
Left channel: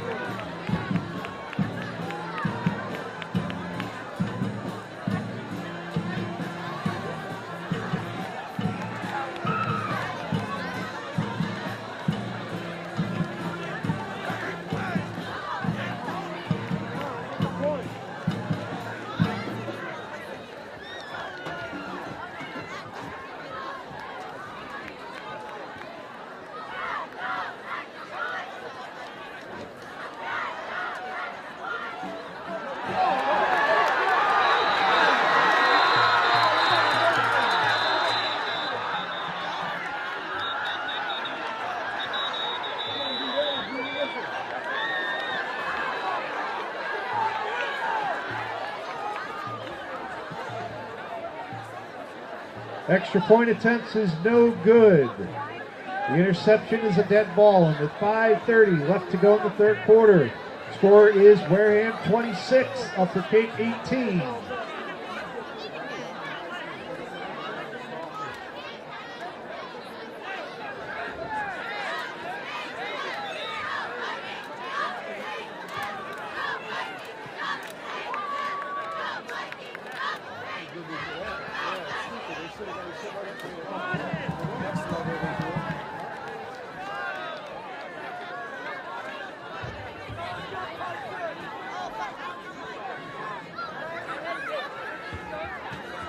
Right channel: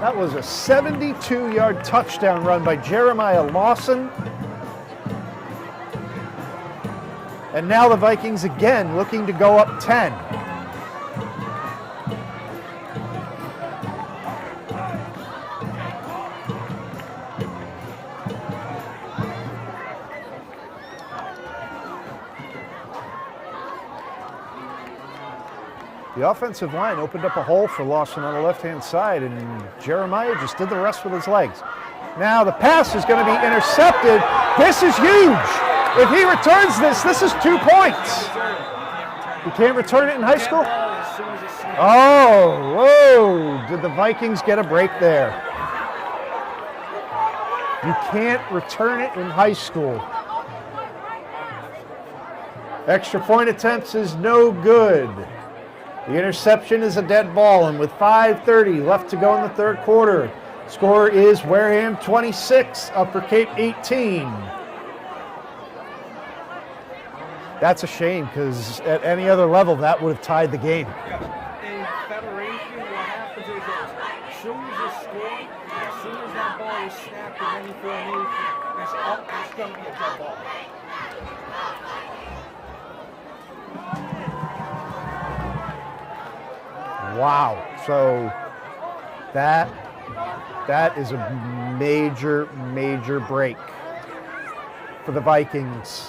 That was a 72-yard touchdown run by Jeremiah Lawson. And now the Vikings again looking to go up 10. The offensive line opened up a hole for Lawson on the left-hand side, and Jeremiah just did the rest with his legs. Now the pass is going to be intercepted. This is huge. If he returns this is 2 points. He can't return it in high school? Oh, whoa. Did the Vikings get a break there? You can't return it in high school. Extra point attempts is no good. The interception is a dead ball, and with 5:30 left to go in the third quarter, score is Wareham 26, Upper Cape 18. That's a shame because at any other level that would have tied the game. Wow. So that is a major, major break for the Vikings.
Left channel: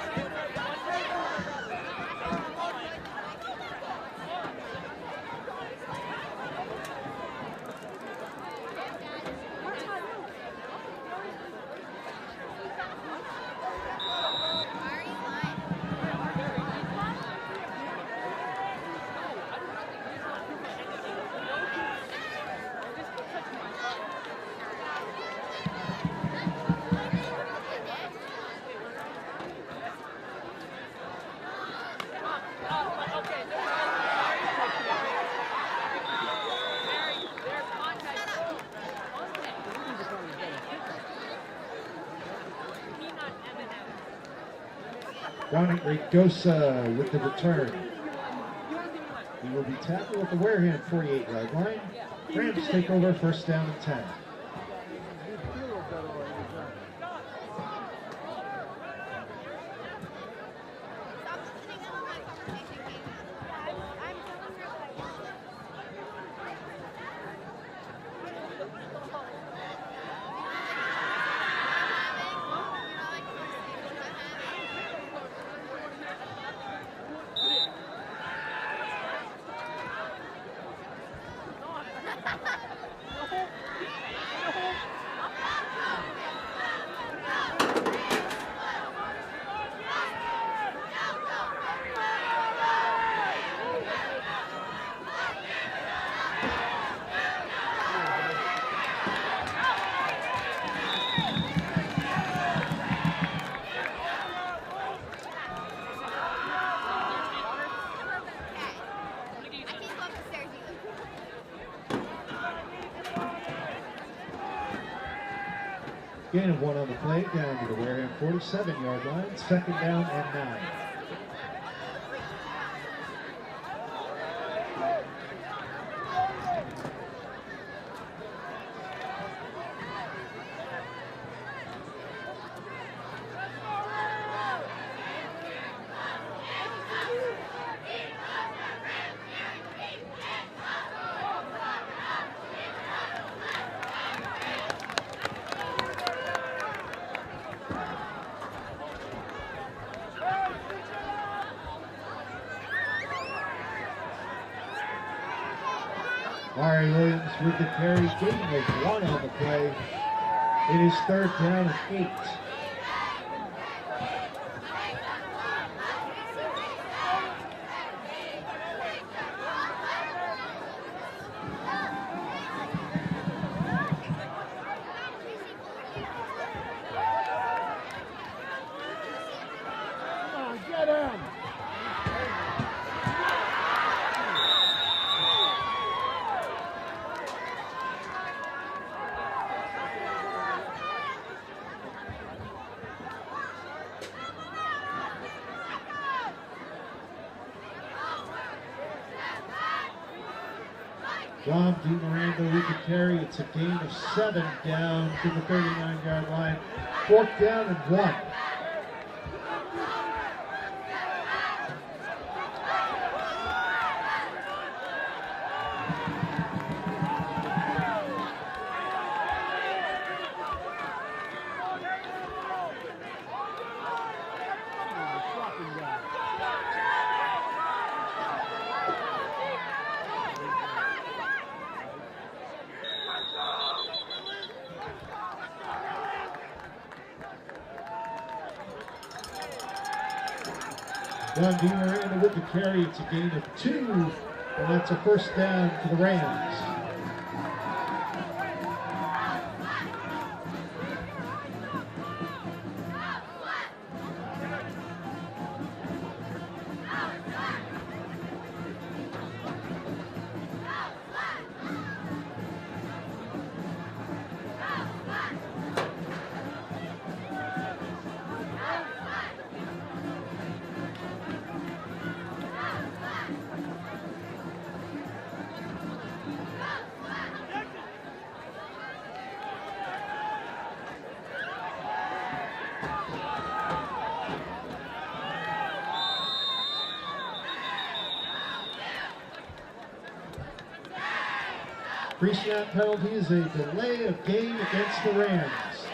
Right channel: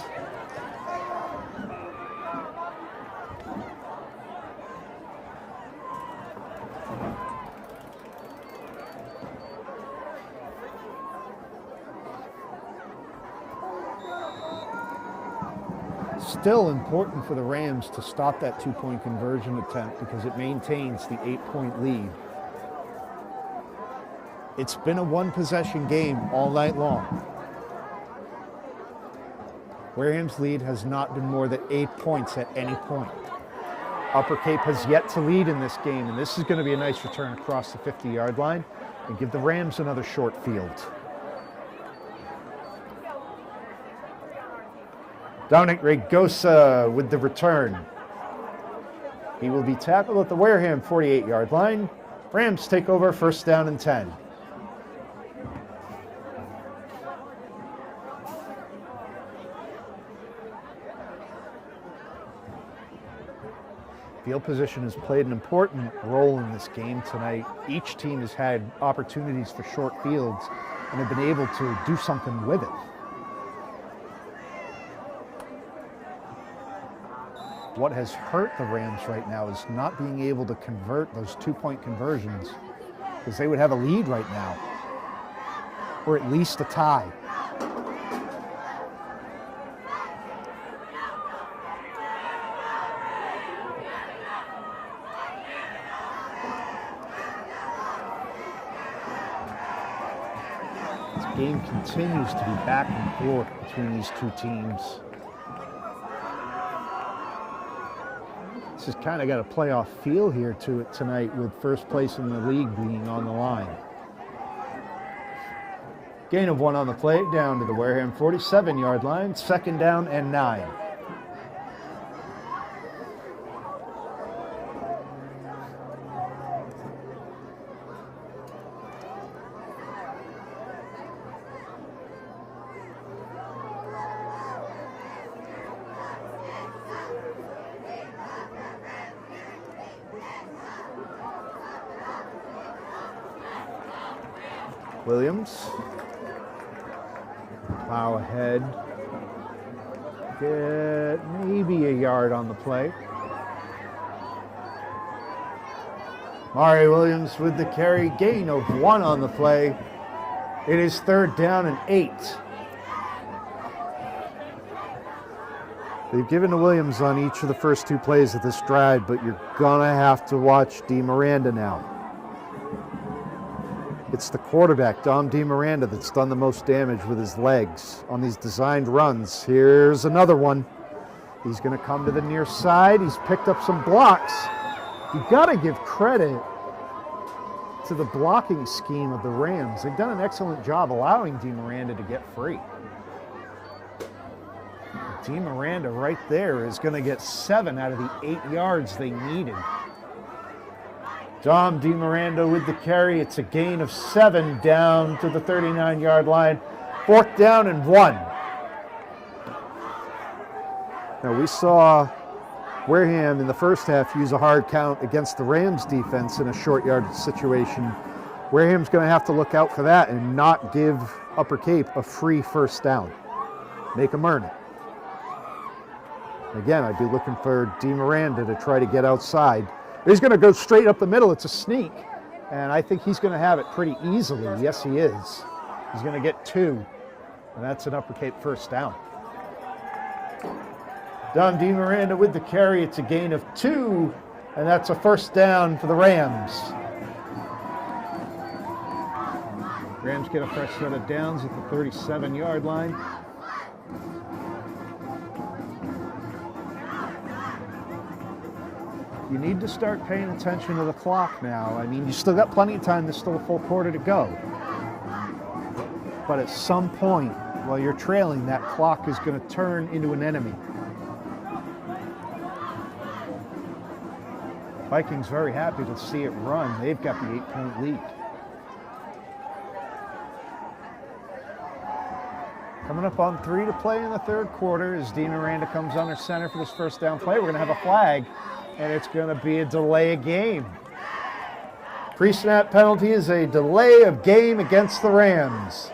Still important for the Rams to stop that two-point conversion attempt because it maintains the 8-point lead. It's been a one-possession game all night long. Wareham's lead has not been more than 8 points at any point. Upper Cape has yet to lead in this game, and this is going to be a nice return across the 50-yard line and give the Rams another short field. Dominic Regosa with the return. He will be tackled at the Wareham 48-yard line. Rams take over, first down and 10. Field position has played an important role in this game tonight. Each team has had opportunities for short fields and have been able to do something with it. What has hurt the Rams right now is not being able to convert those two-point conversions because they would have a lead right now, or at least a tie. The game continues to be back and forth between these two teams. This has kind of got a playoff feel here to it tonight with first place in the league being on the line. Gain of 1 on the play, down to the Wareham 47-yard line, second down and 9. Williams, power ahead, get maybe a yard on the play. Mari Williams with the carry, gain of 1 on the play. It is third down and 8. They've given to Williams on each of the first 2 plays of this drive, but you're gonna have to watch DeMiranda now. It's the quarterback, Dom DeMiranda, that's done the most damage with his legs on these designed runs. Here's another one. He's going to come to the near side. He's picked up some blocks. You've got to give credit to the blocking scheme of the Rams. They've done an excellent job allowing DeMiranda to get free. DeMiranda right there is going to get 7 out of the 8 yards they needed. Dom DeMiranda with the carry. It's a gain of 7 down to the 39-yard line. 4th down and 1. Now we saw Wareham in the first half use a hard count against the Rams defense in a short yard situation. Wareham's going to have to look out for that and not give Upper Cape a free first down. Make them earn it. Again, I'd be looking for DeMiranda to try to get outside. He's going to go straight up the middle. It's a sneak, and I think he's going to have it pretty easily. Yes, he is. He's going to get 2, and that's an Upper Cape first down. Don DeMiranda with the carry. It's a gain of 2, and that's a first down for the Rams. Rams get a fresh set of downs at the 37-yard line. You need to start paying attention to the clock now. I mean, you still got plenty of time. There's still a full quarter to go. But at some point, while you're trailing, that clock is going to turn into an enemy. Vikings very happy to see it run. They've got the 8-point lead. Coming up on 3 to play in the third quarter as Dean Miranda comes under center for this first down play. We're going to have a flag, and it's going to be a delay of game. Pre-snap penalty is a delay of game against the Rams.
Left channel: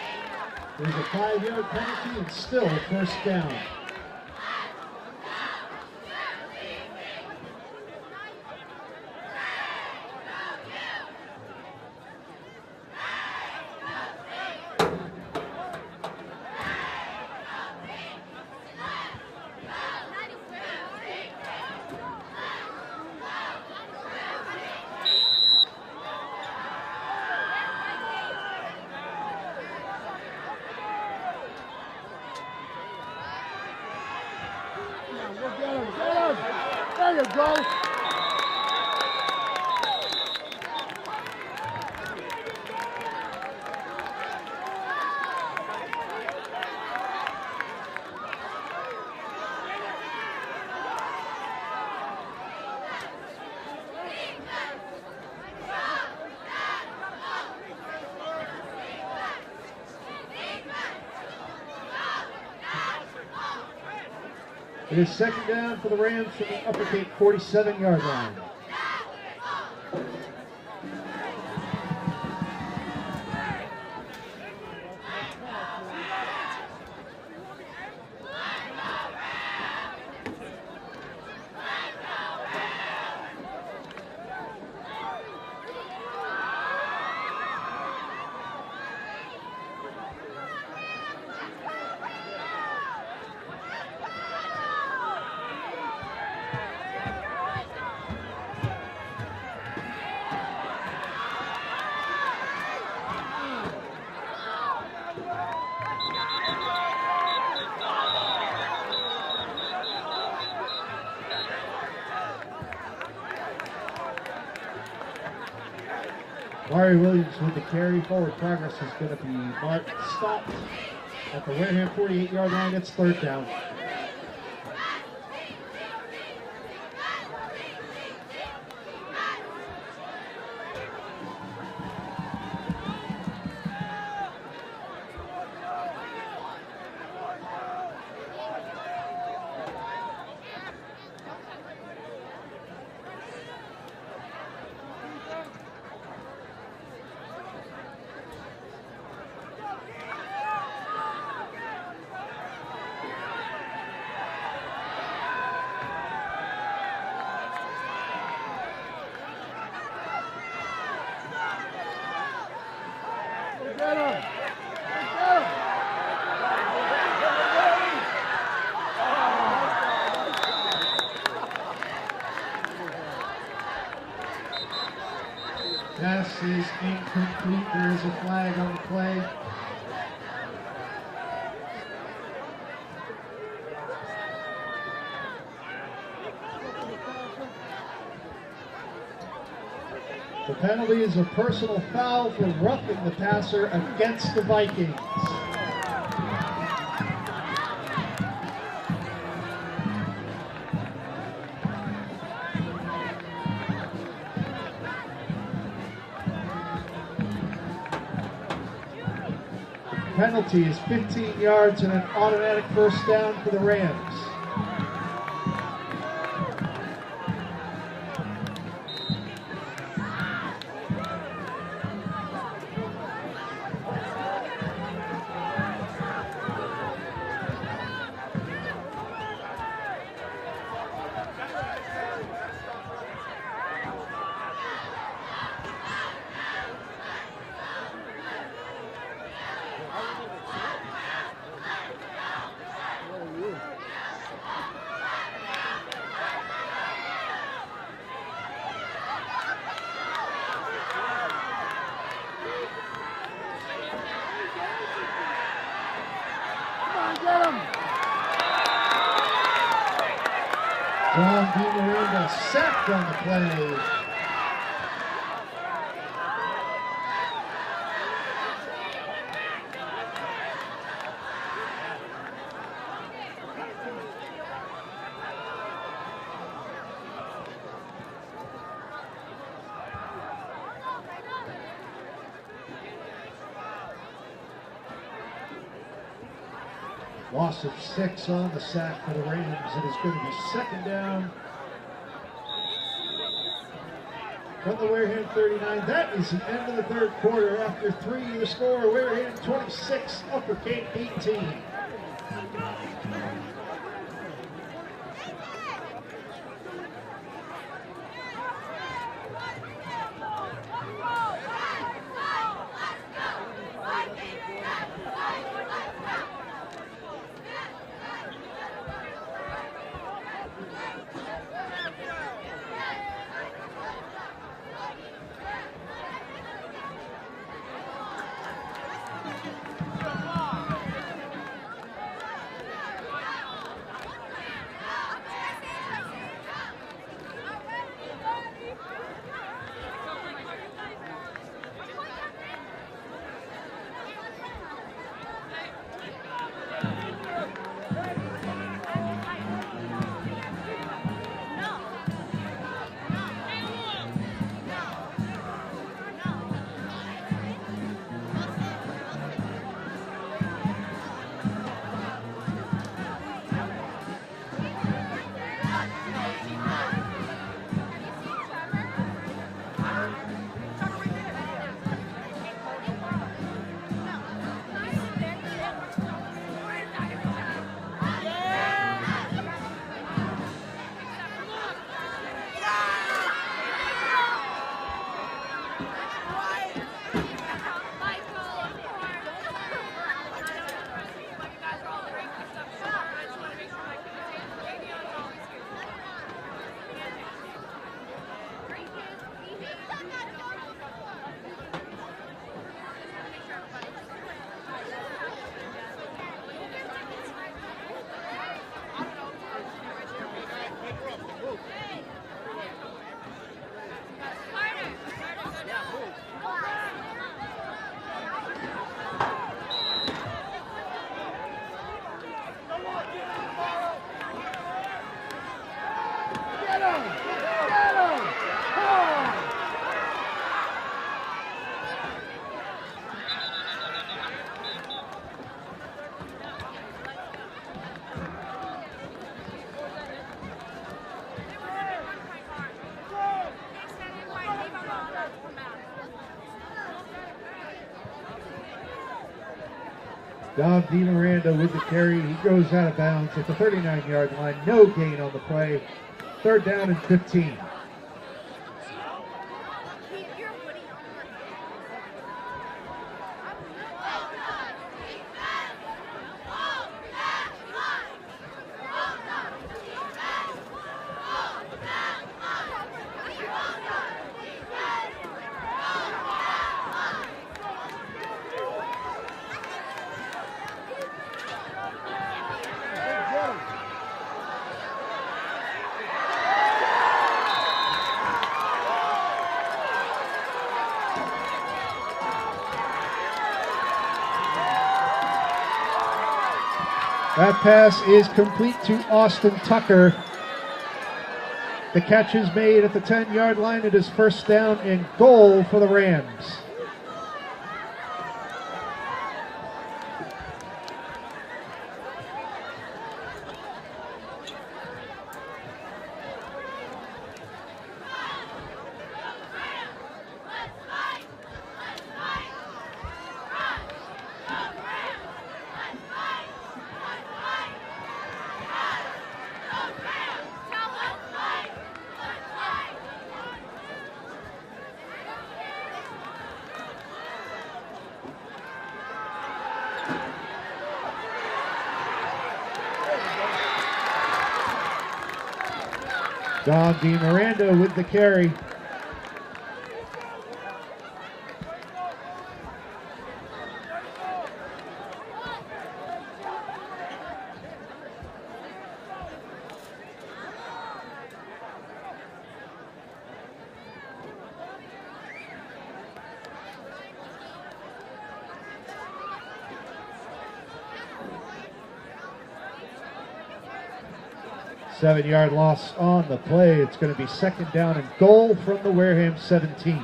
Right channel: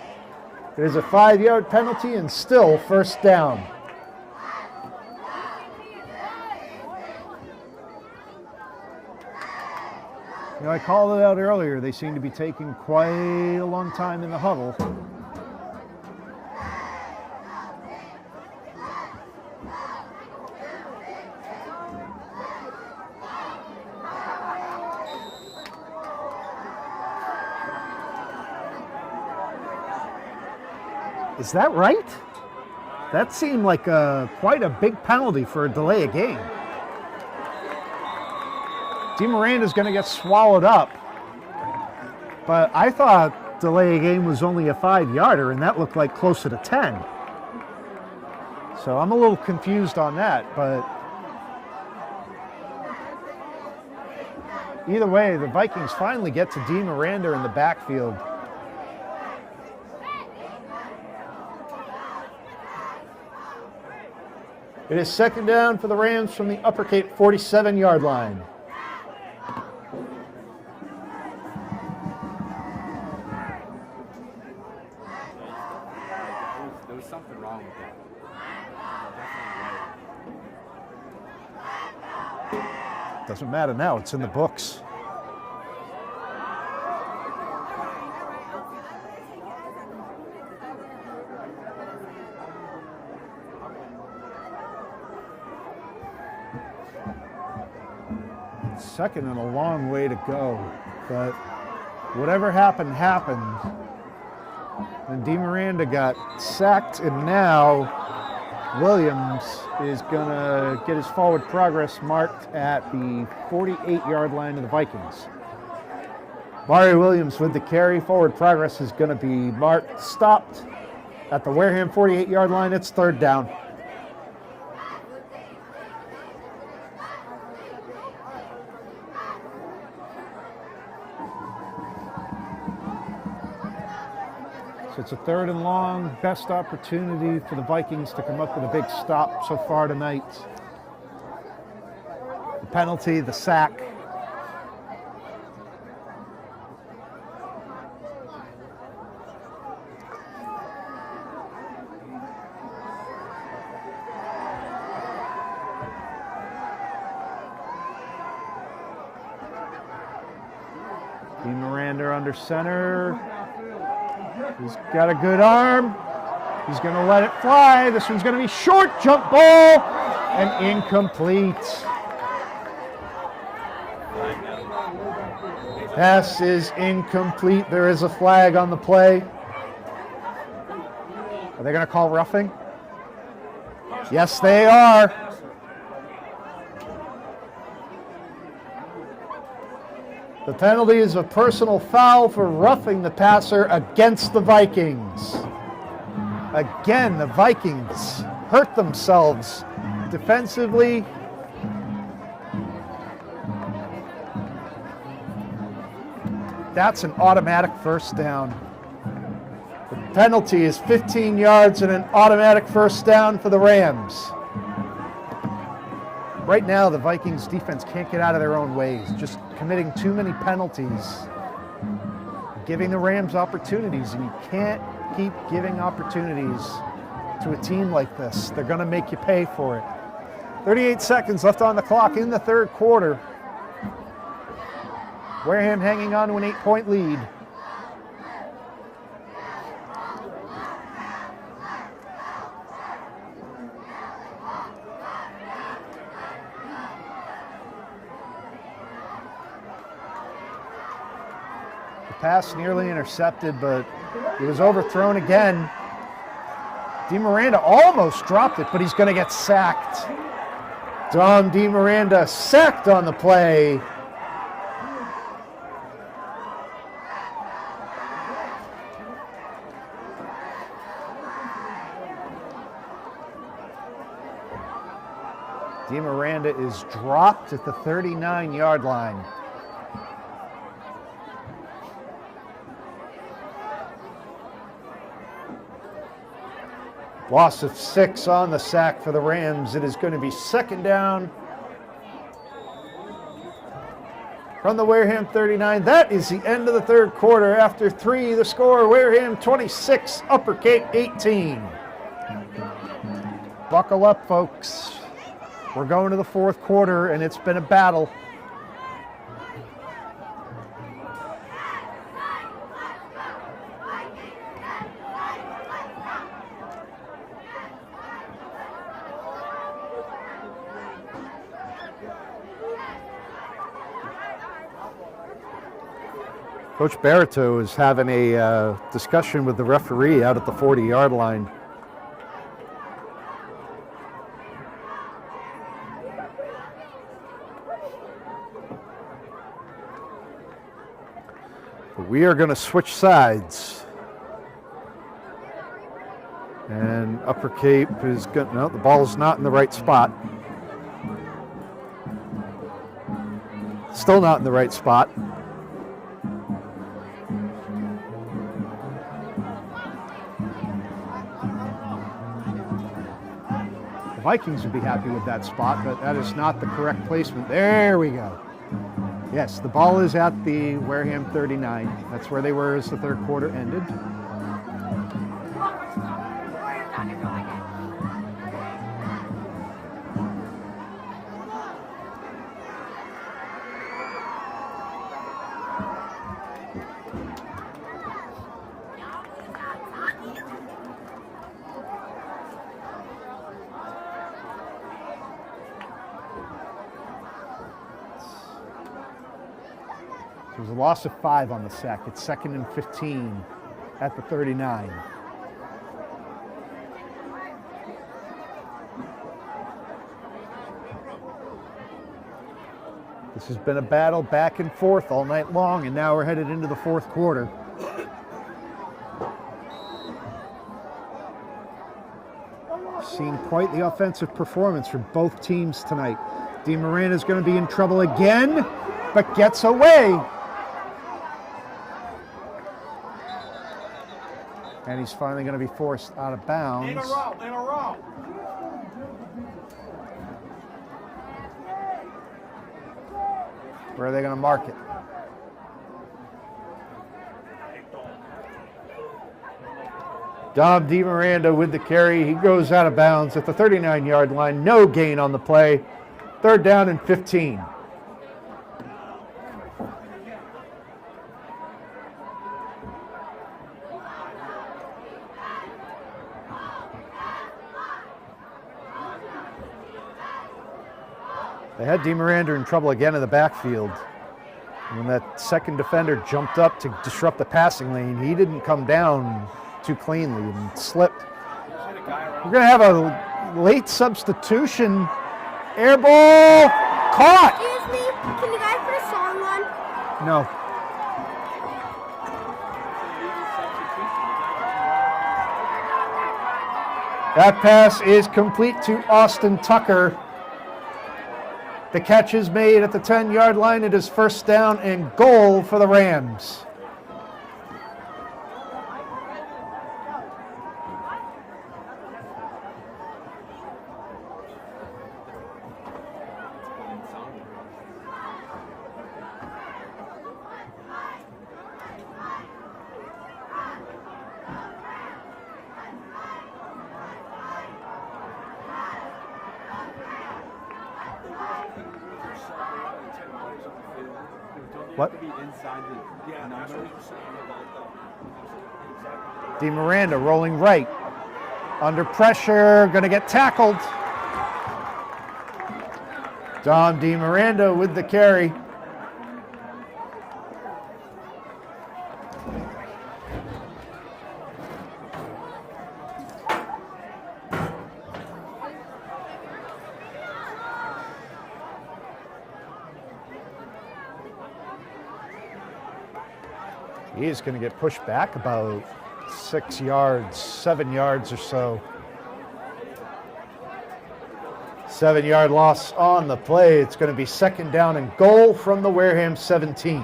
It is a 5-yard penalty and still first down. You know, I called it out earlier. They seem to be taking quite a long time in the huddle. Is that right? That seemed like quite a big penalty for a delay of game. There you go. Dean Miranda's going to get swallowed up. But I thought delay of game was only a 5-yarder, and that looked like closer to 10. So I'm a little confused on that, but either way, the Vikings finally get to Dean Miranda in the backfield. It is second down for the Rams from the Upper Cape 47-yard line. Doesn't matter now, it's in the books. Second and a long way to go, but whatever happened, happened. And Dean Miranda got sacked, and now Williams is going to get his forward progress marked at the 48-yard line of the Vikings. Mario Williams with the carry. Forward progress is going to be marked, stopped at the Wareham 48-yard line. It's third down. It's a third and long, best opportunity for the Vikings to come up with a big stop so far tonight. The penalty, the sack. Dean Miranda under center. He's got a good arm. He's going to let it fly. This one's going to be short, jump ball, and incomplete. Pass is incomplete. There is a flag on the play. Are they going to call roughing? Yes, they are. The penalty is a personal foul for roughing the passer against the Vikings. Again, the Vikings hurt themselves defensively. That's an automatic first down. The penalty is 15 yards and an automatic first down for the Rams. Right now, the Vikings defense can't get out of their own ways, just committing too many penalties, giving the Rams opportunities. And you can't keep giving opportunities to a team like this. They're going to make you pay for it. 38 seconds left on the clock in the third quarter. Wareham hanging on to an 8-point lead. Pass nearly intercepted, but it was overthrown again. Dean Miranda almost dropped it, but he's going to get sacked. Don Dean Miranda sacked on the play. DiMiranda is dropped at the 39-yard line. Loss of 6 on the sack for the Rams. It is going to be second down from the Wareham 39. That is the end of the third quarter. After 3, the score, Wareham 26, Upper Cape 18. Buckle up, folks. We're going to the fourth quarter, and it's been a battle. Coach Barreto is having a discussion with the referee out at the 40-yard line. So we are going to switch sides. And Upper Cape is good. No, the ball is not in the right spot. Still not in the right spot. Vikings would be happy with that spot, but that is not the correct placement. There we go. Yes, the ball is at the Wareham 39. That's where they were as the third quarter ended. There's a loss of 5 on the sack. It's 2nd and 15 at the 39. This has been a battle back and forth all night long, and now we're headed into the fourth quarter. Seen quite the offensive performance from both teams tonight. DiMiranda is going to be in trouble again, but gets away. And he's finally going to be forced out of bounds. Where are they going to mark it? Dom DiMiranda with the carry. He goes out of bounds at the 39-yard line. No gain on the play. 3rd down and 15. They had DiMiranda in trouble again in the backfield. And that second defender jumped up to disrupt the passing lane. He didn't come down too cleanly and slipped. We're going to have a late substitution. Air ball caught. Excuse me, can I put a song on? No. That pass is complete to Austin Tucker. The catch is made at the 10-yard line. It is 1st down and goal for the Rams. What? DiMiranda rolling right. Under pressure, going to get tackled. Don DiMiranda with the carry. He is going to get pushed back about 6 yards, 7 yards or so. 7-yard loss on the play. It's going to be second down and goal from the Wareham 17.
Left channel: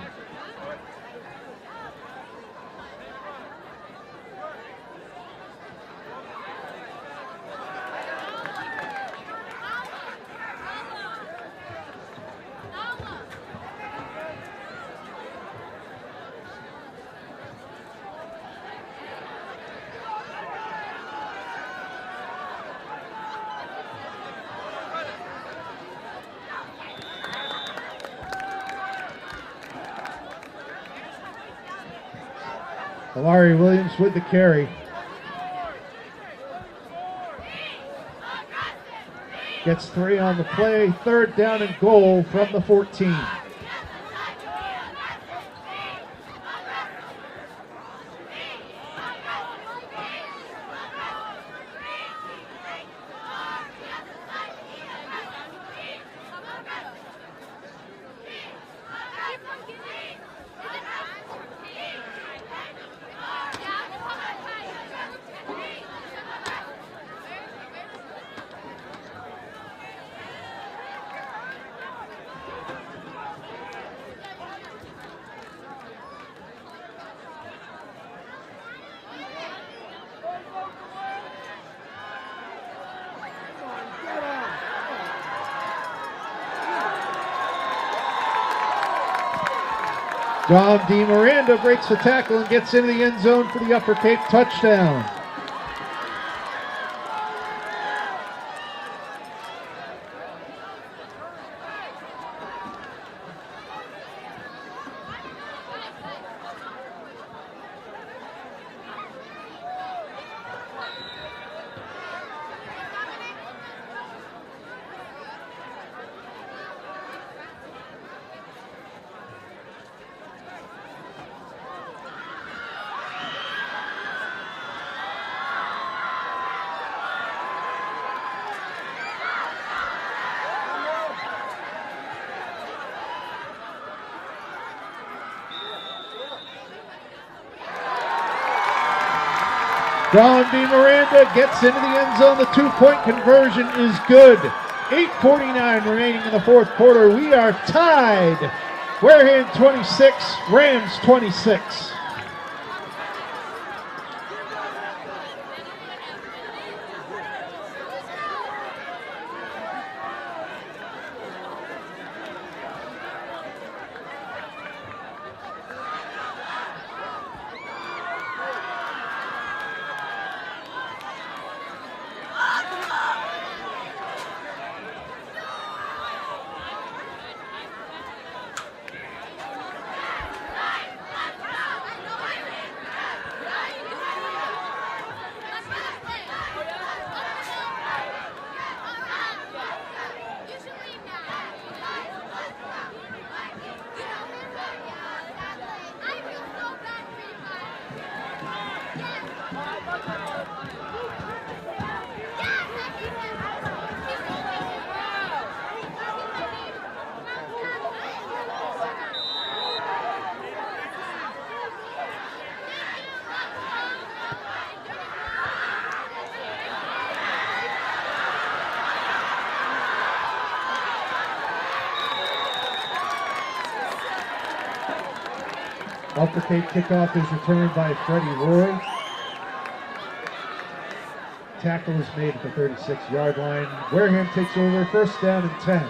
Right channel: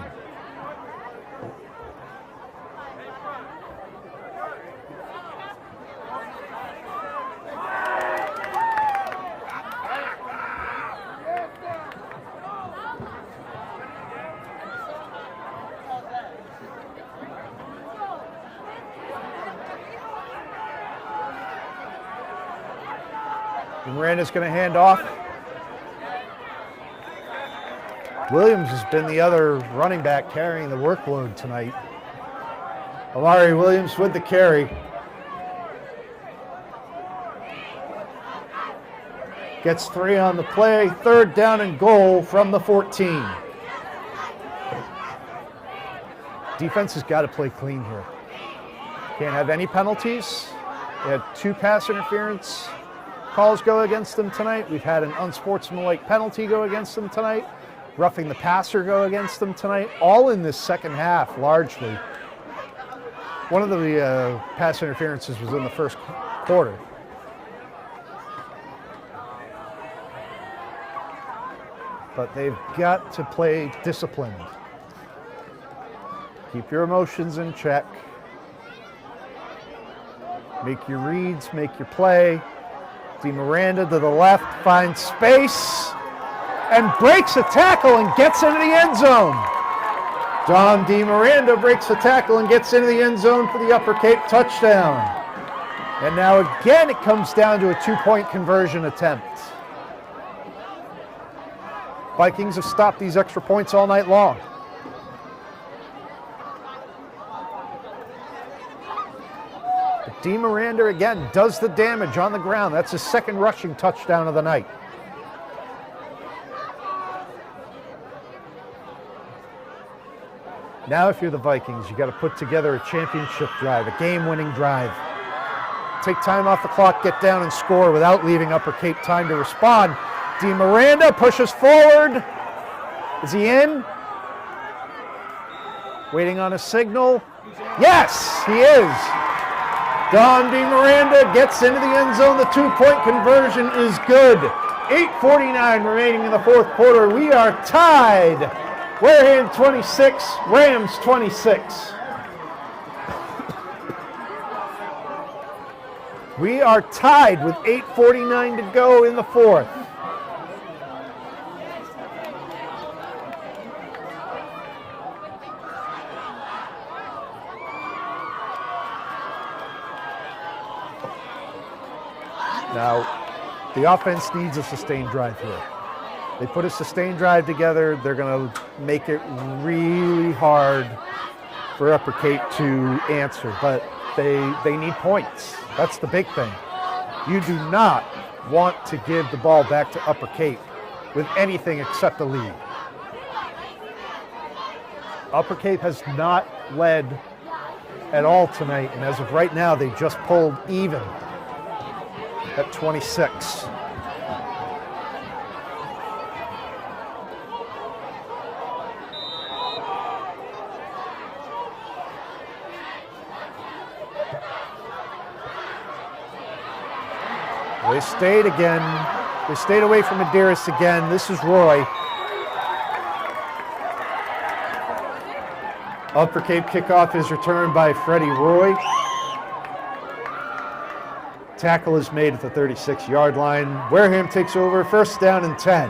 Miranda's going to hand off. Williams has been the other running back carrying the workload tonight. Larry Williams with the carry. Gets 3 on the play. Third down and goal from the 14. Defense has got to play clean here. Can't have any penalties. They had 2 pass interference calls go against them tonight. We've had an unsportsmanlike penalty go against them tonight. Roughing the passer go against them tonight. All in this second half, largely. One of the pass interferences was in the first quarter. But they've got to play discipline. Keep your emotions in check. Make your reads, make your play. Miranda to the left, finds space, and breaks a tackle and gets into the end zone. Don Miranda breaks the tackle and gets into the end zone for the Upper Cape touchdown. And now again it comes down to a 2-point conversion attempt. Vikings have stopped these extra points all night long. Miranda again does the damage on the ground. That's his second rushing touchdown of the night. Now if you're the Vikings, you got to put together a championship drive, a game-winning drive. Take time off the clock, get down and score without leaving Upper Cape time to respond. Miranda pushes forward. Is he in? Waiting on a signal. Yes, he is. Don Miranda gets into the end zone. The 2-point conversion is good. 8:49 remaining in the fourth quarter. We are tied. Wareham 26, Rams 26. We are tied with 8:49 to go in the fourth. Now, the offense needs a sustained drive here. They put a sustained drive together, they're going to make it really hard for Upper Cape to answer, but they need points. That's the big thing. You do not want to give the ball back to Upper Cape with anything except a lead. Upper Cape has not led at all tonight, and as of right now, they just pulled even at 26. They stayed again. They stayed away from Medeiros again. This is Roy. Upper Cape kickoff is returned by Freddie Roy. Tackle is made at the 36-yard line. Wareham takes over, first down and 10.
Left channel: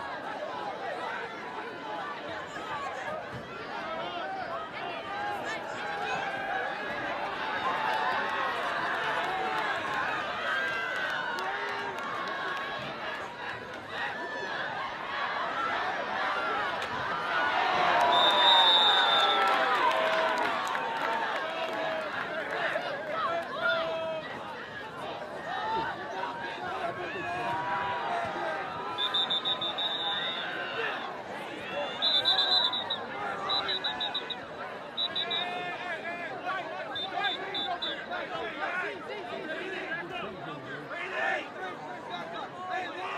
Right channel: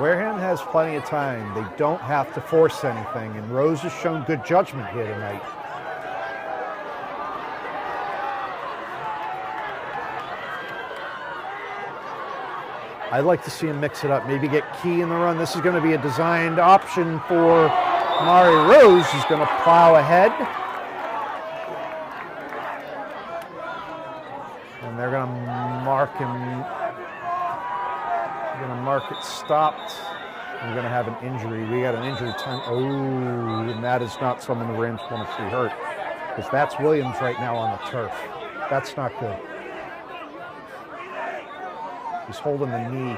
Wareham has plenty of time. They don't have to force anything, and Rose has shown good judgment here tonight. I'd like to see him mix it up, maybe get Key in the run. This is going to be a designed option for Mari Rose, who's going to plow ahead. And they're going to mark him. Going to mark it stopped. we're going to have an injury. We got an injury. And that is not someone the Rams want to see hurt. Because that's Williams right now on the turf. That's not good. He's holding the knee.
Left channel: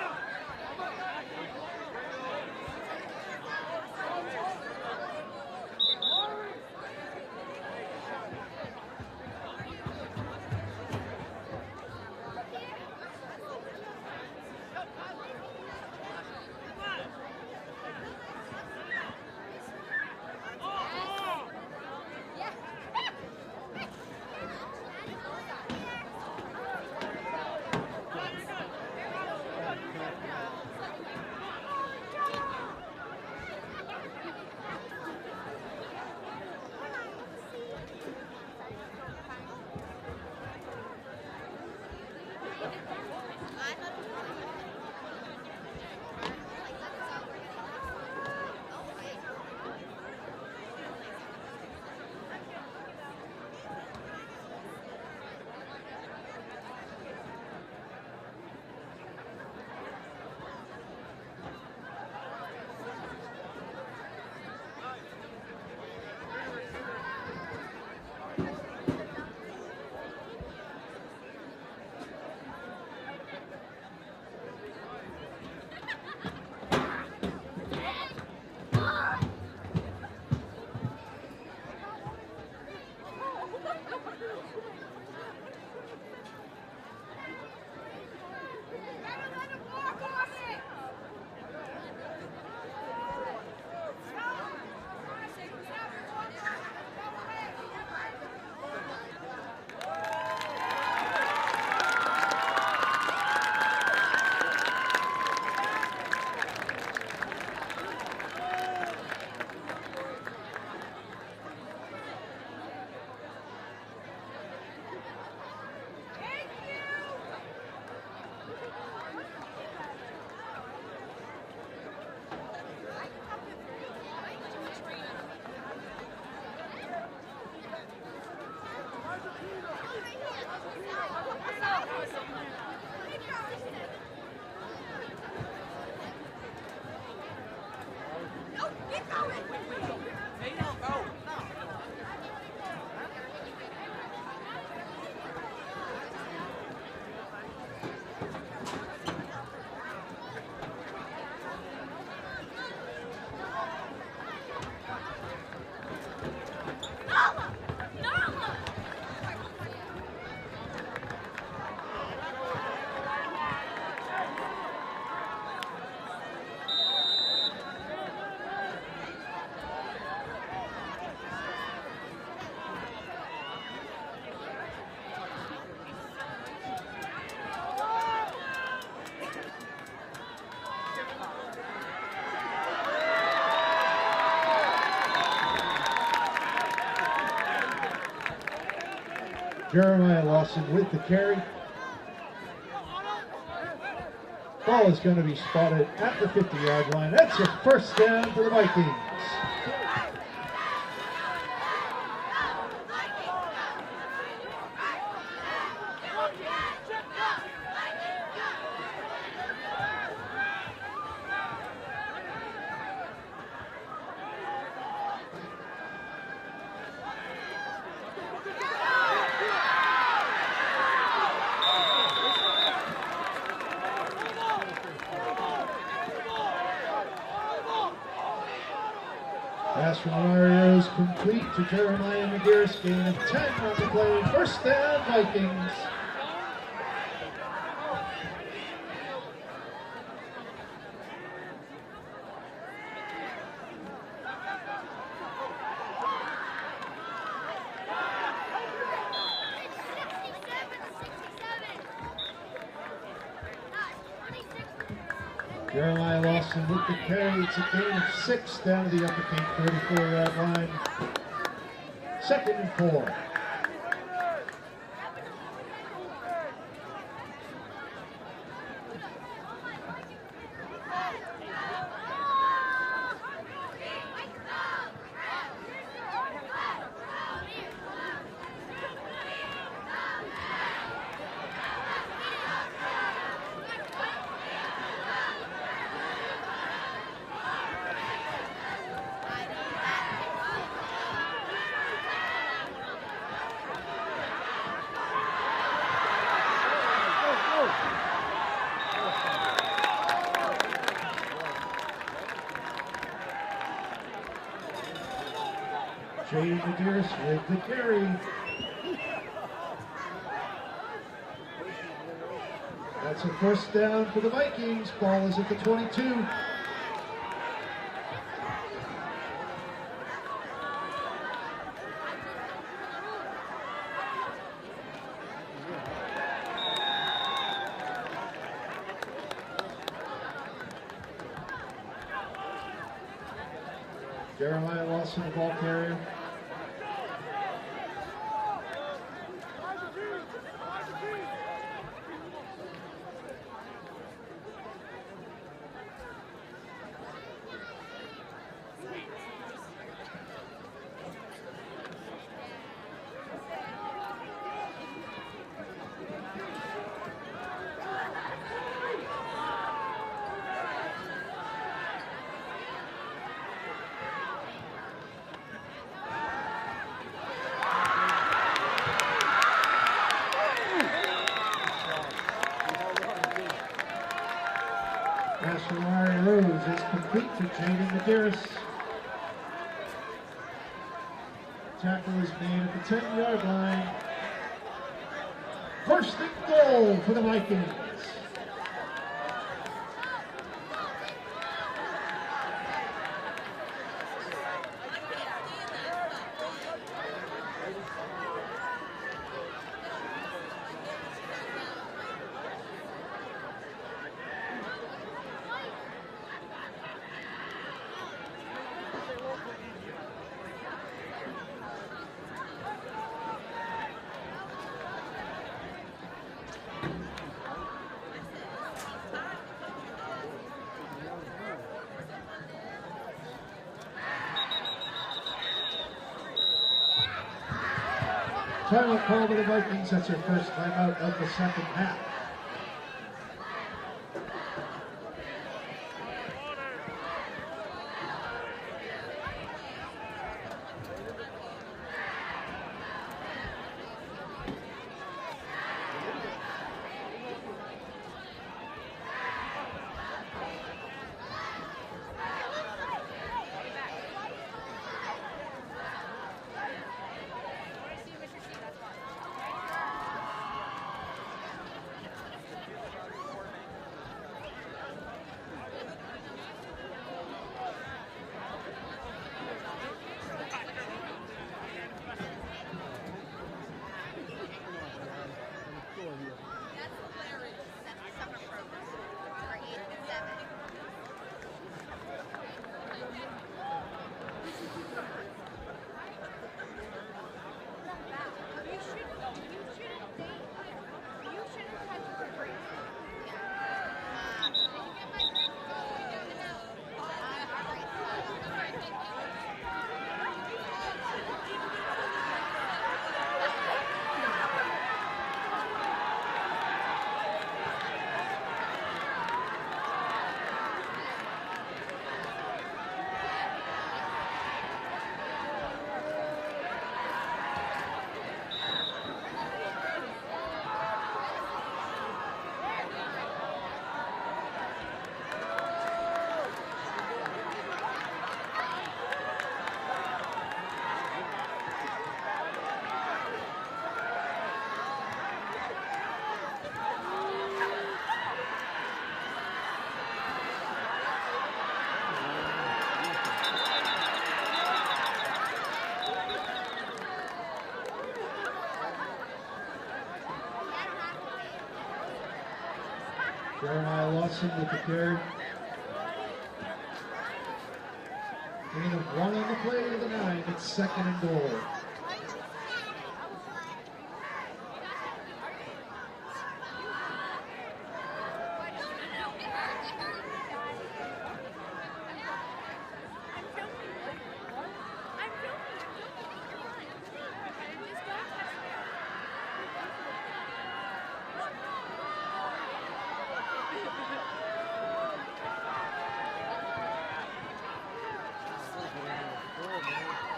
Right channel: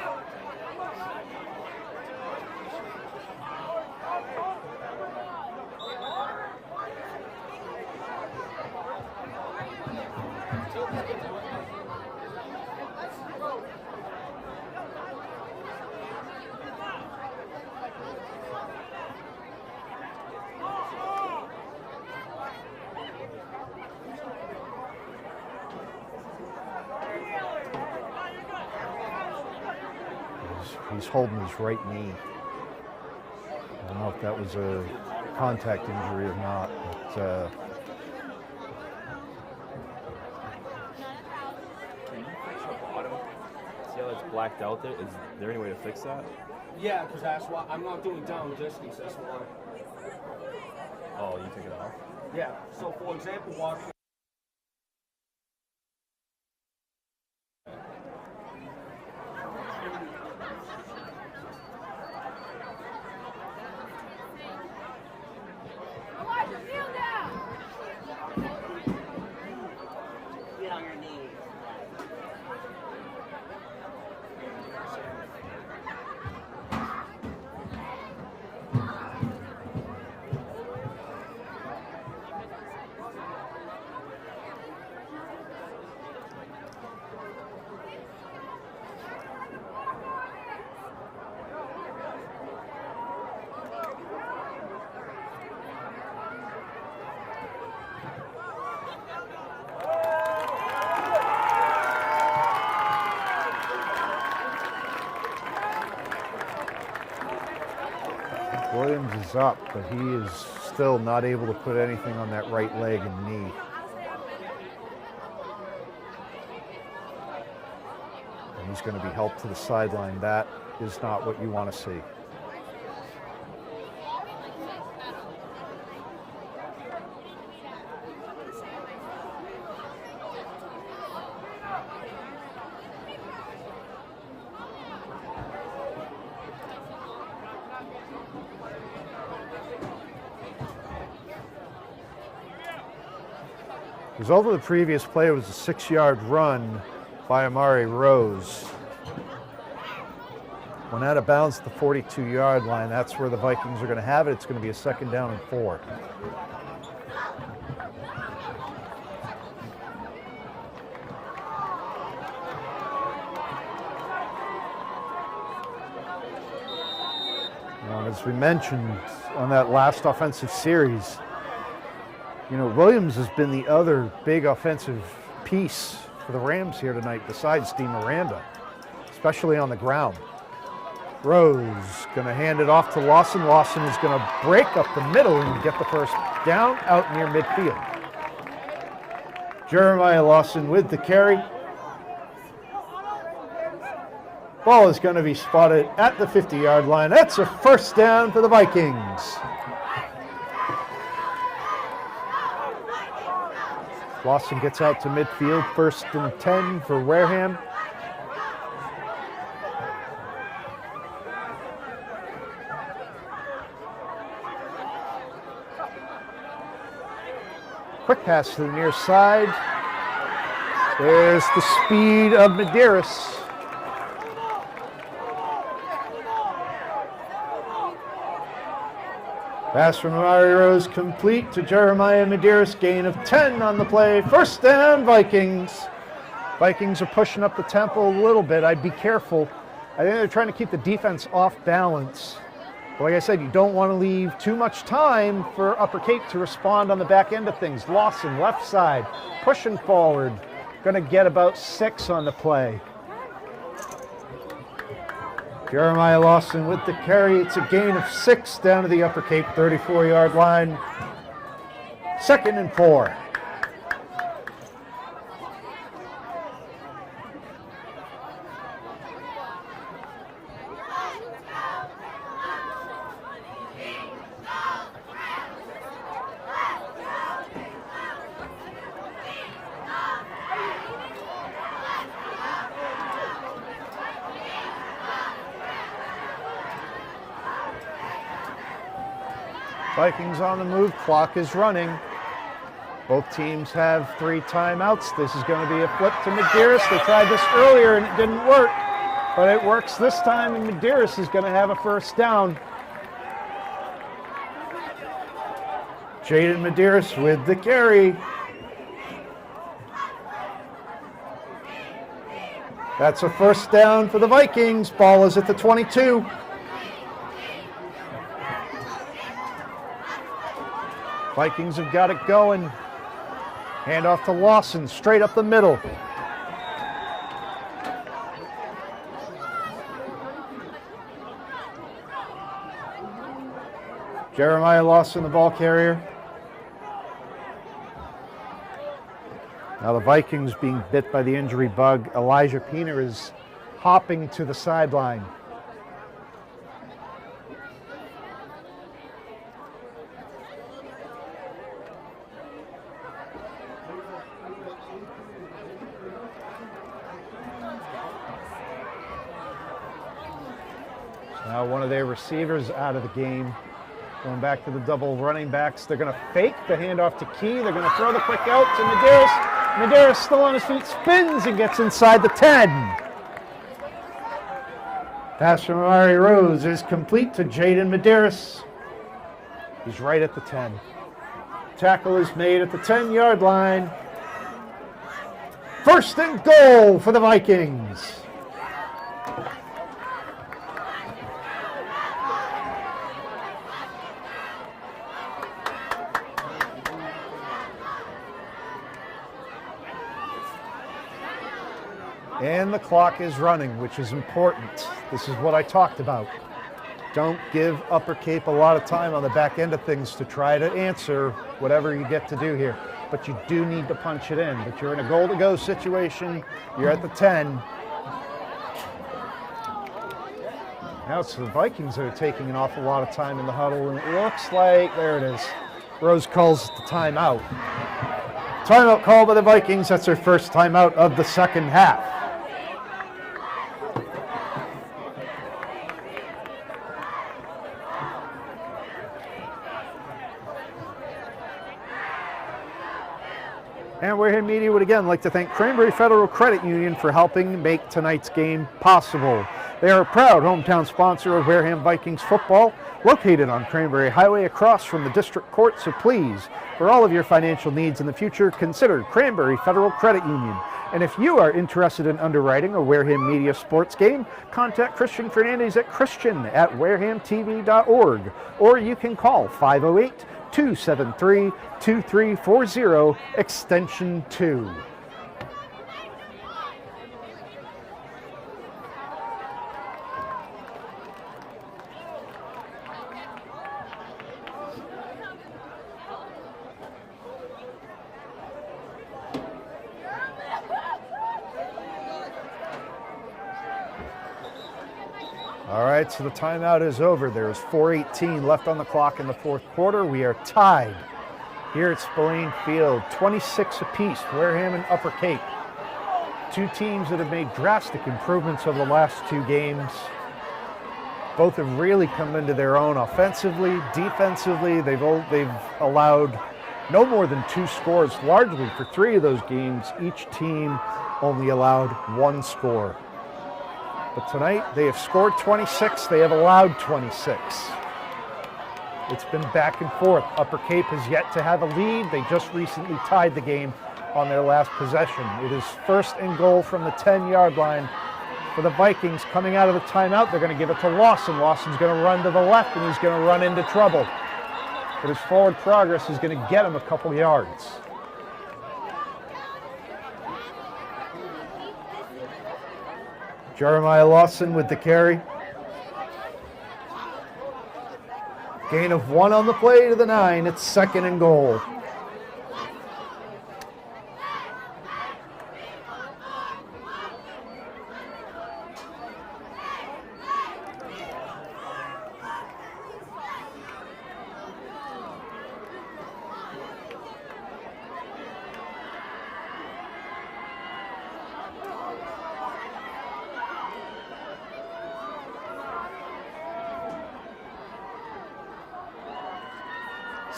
He's holding his right knee. I don't know if that was a contact injury or not, but See how it's blacked out there? Is there any way to fix that? Yeah, because that's why I'm not doing down distance. Oh, you can get off? Yeah. So for example, watch. Williams is up, but he is still not able to put anything on that right leg and knee. And he's going to be helped to the sideline. That is not what you want to see. Because over the previous play, it was a 6-yard run by Amari Rose. When out of bounds at the 42-yard line, that's where the Vikings are going to have it. It's going to be a 2nd down and 4. Now, as we mentioned on that last offensive series, you know, Williams has been the other big offensive piece for the Rams here tonight besides Dean Miranda, especially on the ground. Rose going to hand it off to Lawson. Lawson is going to break up the middle and get the first down out near midfield. Jeremiah Lawson with the carry. Ball is going to be spotted at the 50-yard line. That's a first down for the Vikings. Lawson gets out to midfield, 1st and 10 for Wareham. Quick pass to the near side. There's the speed of Medeiros. Pass from Amari Rose complete to Jeremiah Medeiros. Gain of 10 on the play. First down, Vikings. Vikings are pushing up the tempo a little bit. I'd be careful. I think they're trying to keep the defense off balance. But like I said, you don't want to leave too much time for Upper Cape to respond on the back end of things. Lawson, left side, pushing forward. Going to get about 6 on the play. Jeremiah Lawson with the carry. It's a gain of 6 down to the Upper Cape 34-yard line. 2nd and 4. Vikings on the move, clock is running. Both teams have 3 timeouts. This is going to be a flip to Medeiros. They tried this earlier and it didn't work, but it works this time, and Medeiros is going to have a first down. Jaden Medeiros with the carry. That's a first down for the Vikings. Ball is at the 22. Vikings have got it going. Hand off to Lawson, straight up the middle. Jeremiah Lawson, the ball carrier. Now the Vikings being bit by the injury bug. Elijah Peener is hopping to the sideline. Now one of their receivers out of the game. Going back to the double running backs. They're going to fake the handoff to Key. They're going to throw the quick out to Medeiros. Medeiros still on his feet, spins and gets inside the 10. Pass from Amari Rose is complete to Jaden Medeiros. He's right at the 10. Tackle is made at the 10-yard line. First and goal for the Vikings. And the clock is running, which is important. This is what I talked about. Don't give Upper Cape a lot of time on the back end of things to try to answer whatever you get to do here. But you do need to punch it in. But you're in a goal-to-go situation. You're at the 10. Now it's the Vikings that are taking an awful lot of time in the huddle. And it looks like, there it is. Rose calls the timeout. Timeout call by the Vikings. That's their first timeout of the second half. And Wareham Media would again like to thank Cranberry Federal Credit Union for helping make tonight's game possible. They are a proud hometown sponsor of Wareham Vikings football, located on Cranberry Highway across from the District Court, so please, for all of your financial needs in the future, consider Cranberry Federal Credit Union. And if you are interested in underwriting a Wareham Media sports game, contact Christian Fernandez at christian@warehamtv.org, or you can call 508-273-2340, extension 2. All right, so the timeout is over. There's 4:18 left on the clock in the fourth quarter. We are tied here at Spillane Field, 26 apiece, Wareham and Upper Cape. Two teams that have made drastic improvements over the last 2 games. Both have really come into their own offensively, defensively. They've allowed no more than 2 scores, largely for 3 of those games. Each team only allowed 1 score. But tonight, they have scored 26, they have allowed 26. It's been back and forth. Upper Cape has yet to have a lead. They just recently tied the game on their last possession. It is first and goal from the 10-yard line for the Vikings. Coming out of the timeout, they're going to give it to Lawson. Lawson's going to run to the left, and he's going to run into trouble. But his forward progress is going to get him a couple yards. Jeremiah Lawson with the carry. Gain of 1 on the play to the 9. It's second and goal.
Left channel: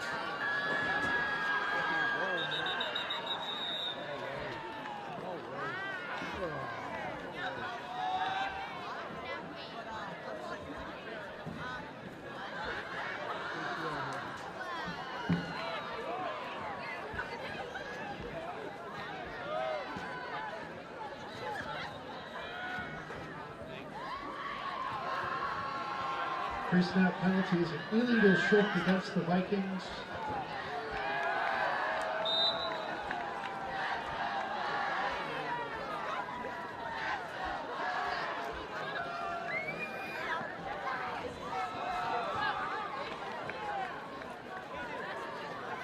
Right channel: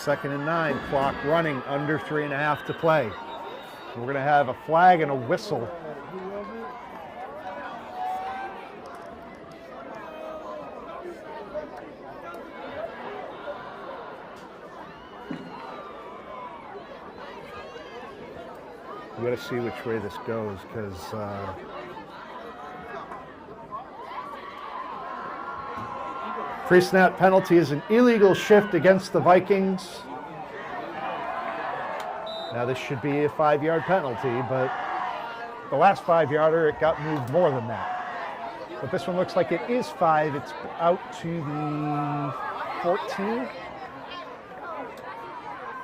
2nd and 9, clock running, under 3.5 to play. We're going to have a flag and a whistle. You got to see which way this goes, because free snap penalty is an illegal shift against the Vikings. Now this should be a 5-yard penalty, but the last 5-yarder, it got moved more than that. But this one looks like it is 5. It's out to the 14.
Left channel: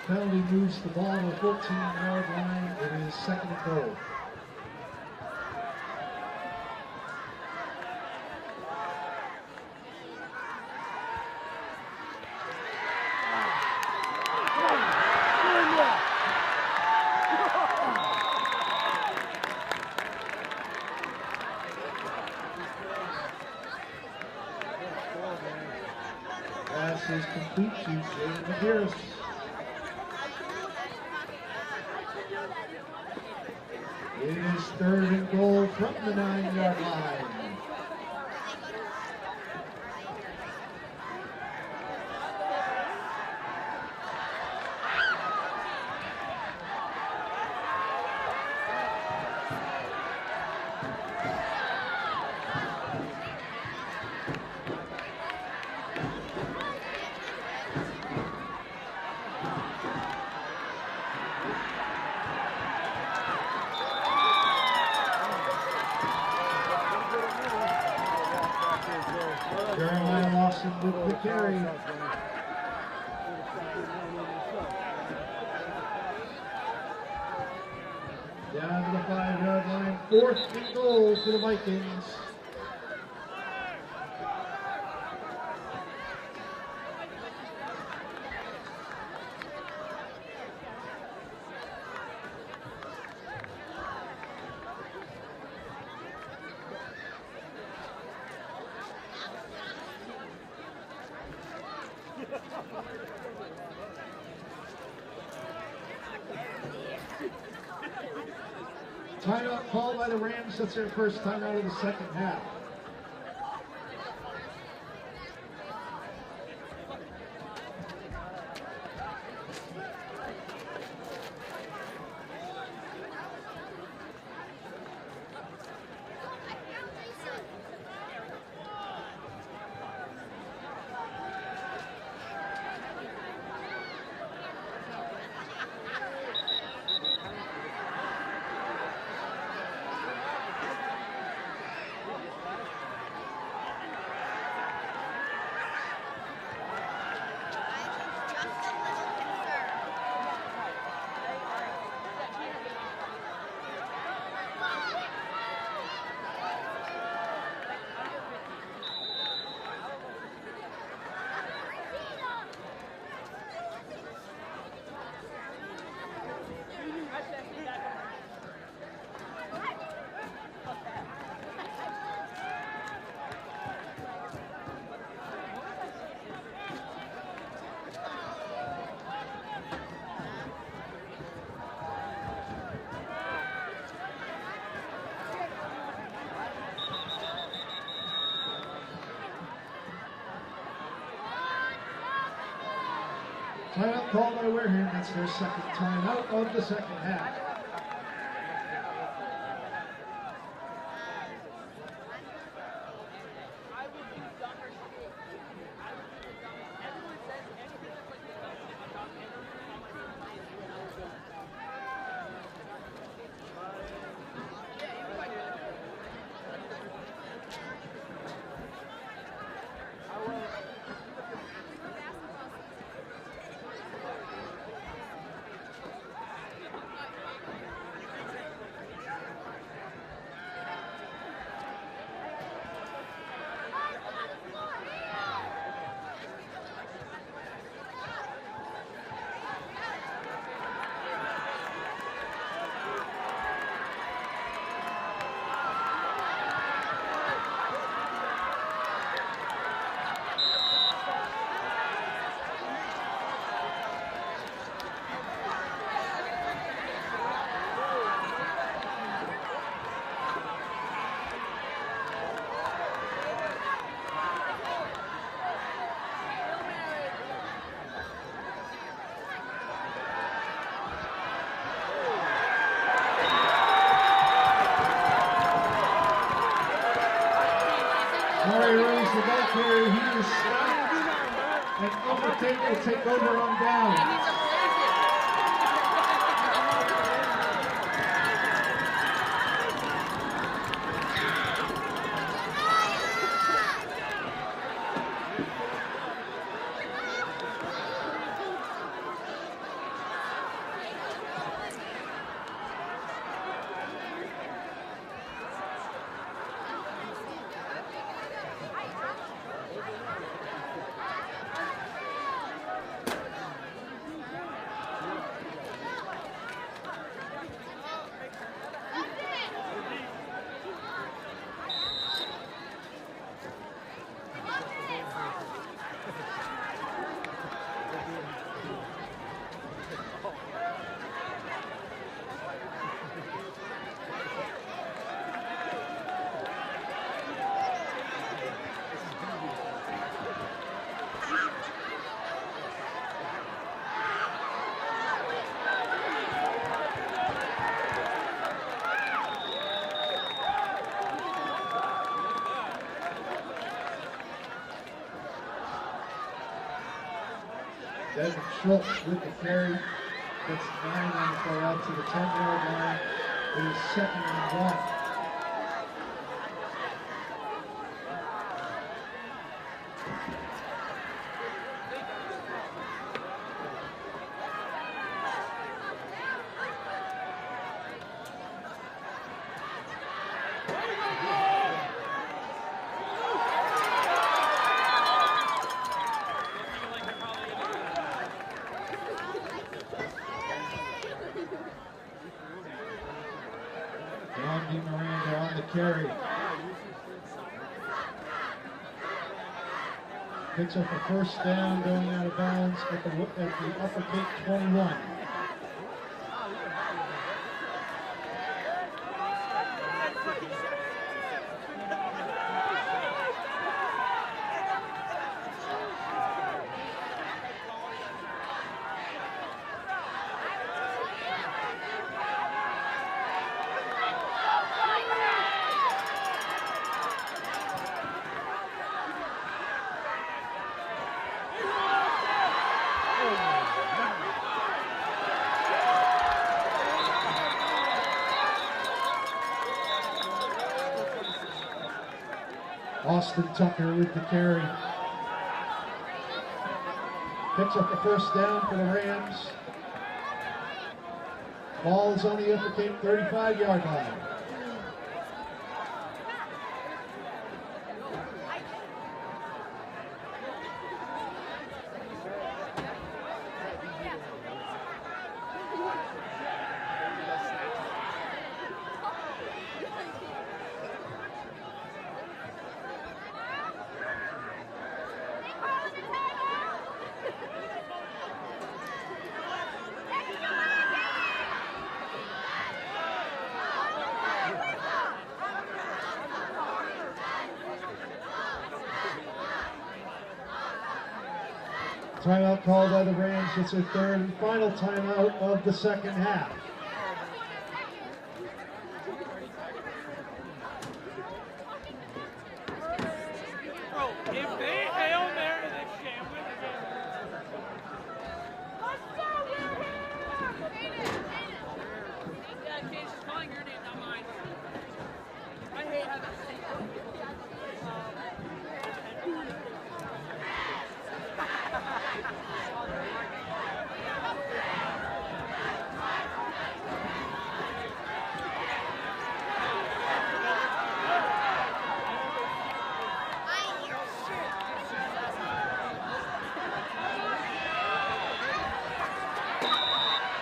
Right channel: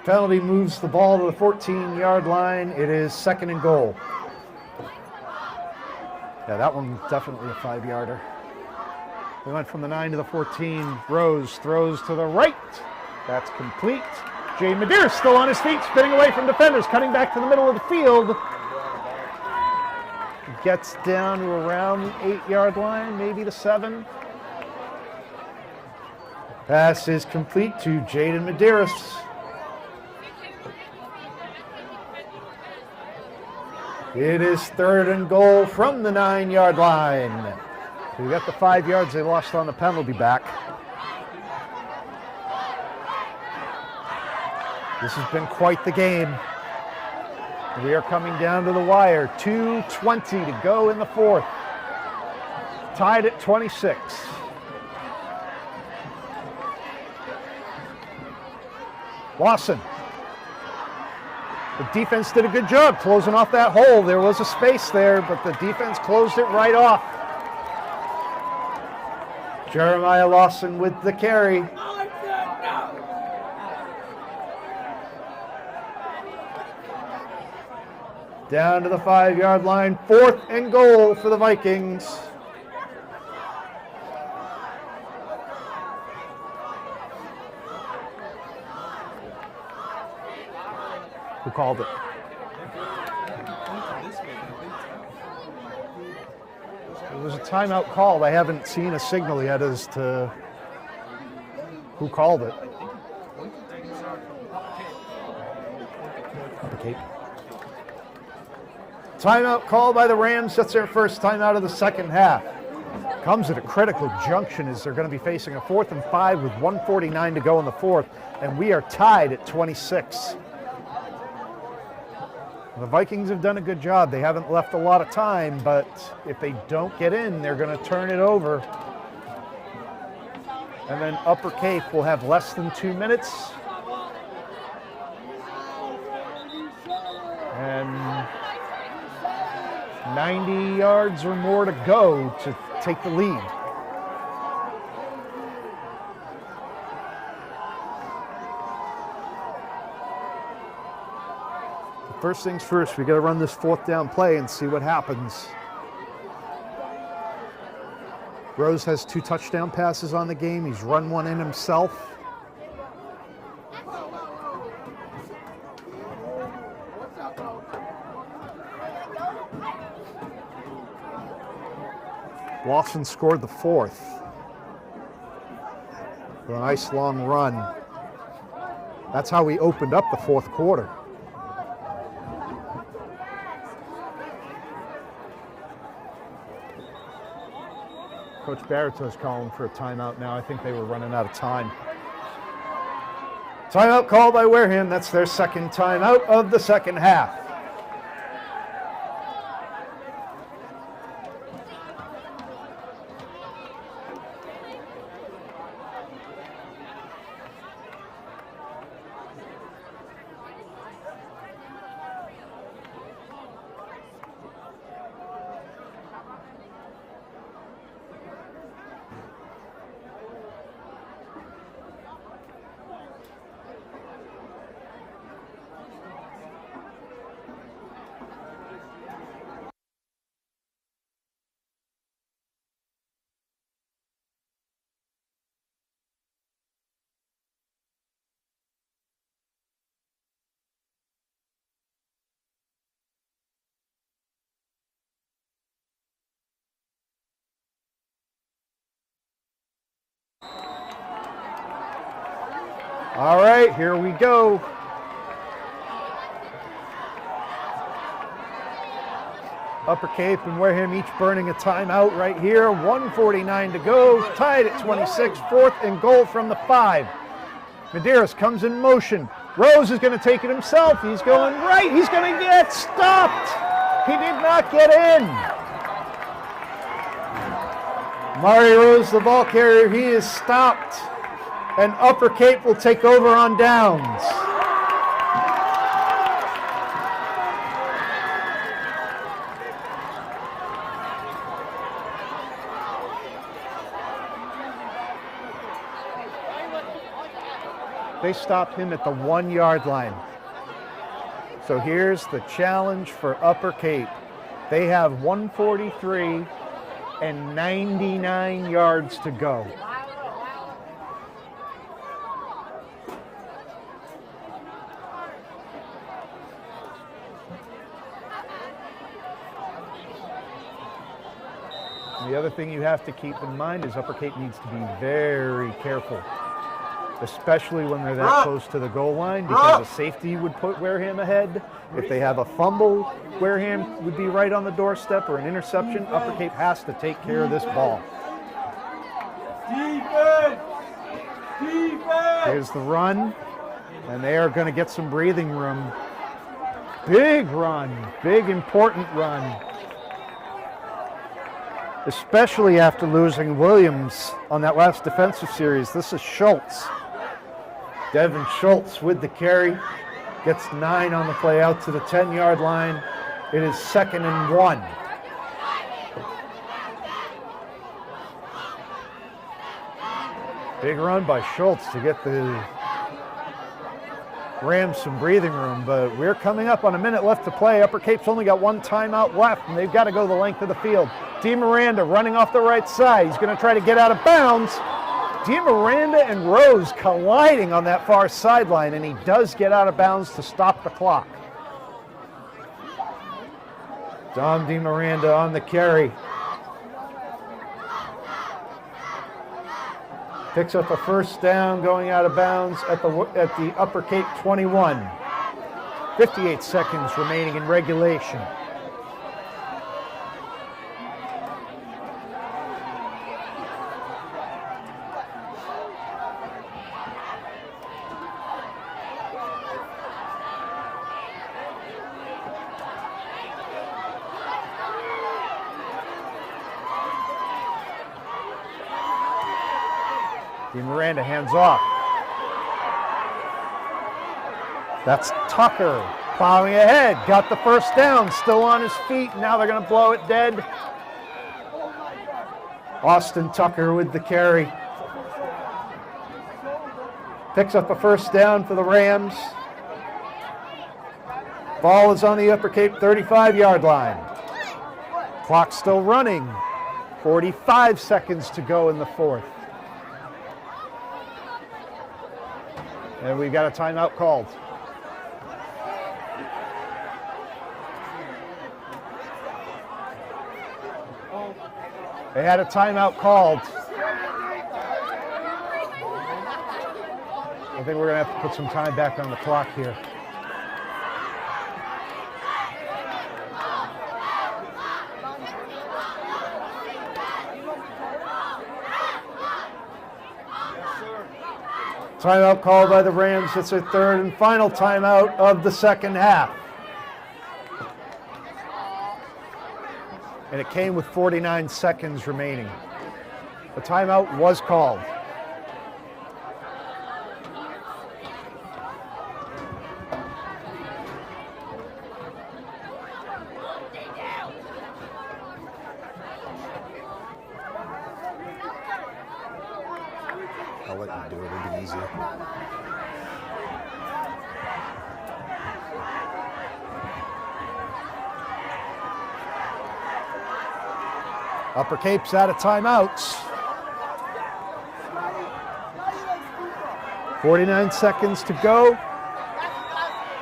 Penalty moves the ball to the 14-yard line. It is 2nd and goal. Yeah, that one definitely a 5-yarder. We went from the 9 to the 14. Rose throws to the right. That's complete. Jaden Madeira still on his feet, spinning away from defenders, cutting back to the middle of the field. Gets down to around the 8-yard line, maybe the 7. Pass is complete to Jaden Medeiros. It is 3rd and goal from the 9-yard line. We got the 5 yards they lost on the penalty back. This has been quite the game. We are coming down to the wire. 2:20 to go in the 4th. Tied at 26. Lawson. The defense did a good job closing off that hole. There was a space there, but the defense closed it right off. Jeremiah Lawson with the carry. Down to the 5-yard line, 4th and goal for the Vikings. Who called it? It was a timeout call. I haven't seen a signal yet as to who called it. Okay. Timeout called by the Rams. That's their first timeout of the 2nd half. Comes at a critical junction as they're going to be facing a 4th and 5 with 1:49 to go in the 4th, and we are tied at 26. The Vikings have done a good job. They haven't left a lot of time, but if they don't get in, they're going to turn it over. And then Upper Cape will have less than 2 minutes. And 90 yards or more to go to take the lead. First things first, we got to run this 4th down play and see what happens. Rose has 2 touchdown passes on the game. He's run one in himself. Lawson scored the 4th. For a nice long run. That's how we opened up the 4th quarter. Coach Barretto's calling for a timeout now. I think they were running out of time. Timeout called by Wareham. That's their 2nd timeout of the 2nd half. Okay, here we go. Upper Cape and Wareham each burning a timeout right here. 1:49 to go, tied at 26, 4th and goal from the 5. Medeiros comes in motion. Rose is going to take it himself. He's going right. He's going to get stopped. He did not get in. Mario Rose, the ball carrier, he is stopped. And Upper Cape will take over on downs. They stopped him at the 1-yard line. So here's the challenge for Upper Cape. They have 143 and 99 yards to go. The other thing you have to keep in mind is Upper Cape needs to be very careful, especially when they're that close to the goal line, because a safety would put Wareham ahead. If they have a fumble, Wareham would be right on the doorstep, or an interception. Upper Cape has to take care of this ball. Here's the run, and they are going to get some breathing room. Big run, big important run. Especially after losing Williams on that last defensive series. This is Schultz. Devin Schultz with the carry. Gets 9 on the play out to the 10-yard line. It is 2nd and 1. Big run by Schultz to get the Rams some breathing room, but we're coming up on a minute left to play. Upper Cape's only got 1 timeout left, and they've got to go the length of the field. DeMiranda running off the right side. He's going to try to get out of bounds. DeMiranda and Rose colliding on that far sideline, and he does get out of bounds to stop the clock. Dom DeMiranda on the carry. Picks up a first down going out of bounds at the Upper Cape 21. 58 seconds remaining in regulation. Miranda hands off. That's Tucker plowing ahead. Got the first down, still on his feet. Now they're going to blow it dead. Austin Tucker with the carry. Picks up a first down for the Rams. Ball is on the Upper Cape 35-yard line. Clock still running. 45 seconds to go in the 4th. And we've got a timeout called. They had a timeout called. I think we're going to have to put some time back on the clock here. Timeout called by the Rams. It's their 3rd and final timeout of the 2nd half. And it came with 49 seconds remaining. The timeout was called. I'll let you do it. It'll be easy. Upper Cape's out of timeouts. 49 seconds to go.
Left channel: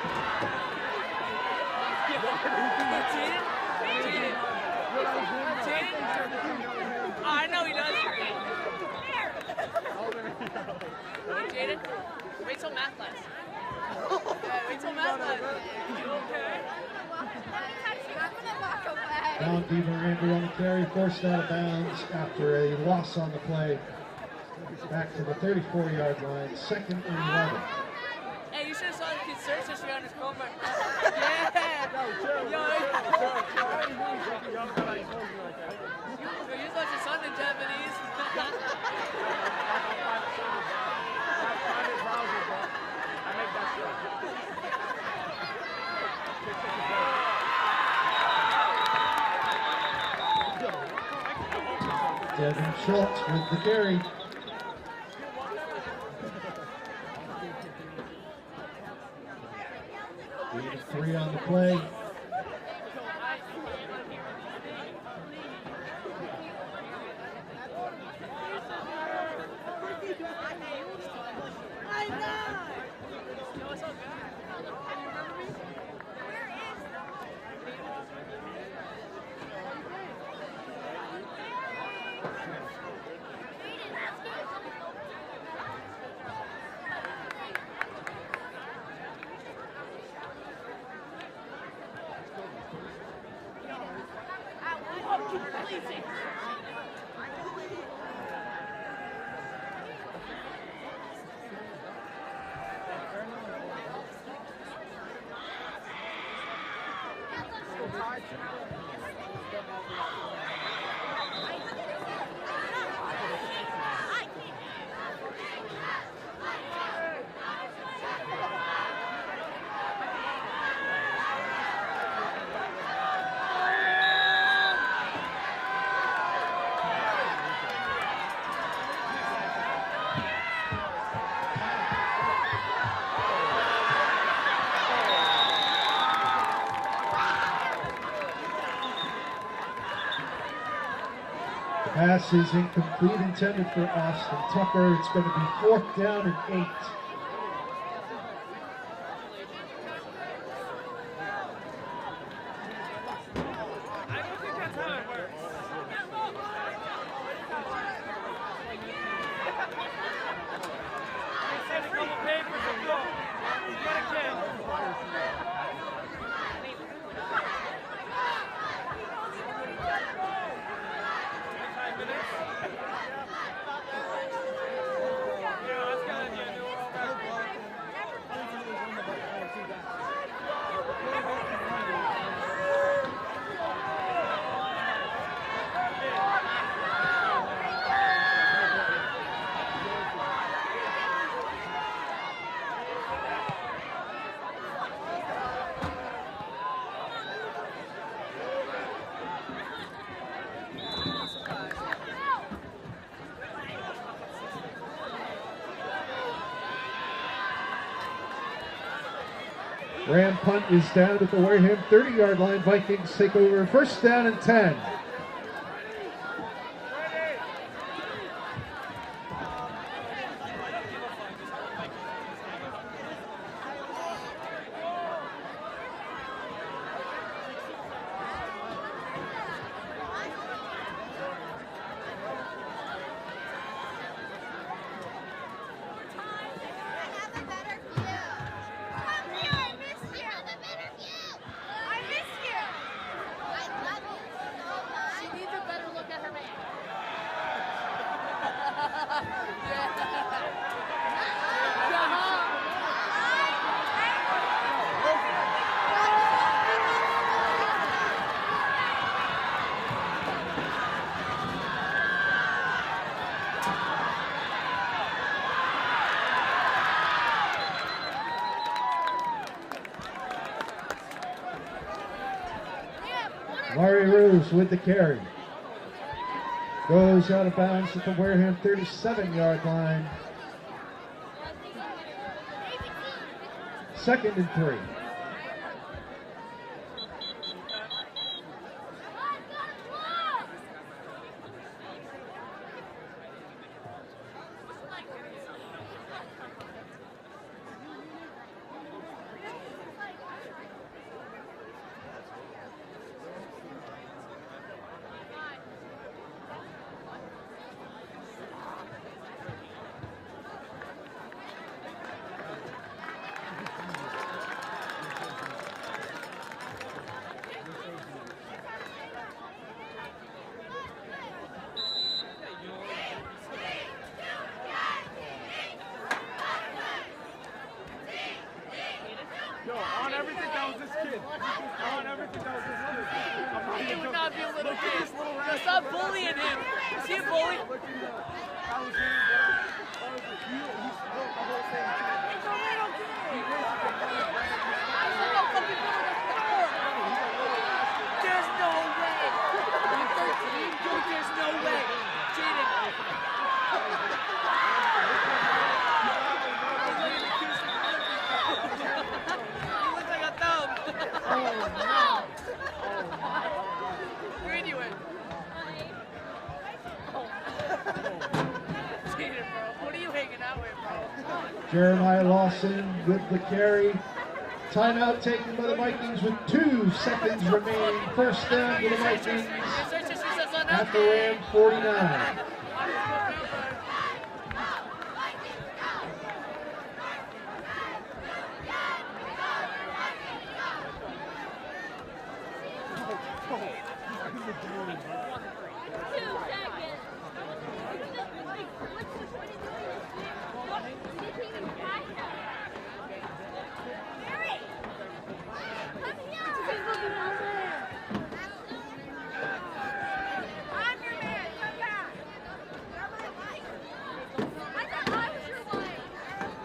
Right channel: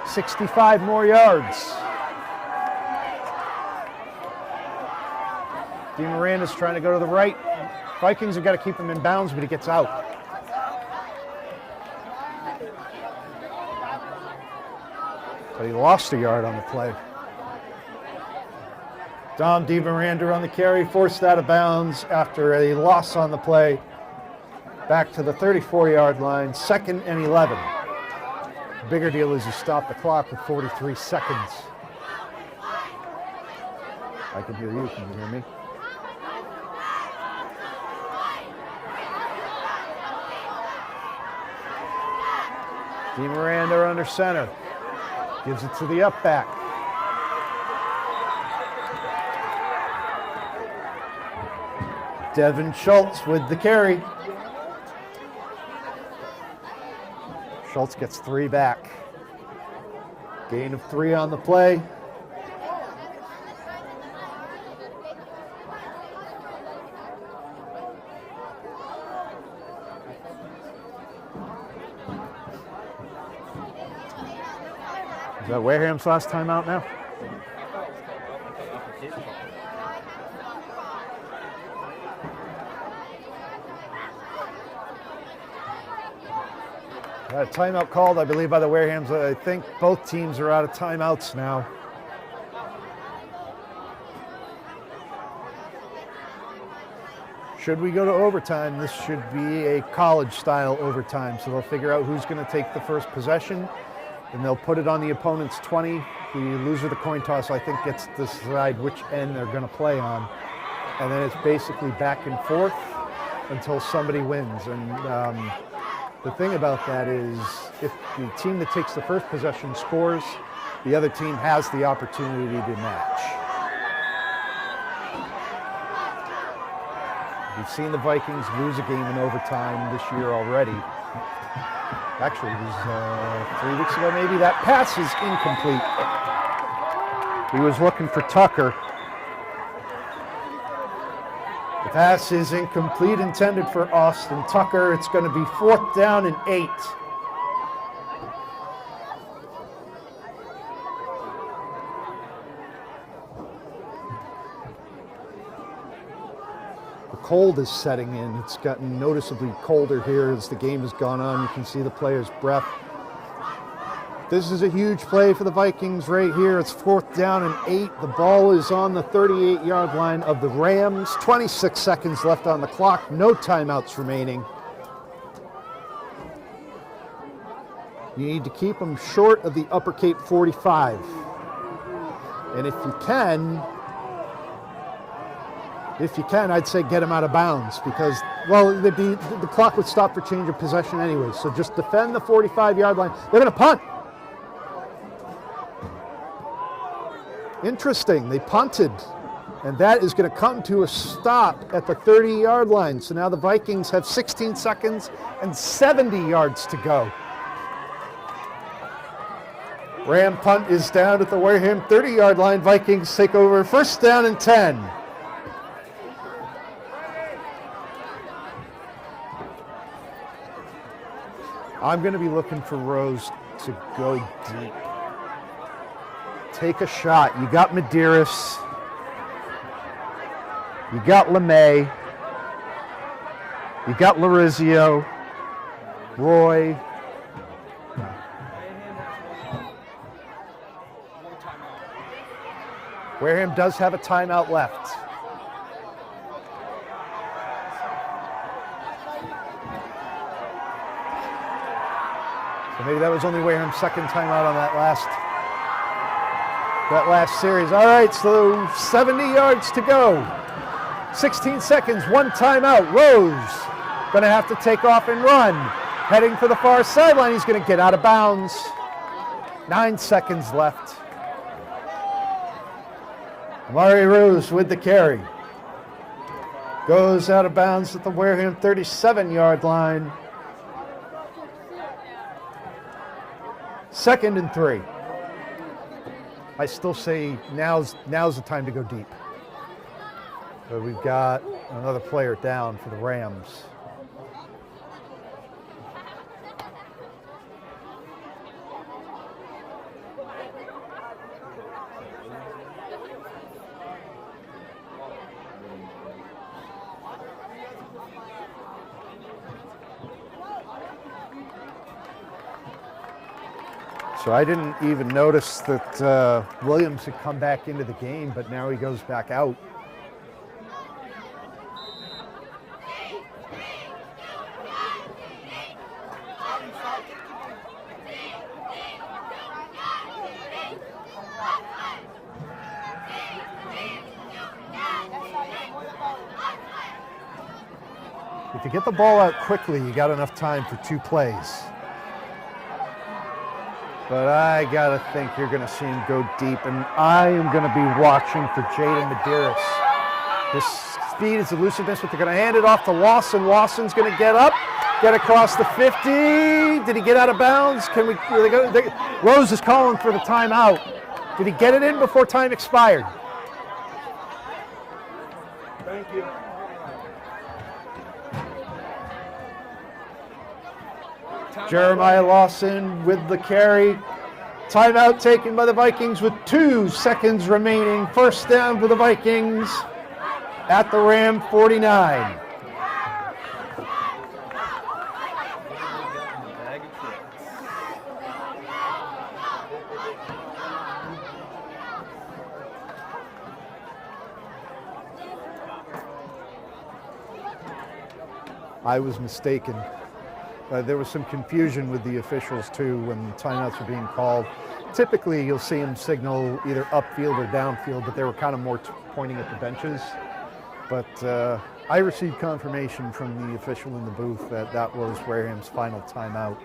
65 more yards. DeMiranda's trying to go to the right. Vikings have got to keep him in bounds, but he gets out. He lost a yard on the play. Dom DeMiranda on the carry, forced out of bounds after a loss on the play. Back to the 34-yard line, 2nd and 11. The bigger deal is you stop the clock with 43 seconds. I can hear you. Can you hear me? DeMiranda under center. Gives it to the up back. Devin Schultz with the carry. Schultz gets 3 back. Gain of 3 on the play. Is that Wareham's last timeout now? Got a timeout called, I believe, by the Warehams. I think both teams are out of timeouts now. Should we go to overtime, this should be a college-style overtime. So they'll figure out who's going to take the first possession, and they'll put it on the opponent's 20. The loser of the coin toss, I think, gets to decide which end they're going to play on. And then it's basically back and forth until somebody wins. And the thing about that is, if the team that takes the first possession scores, the other team has the opportunity to match. We've seen the Vikings lose a game in overtime this year already. Actually, it was 3 weeks ago maybe. That pass is incomplete. He was looking for Tucker. The pass is incomplete, intended for Austin Tucker. It's going to be 4th down and 8. The cold is setting in. It's gotten noticeably colder here as the game has gone on. You can see the players' breath. This is a huge play for the Vikings right here. It's 4th down and 8. The ball is on the 38-yard line of the Rams. 26 seconds left on the clock. No timeouts remaining. You need to keep them short of the Upper Cape 45. And if you can, I'd say get them out of bounds because, well, the clock would stop for change of possession anyway. So just defend the 45-yard line. They're going to punt. Interesting, they punted, and that is going to come to a stop at the 30-yard line. So now the Vikings have 16 seconds and 70 yards to go. Ram punt is down at the Wareham 30-yard line. Vikings take over 1st down and 10. I'm going to be looking for Rose to go deep. Take a shot. You got Medeiros. You got LeMay. You got Larizio. Roy. Wareham does have a timeout left. So maybe that was only Wareham's 2nd timeout on that last series. All right, so 70 yards to go. 16 seconds, 1 timeout. Rose going to have to take off and run. Heading for the far sideline. He's going to get out of bounds. 9 seconds left. Murray Rose with the carry. Goes out of bounds at the Wareham 37-yard line. 2nd and 3. I still say now's the time to go deep. So we've got another player down for the Rams. So I didn't even notice that Williams had come back into the game, but now he goes back out. If you get the ball out quickly, you got enough time for 2 plays. But I gotta think you're gonna see him go deep, and I am gonna be watching for Jaden Medeiros. His speed, his elusiveness, but they're gonna hand it off to Lawson. Lawson's gonna get up, get across the 50. Did he get out of bounds? Can we, Rose is calling for the timeout. Did he get it in before time expired? Thank you. Jeremiah Lawson with the carry. Timeout taken by the Vikings with 2 seconds remaining. First down for the Vikings at the Ram 49. I was mistaken. There was some confusion with the officials too when timeouts were being called. Typically you'll see them signal either upfield or downfield, but they were kind of more pointing at the benches. But I received confirmation from the official in the booth that that was Wareham's final timeout.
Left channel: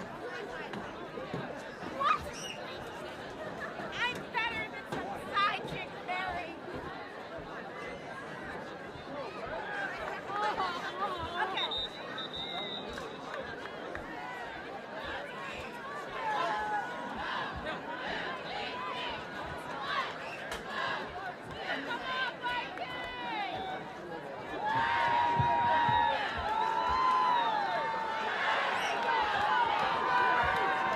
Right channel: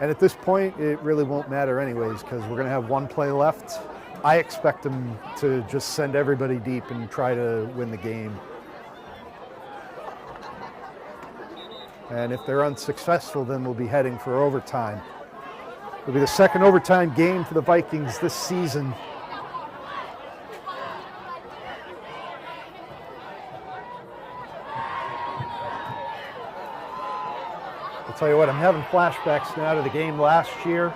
And at this point, it really won't matter anyways, because we're going to have 1 play left. I expect them to just send everybody deep and try to win the game. And if they're unsuccessful, then we'll be heading for overtime. It'll be the second overtime game for the Vikings this season. I'll tell you what, I'm having flashbacks now to the game last year,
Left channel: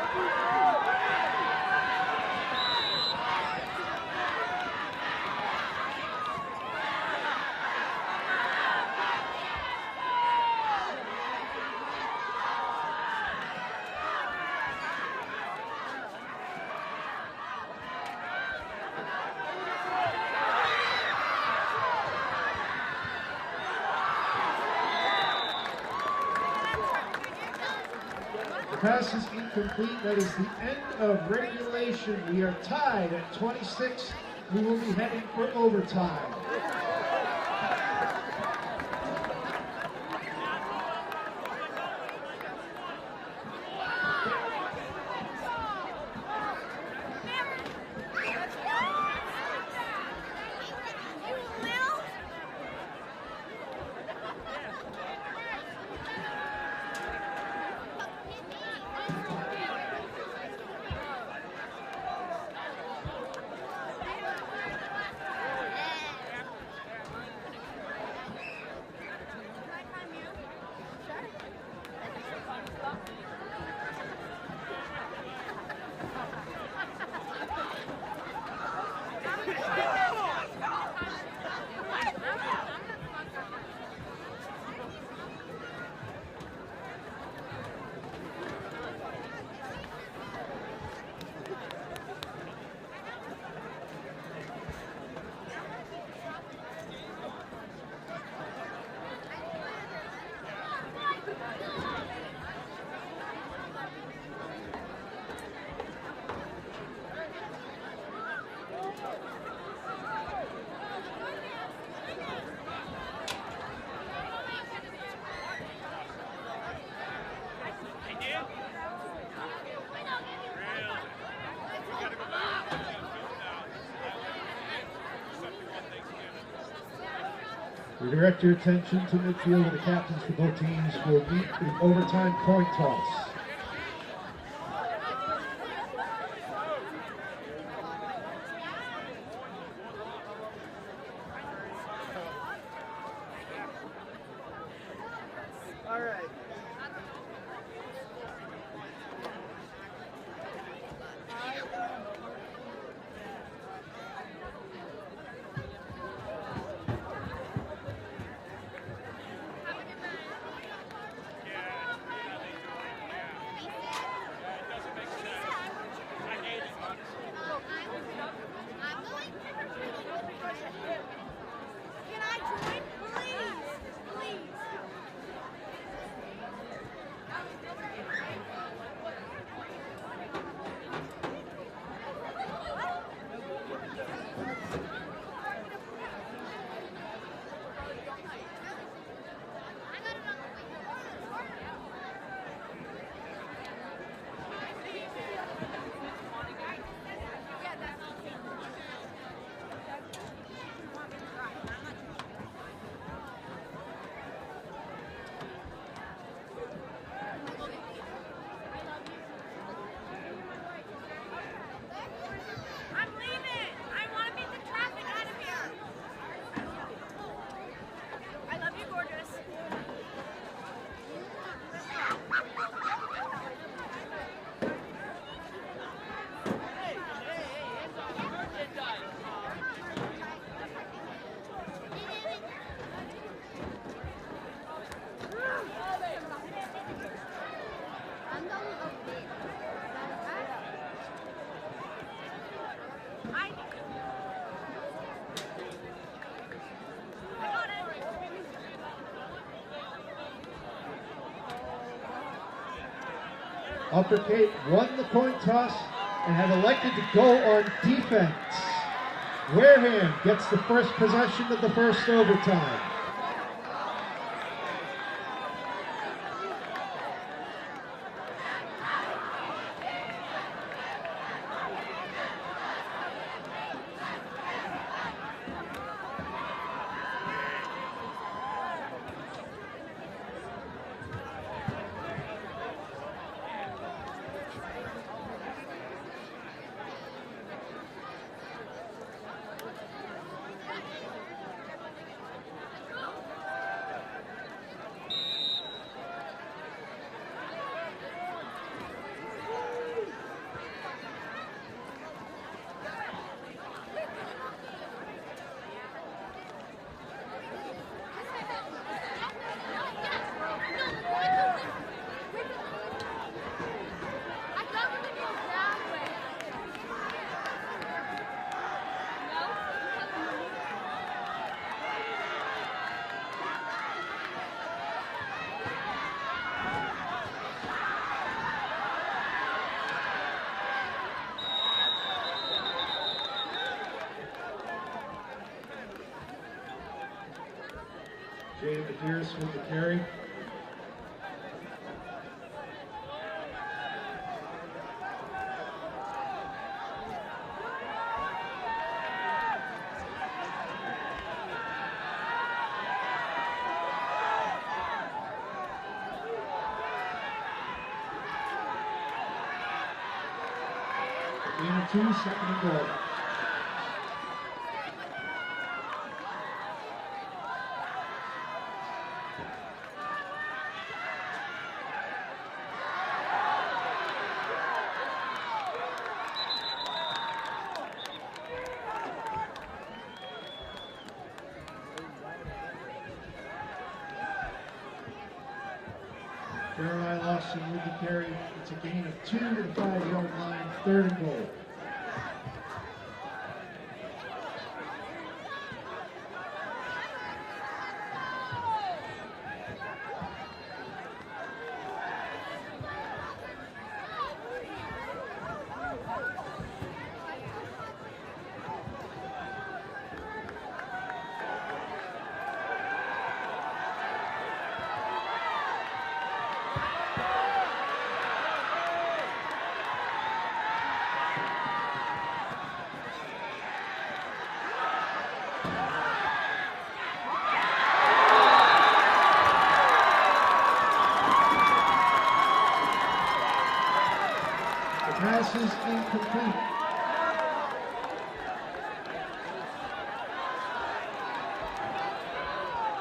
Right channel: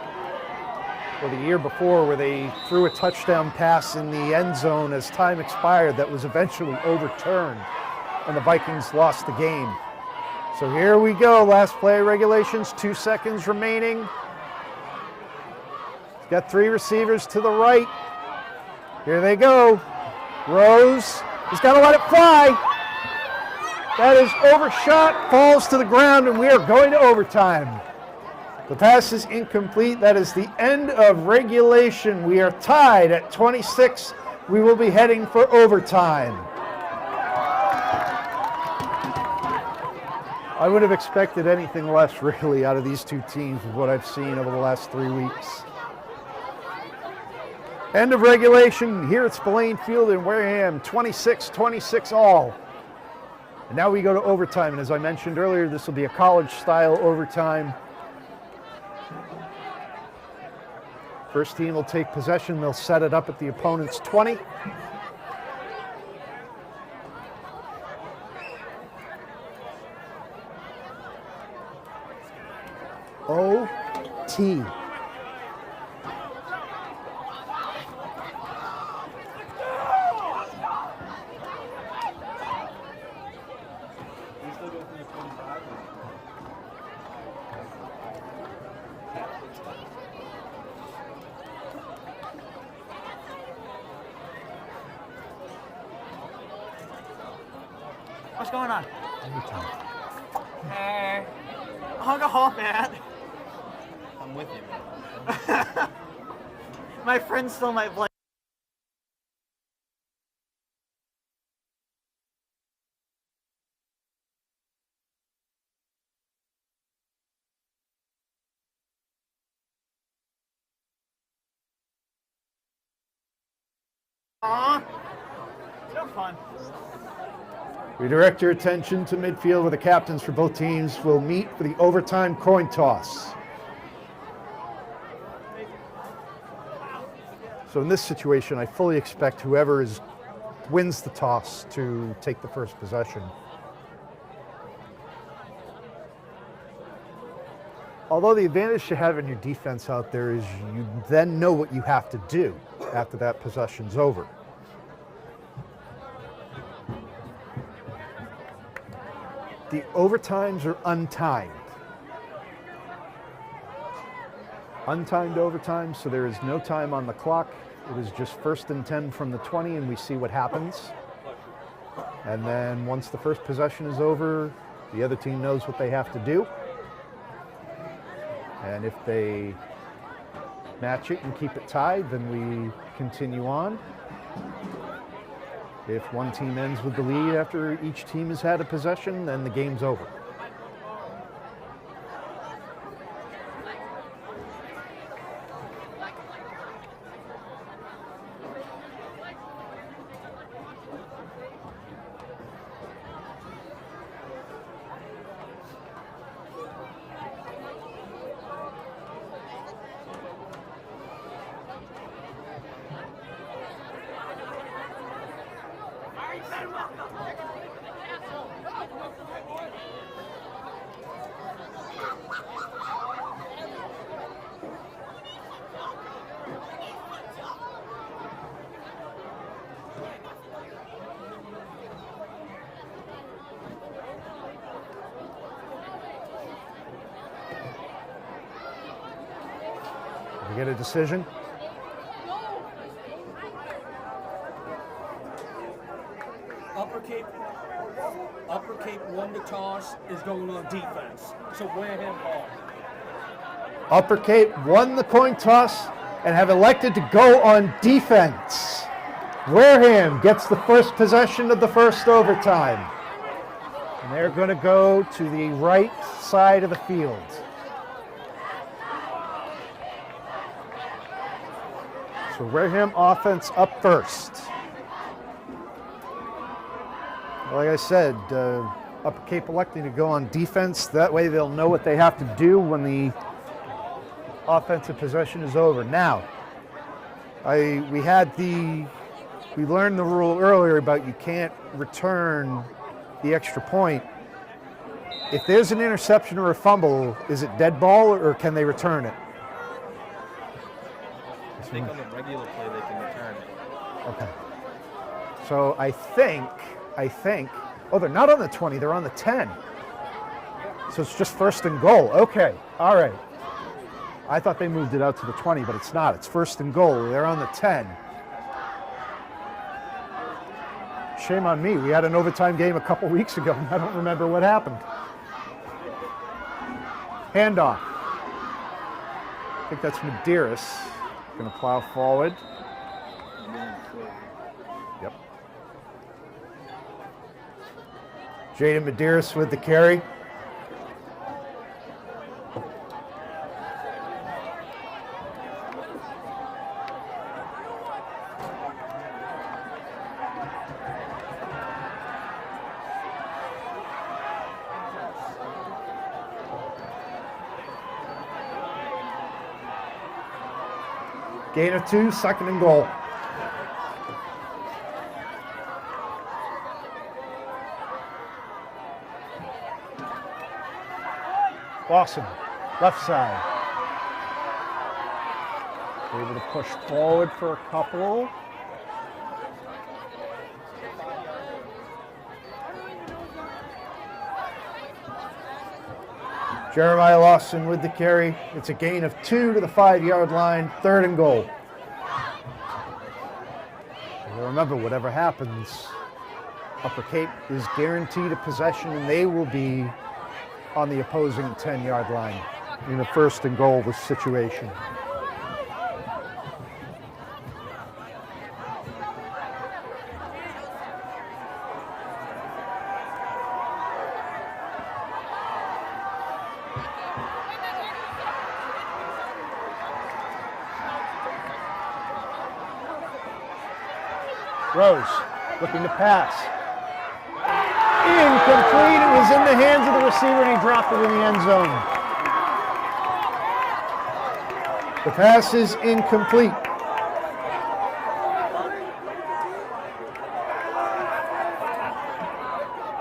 or the year before, where they threw a touchdown pass in the end zone as time expired that was eventually overturned, and the Vikings lost the game. So here we go, last play of regulations, 2 seconds remaining. Got 3 receivers to the right. Here they go. Rose, he's got to let it fly. That is overshot, falls to the ground, and we are going to overtime. The pass is incomplete. That is the end of regulation. We are tied at 26. We will be heading for overtime. I would have expected anything less, really, out of these 2 teams with what I've seen over the last 3 weeks. End of regulation here at Spillane Field in Wareham, 26-26 all. Now we go to overtime, and as I mentioned earlier, this will be a college-style overtime. First team will take possession. They'll set it up at the opponent's 20. OT. What's going on? Hey. Hung a hall, man. I'm with you. My friend stole my play. We direct your attention to midfield where the captains for both teams will meet for the overtime coin toss. So in this situation, I fully expect whoever wins the toss to take the first possession. Although the advantage to having your defense out there is you then know what you have to do after that possession's over. The overtimes are untimed. untimed overtime, so there is no time on the clock. It is just 1st and 10 from the 20, and we see what happens. And then once the first possession is over, the other team knows what they have to do. And if they match it and keep it tied, then we continue on. If one team ends with the lead after each team has had a possession, then the game's over. Get a decision. Upper Cape won the toss, is going on defense. So Wareham Upper Cape won the coin toss and have elected to go on defense. Wareham gets the first possession of the first overtime. And they're going to go to the right side of the field. So Wareham offense up first. Like I said, Upper Cape electing to go on defense. That way they'll know what they have to do when the offensive possession is over. Now, we learned the rule earlier about you can't return the extra point. If there's an interception or a fumble, is it dead ball or can they return it? I think on a regular play they can return it. Okay. So I think, oh, they're not on the 20, they're on the 10. So it's just 1st and goal. Okay, all right. I thought they moved it out to the 20, but it's not. It's 1st and goal. They're on the 10. Shame on me. We had an overtime game a couple weeks ago, and I don't remember what happened. Handoff. I think that's Medeiros. Going to plow forward. Yep. Jaden Medeiros with the carry. Gain of 2, 2nd and goal. Lawson, left side. Able to push forward for a couple. Jeremiah Lawson with the carry. It's a gain of 2 to the 5-yard line, 3rd and goal. And remember, whatever happens, Upper Cape is guaranteed a possession and they will be on the opposing 10-yard line in a 1st and goal situation. Rose looking to pass. Incomplete. It was in the hands of the receiver and he dropped it in the end zone. The pass is incomplete.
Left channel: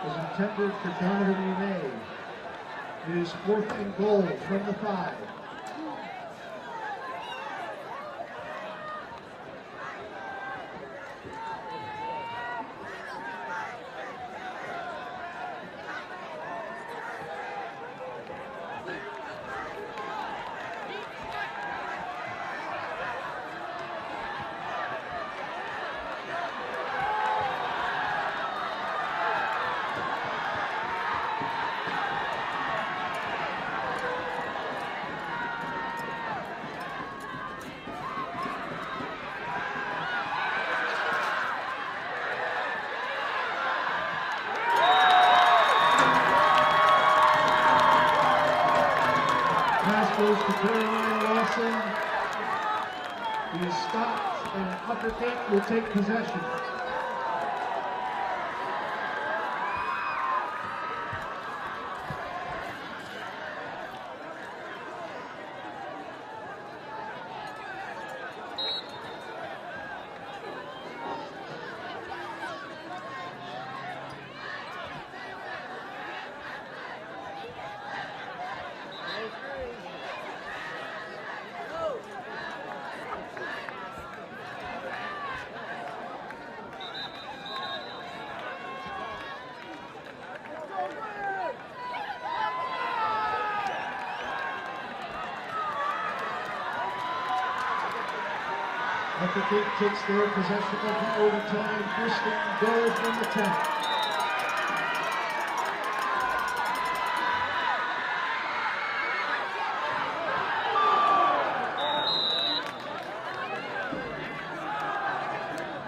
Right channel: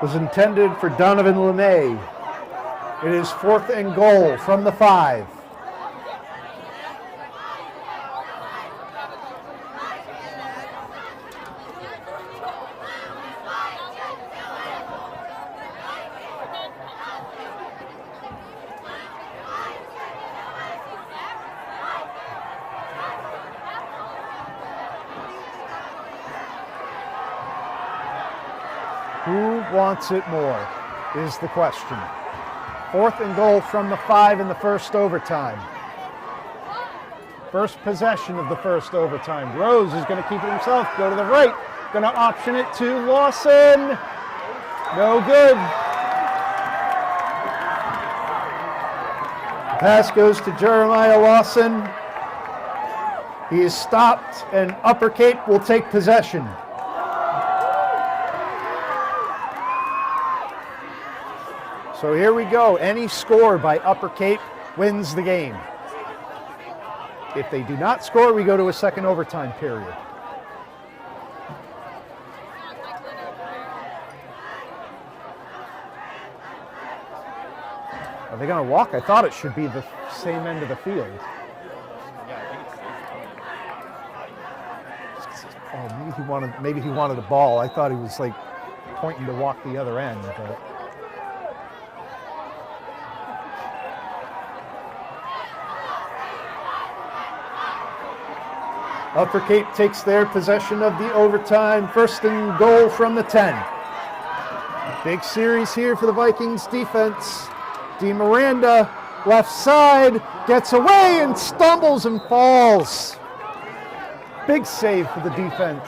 Was intended for Donovan LeMay. It is 4th and goal from the 5. Who wants it more is the question. 4th and goal from the 5 in the first overtime. First possession of the first overtime. Rose is going to keep it himself. Go to the right. Going to option it to Lawson. No good. Pass goes to Jeremiah Lawson. He is stopped, and Upper Cape will take possession. So here we go. Any score by Upper Cape wins the game. If they do not score, we go to a second overtime period. Are they going to walk? I thought it should be the same end of the field. Oh, maybe he wanted the ball. I thought he was like pointing to walk the other end. But. Upper Cape takes their possession of the overtime. 1st and goal from the 10. Big series here for the Vikings defense. DeMiranda, left side, gets away and stumbles and falls. Big save for the defense.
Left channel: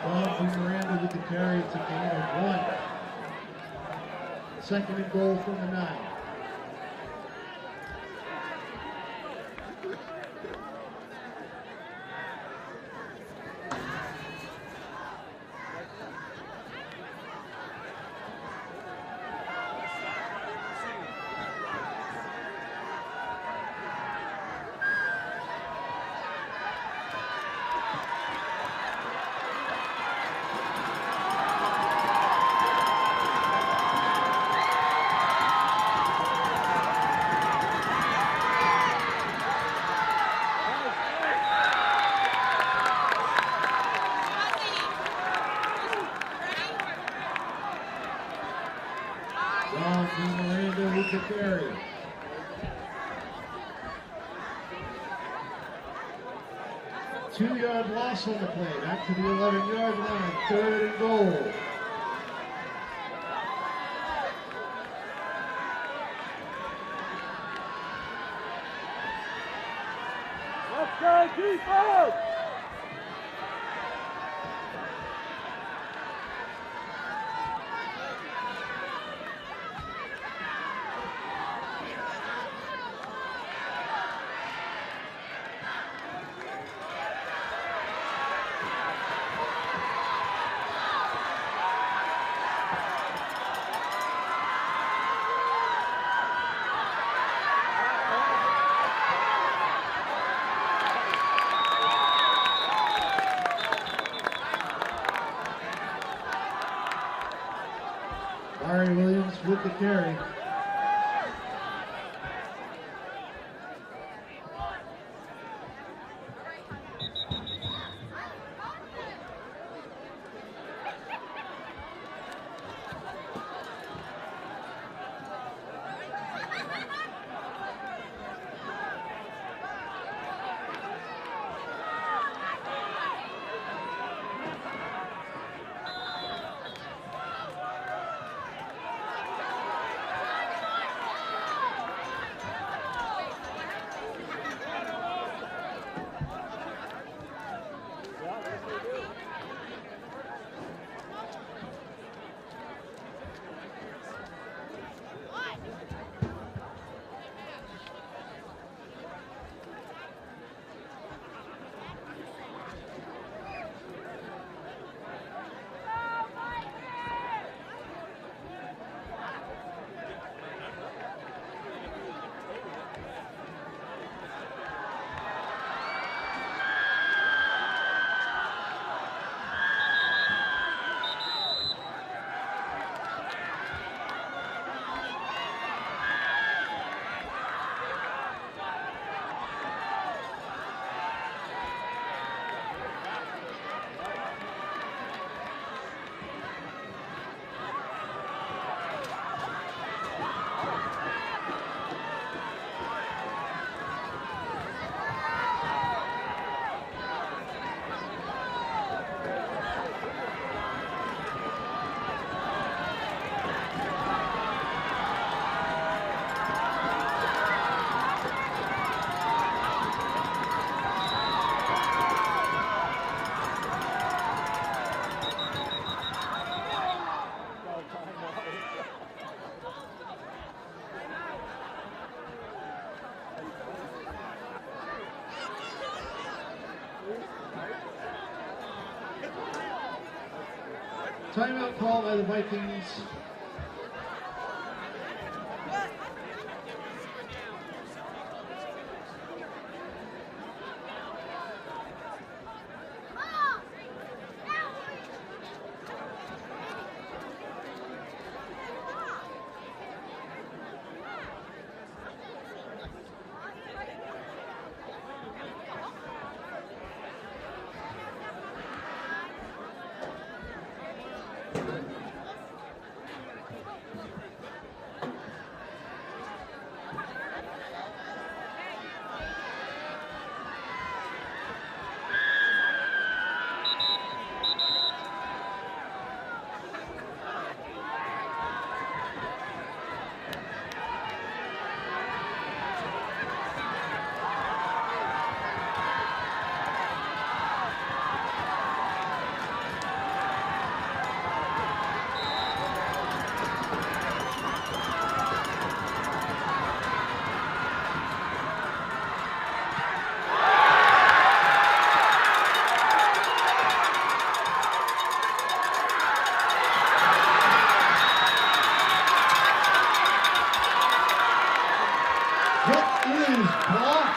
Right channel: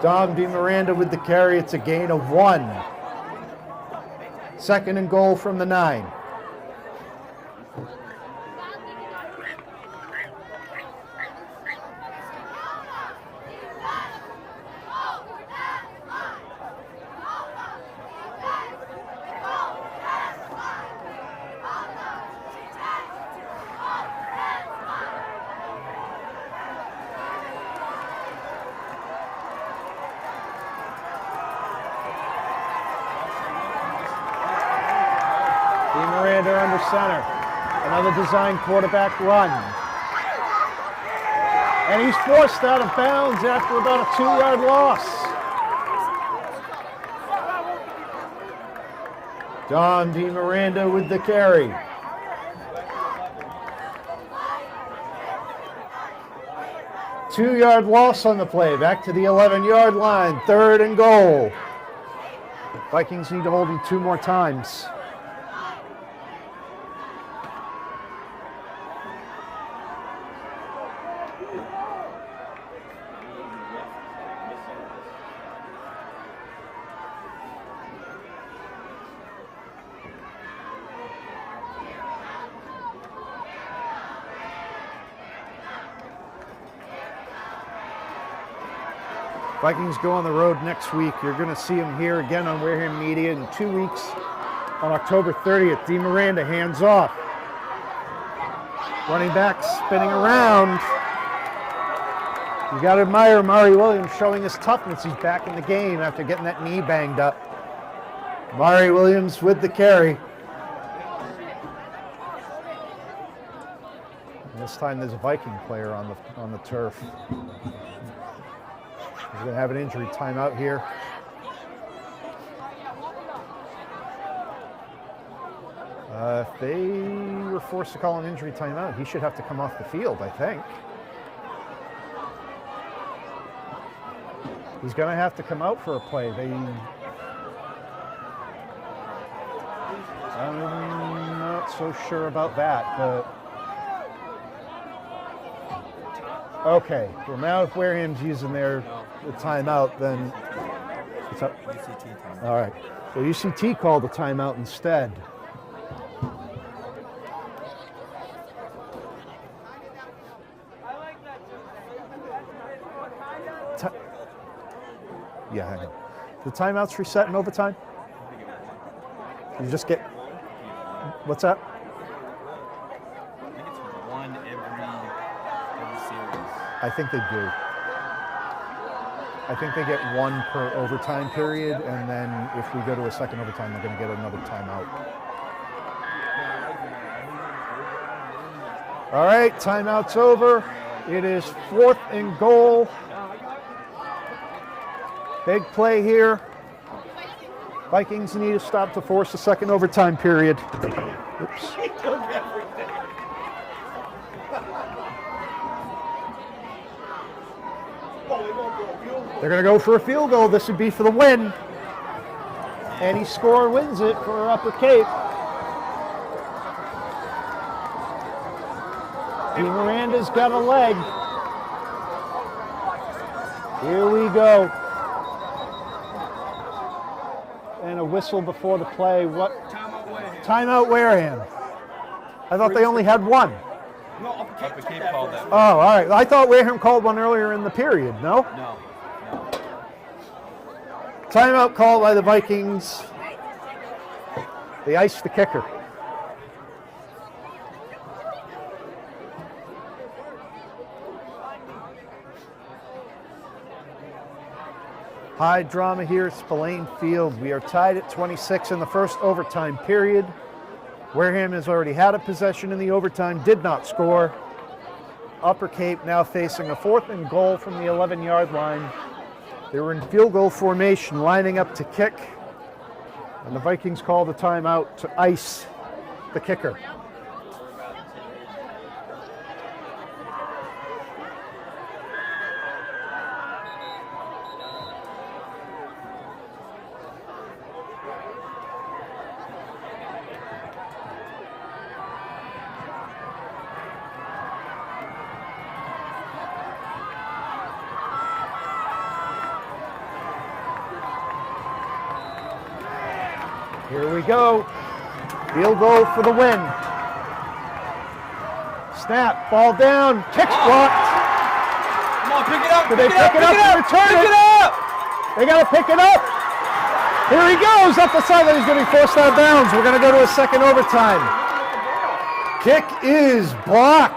Dom DeMiranda with the carry. It's a gain of 1. 2nd and goal from the 9. Under center. Another design quarterback run. And he's forced out of bounds after about a 2-yard loss. Don DeMiranda with the carry. Two-yard loss on the play. Back to the 11-yard line. 3rd and goal. Vikings need to hold him 2 more times. Vikings go on the road next week. You're going to see them here again on Wareham Media in 2 weeks on October 30th. DeMiranda hands off. Running back spinning around. You got to admire Mari Williams showing his toughness. He's back in the game after getting that knee banged up. Mari Williams with the carry. And this time there's a Viking player on the turf. We're going to have an injury timeout here. If they were forced to call an injury timeout, he should have to come off the field, I think. He's going to have to come out for a play. I'm not so sure about that, but... Okay, well now if Wareham's using their timeout, then what's up? All right, so UCT called the timeout instead. Yeah, the timeouts reset in overtime? You just get, what's that? I think they do. I think they get 1 per overtime period, and then if we go to a second overtime, they're going to get another timeout. All right, timeout's over. It is 4th and goal. Big play here. Vikings need to stop to force the second overtime period. Oops. They're going to go for a field goal. This would be for the win. Any score wins it for Upper Cape. Miranda's got a leg. Here we go. And a whistle before the play. What? Timeout Wareham. I thought they only had one. No, Upper Cape called that. Oh, all right. I thought Wareham called one earlier in the period. No? No. Timeout called by the Vikings. They iced the kicker. High drama here at Spillane Field. We are tied at 26 in the first overtime period. Wareham has already had a possession in the overtime, did not score. Upper Cape now facing a 4th and goal from the 11-yard line. They were in field goal formation, lining up to kick, and the Vikings called a timeout to ice the kicker. Here we go. Field goal for the win. Snap, ball down, kick blocked. Come on, pick it up. Do they pick it up and return it? They got to pick it up. Here he goes up the side. He's going to be forced out of bounds. We're going to go to a second overtime. Kick is blocked.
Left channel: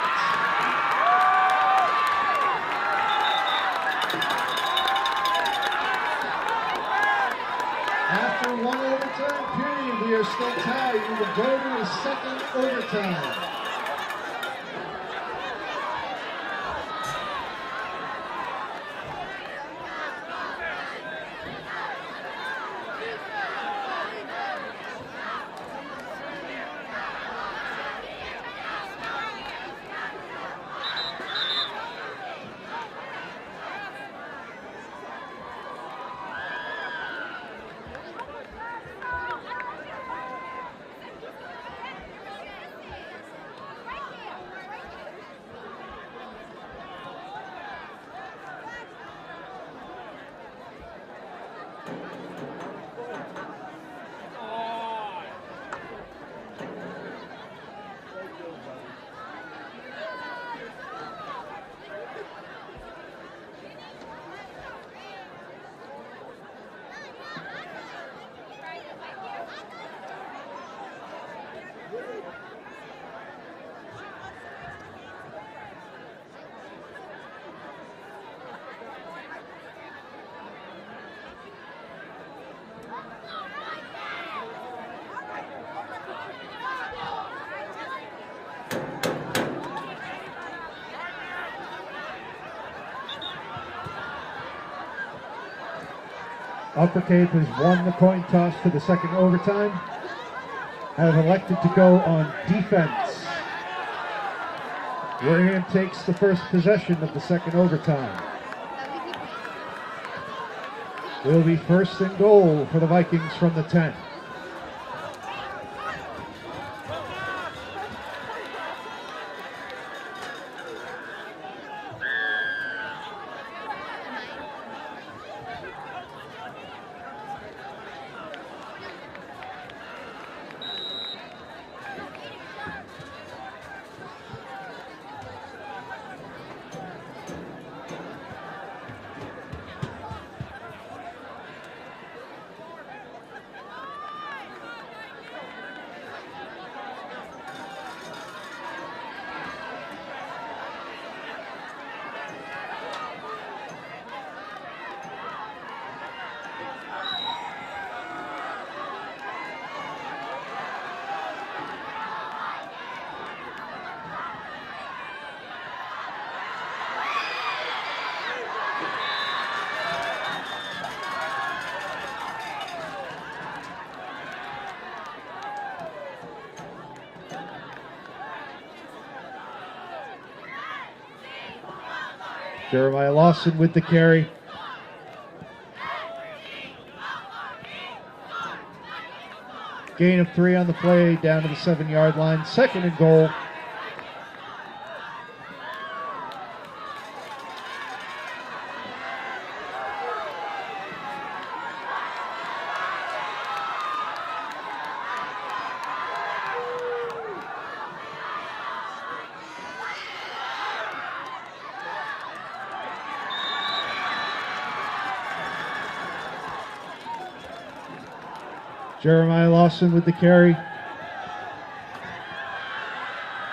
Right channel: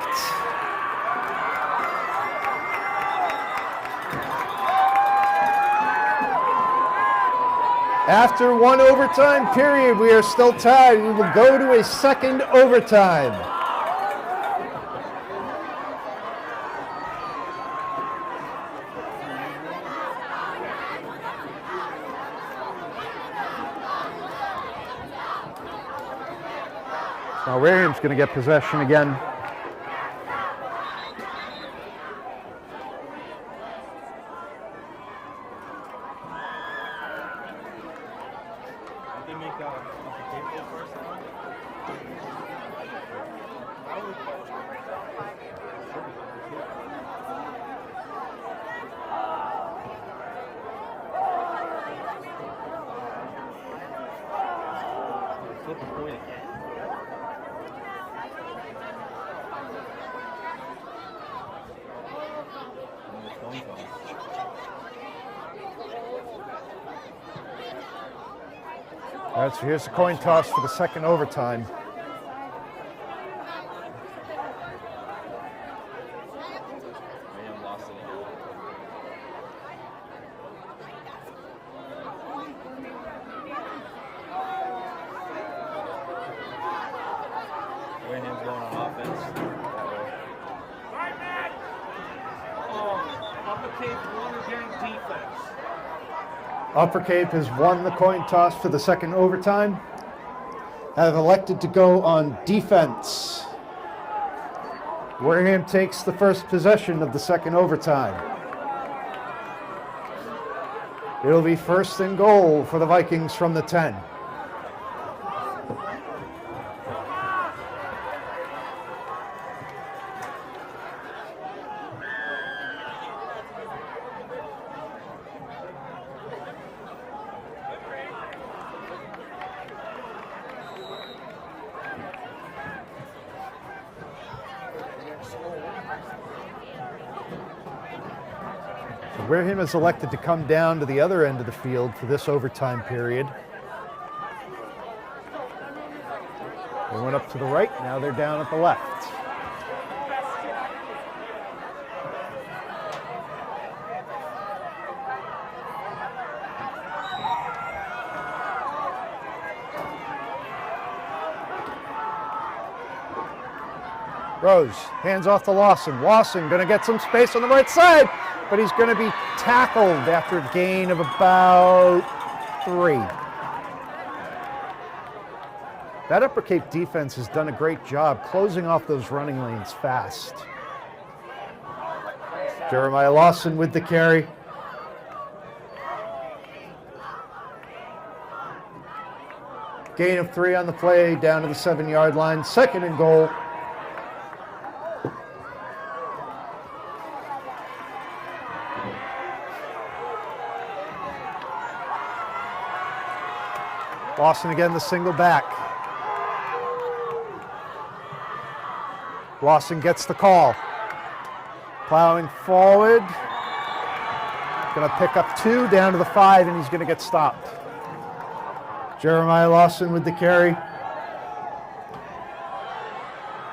After one overtime period, we are still tied. We will go to a second overtime. Now Wareham's going to get possession again. So here's the coin toss for the second overtime. Upper Cape has won the coin toss for the second overtime, have elected to go on defense. Wareham takes the first possession of the second overtime. It will be 1st and goal for the Vikings from the 10. Wareham has elected to come down to the other end of the field for this overtime period. They went up to the right, now they're down at the left. Rose, hands off to Lawson. Lawson gonna get some space on the right side, but he's gonna be tackled after a gain of about 3. That Upper Cape defense has done a great job closing off those running lanes fast. Jeremiah Lawson with the carry. Gain of 3 on the play, down to the 7-yard line, 2nd and goal. Lawson again, the single back. Lawson gets the call. Plowing forward. Going to pick up 2, down to the 5, and he's going to get stopped. Jeremiah Lawson with the carry.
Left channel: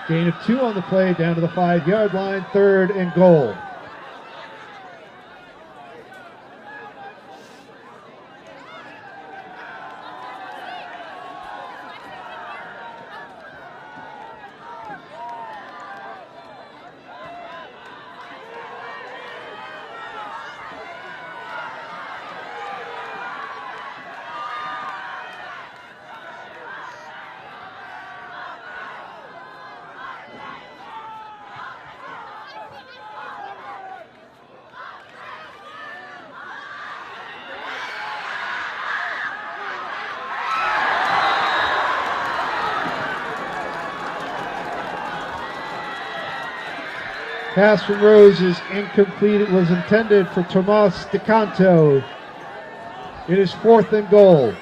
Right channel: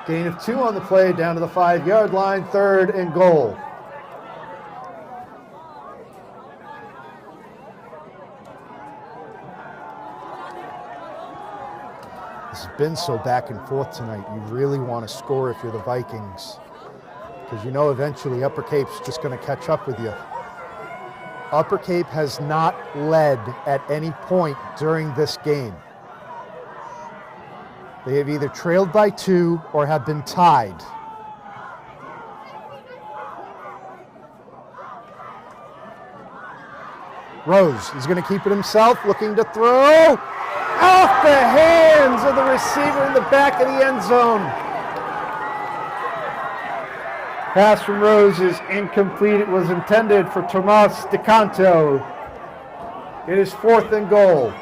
Gain of 2 on the play, down to the 5-yard line, 3rd and goal. It's been so back and forth tonight. You really want to score if you're the Vikings, because you know eventually Upper Cape's just going to catch up with you. Upper Cape has not led at any point during this game. They have either trailed by 2 or have been tied. Rose is going to keep it himself, looking to throw. Off the hands of the receiver in the back of the end zone. Pass from Rose is incomplete. It was intended for Tomas DeCanto. It is 4th and goal.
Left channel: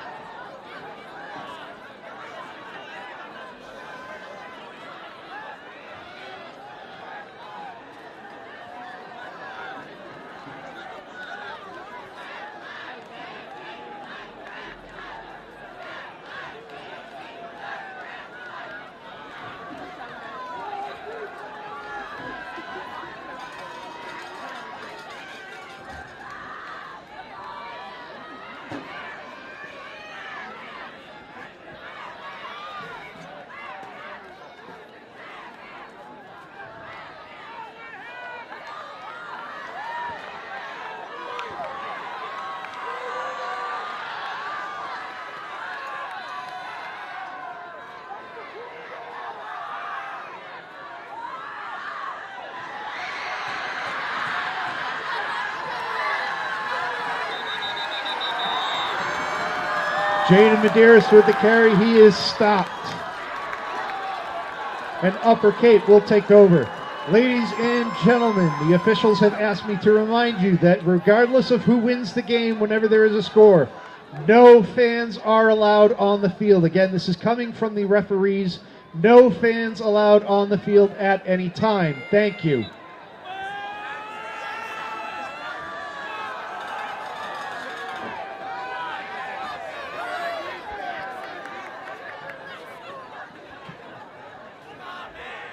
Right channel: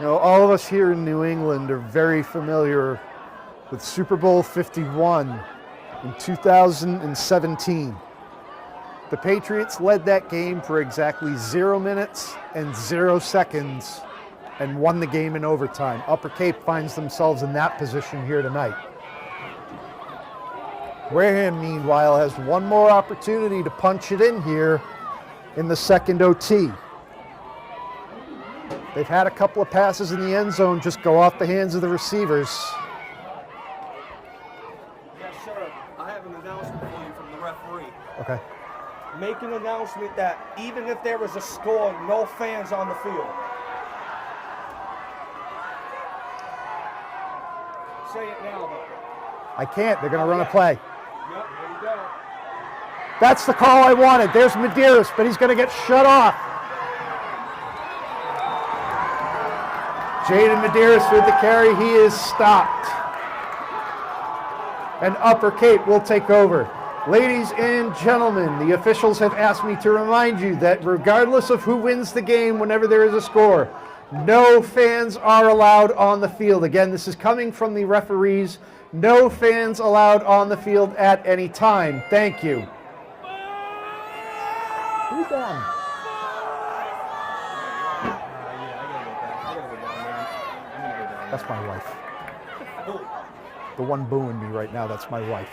Now, all of us here in New England are very familiar with Super Bowl 51 in 2017. The Patriots led that game for exactly 0 minutes and 0 seconds and won the game in overtime. Upper Cape finds themselves in that position here tonight. Wareham, meanwhile, has one more opportunity to punch it in here in the 2nd OT. They've had a couple of passes in the end zone just go off the hands of the receivers. Yes, sir. I have an announcement for you from the referee. Okay. Make an announcement that even if there was a score, no fans on the field. Say it now. I can't. They're going to run a play. Yep, there you go. That's the call I wanted. There's Medeiros, but he's going to get shut off. Jaden Medeiros with the carry. He is stopped. And Upper Cape will take over. Ladies and gentlemen, the officials have asked me to remind you that regardless of who wins the game, whenever there is a score, no fans are allowed on the field. Again, this is coming from the referees. No fans allowed on the field at any time. Thank you. Who's on? That's my wife. The one booing me right now, that's my wife.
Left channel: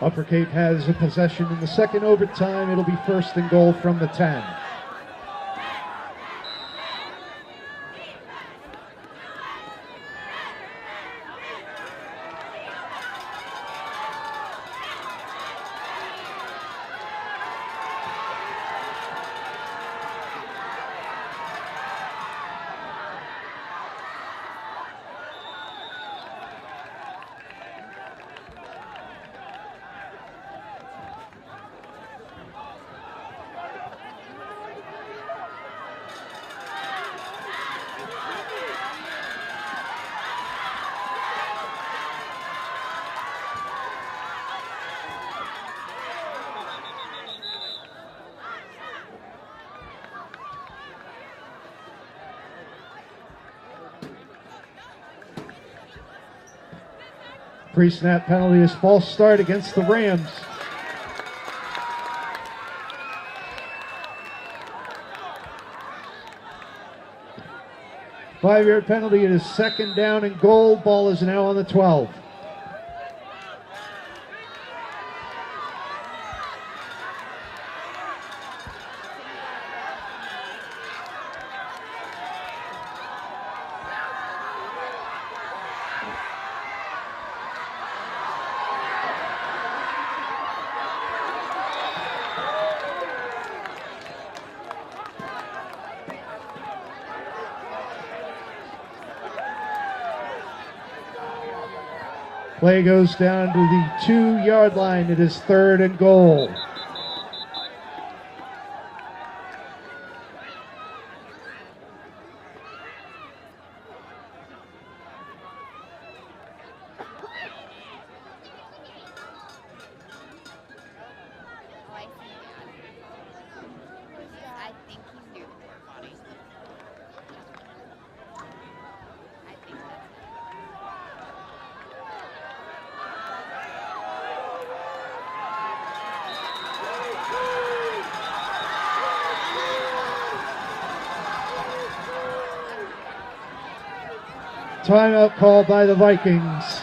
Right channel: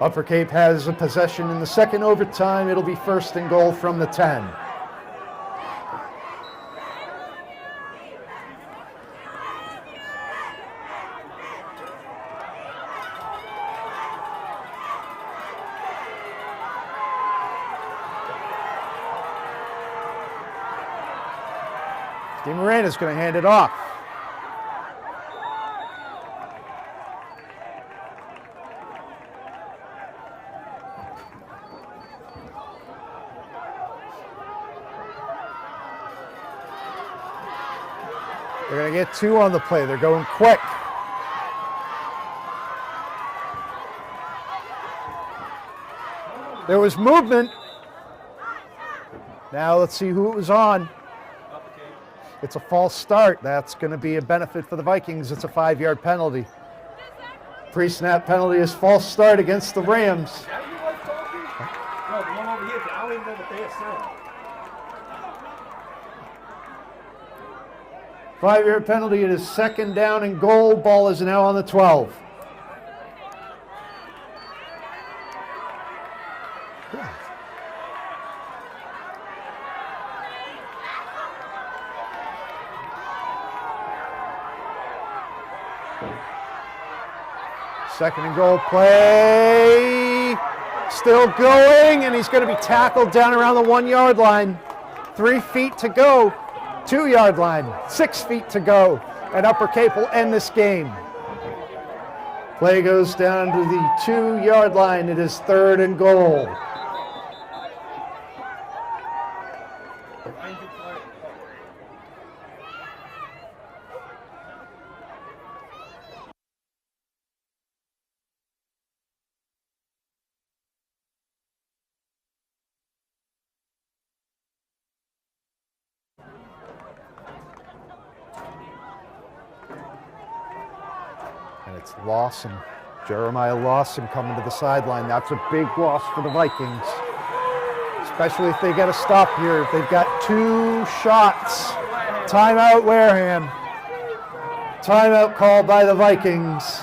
Upper Cape has a possession in the 2nd overtime. It'll be 1st and goal from the 10. Moran is going to hand it off. They're going to get 2 on the play. They're going quick. There was movement. Now let's see who it was on. It's a false start. That's going to be a benefit for the Vikings. It's a 5-yard penalty. Pre-snap penalty is false start against the Rams. 5-yard penalty. It is 2nd down and goal. Ball is now on the 12. Second and goal play, still going, and he's going to be tackled down around the 1-yard line. 3 feet to go, 2-yard line, 6 feet to go, and Upper Cape will end this game. Play goes down to the 2-yard line. It is 3rd and goal. And it's Lawson. Jeremiah Lawson coming to the sideline. That's a big loss for the Vikings, especially if they get a stop here. They've got 2 shots. Timeout Wareham. Timeout called by the Vikings.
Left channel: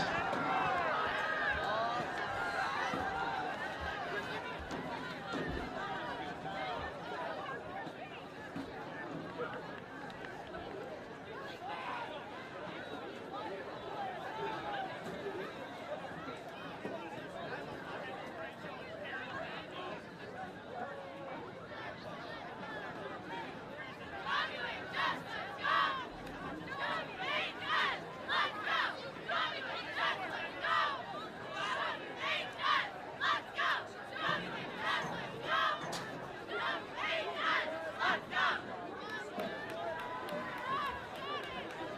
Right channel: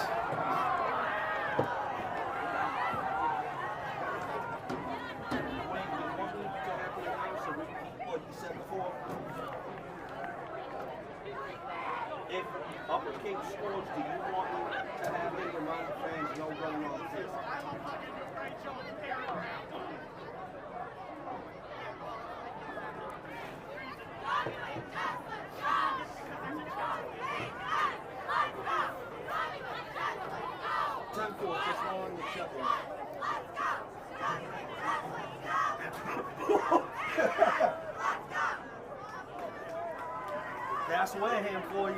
That's Wareham for you.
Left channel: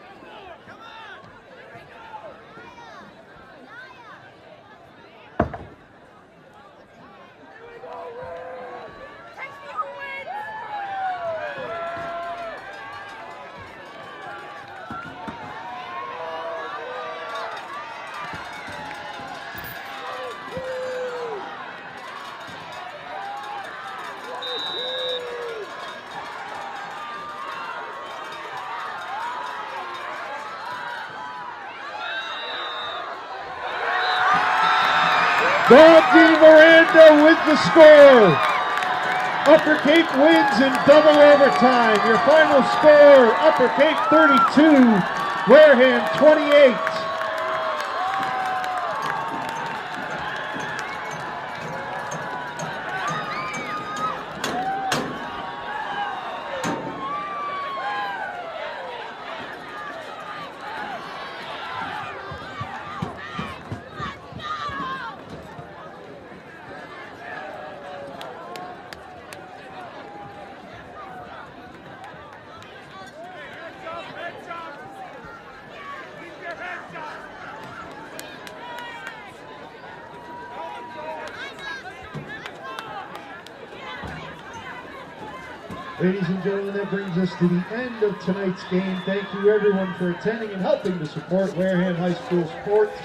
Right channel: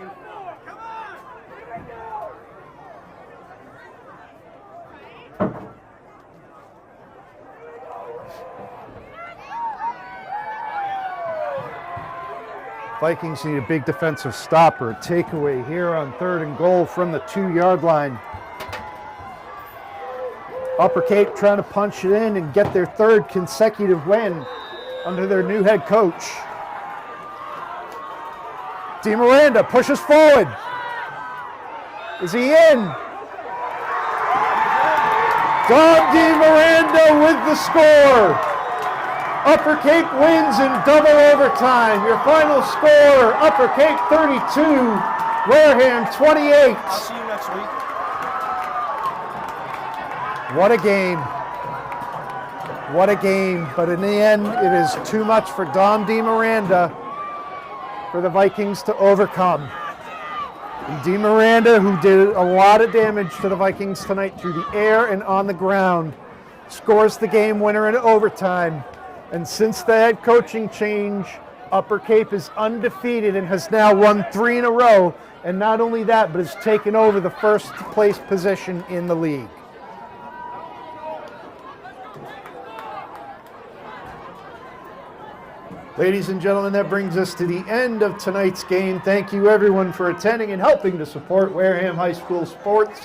Vikings need a big defensive stopper. Takeaway here on 3rd and goal from the 2-yard line. Upper Cape trying to punch it in and get their 3rd consecutive win under their new head coach. DeMiranda pushes forward. Is he in? Don DeMiranda with the score. Upper Cape wins in double overtime. Your final score, Upper Cape 32, Wareham 28. What a game. What a game. But in the end, it is too much for Don DeMiranda for the Vikings to overcome. DeMiranda, who did a lot of damage to the Vikings tonight through the air and on the ground, scores the game winner in overtime. And since the head coaching change, Upper Cape is undefeated and has now won 3 in a row. And not only that, but has taken over the 1st place position in the league. Ladies and gentlemen, that brings us to the end of tonight's game. Thank you everyone for attending and helping to support Wareham High School sports.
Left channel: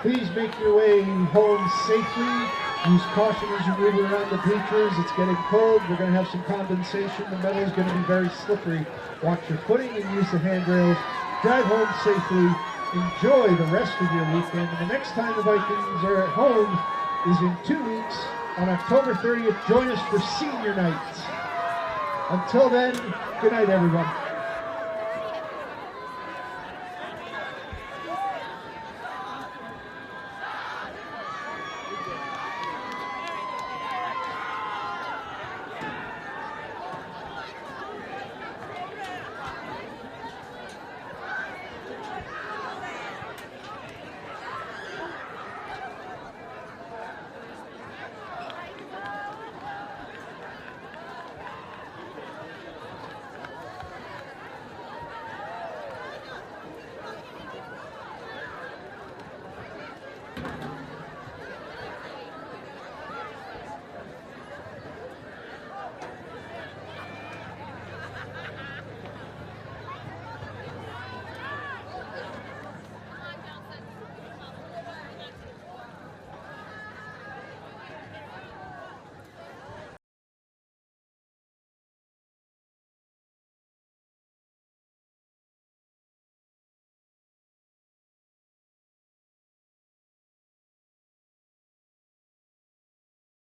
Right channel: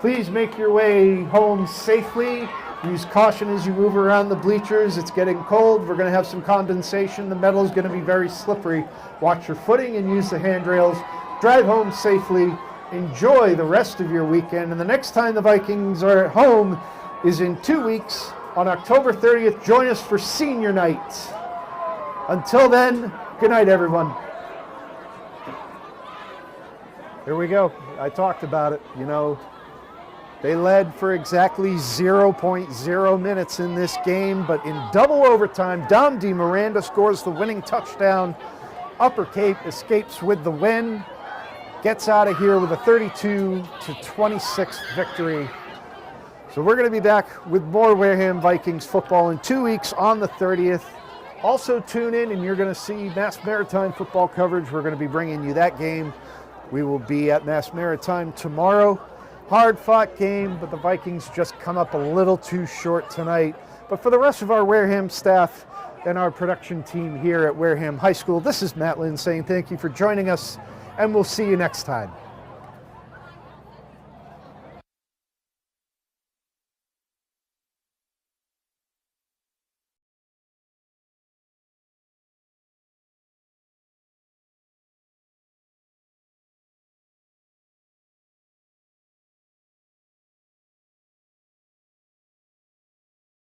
Please make your way home safely. Use caution as you move around the bleachers. It's getting cold. We're going to have some condensation. The metal is going to be very slippery. Watch your footing and use the handrails. Drive home safely. Enjoy the rest of your weekend. And the next time the Vikings are at home is in 2 weeks on October 30th. Join us for senior night. Until then, good night, everyone. Here we go. I talked about it. You know, they led for exactly 0.0 minutes in this game, but in double overtime, Don DeMiranda scores the winning touchdown. Upper Cape escapes with the win, gets out of here with a 32-26 victory. So we're going to be back with more Wareham Vikings football in 2 weeks on the 30th. Also tune in and you're going to see Mass Maritime football coverage. We're going to be bringing you that game. We will be at Mass Maritime tomorrow. Hard-fought game, but the Vikings just come up a little too short tonight. But for the rest of our Wareham staff and our production team here at Wareham High School, this is Matt Lynn saying thank you for joining us, and we'll see you next time.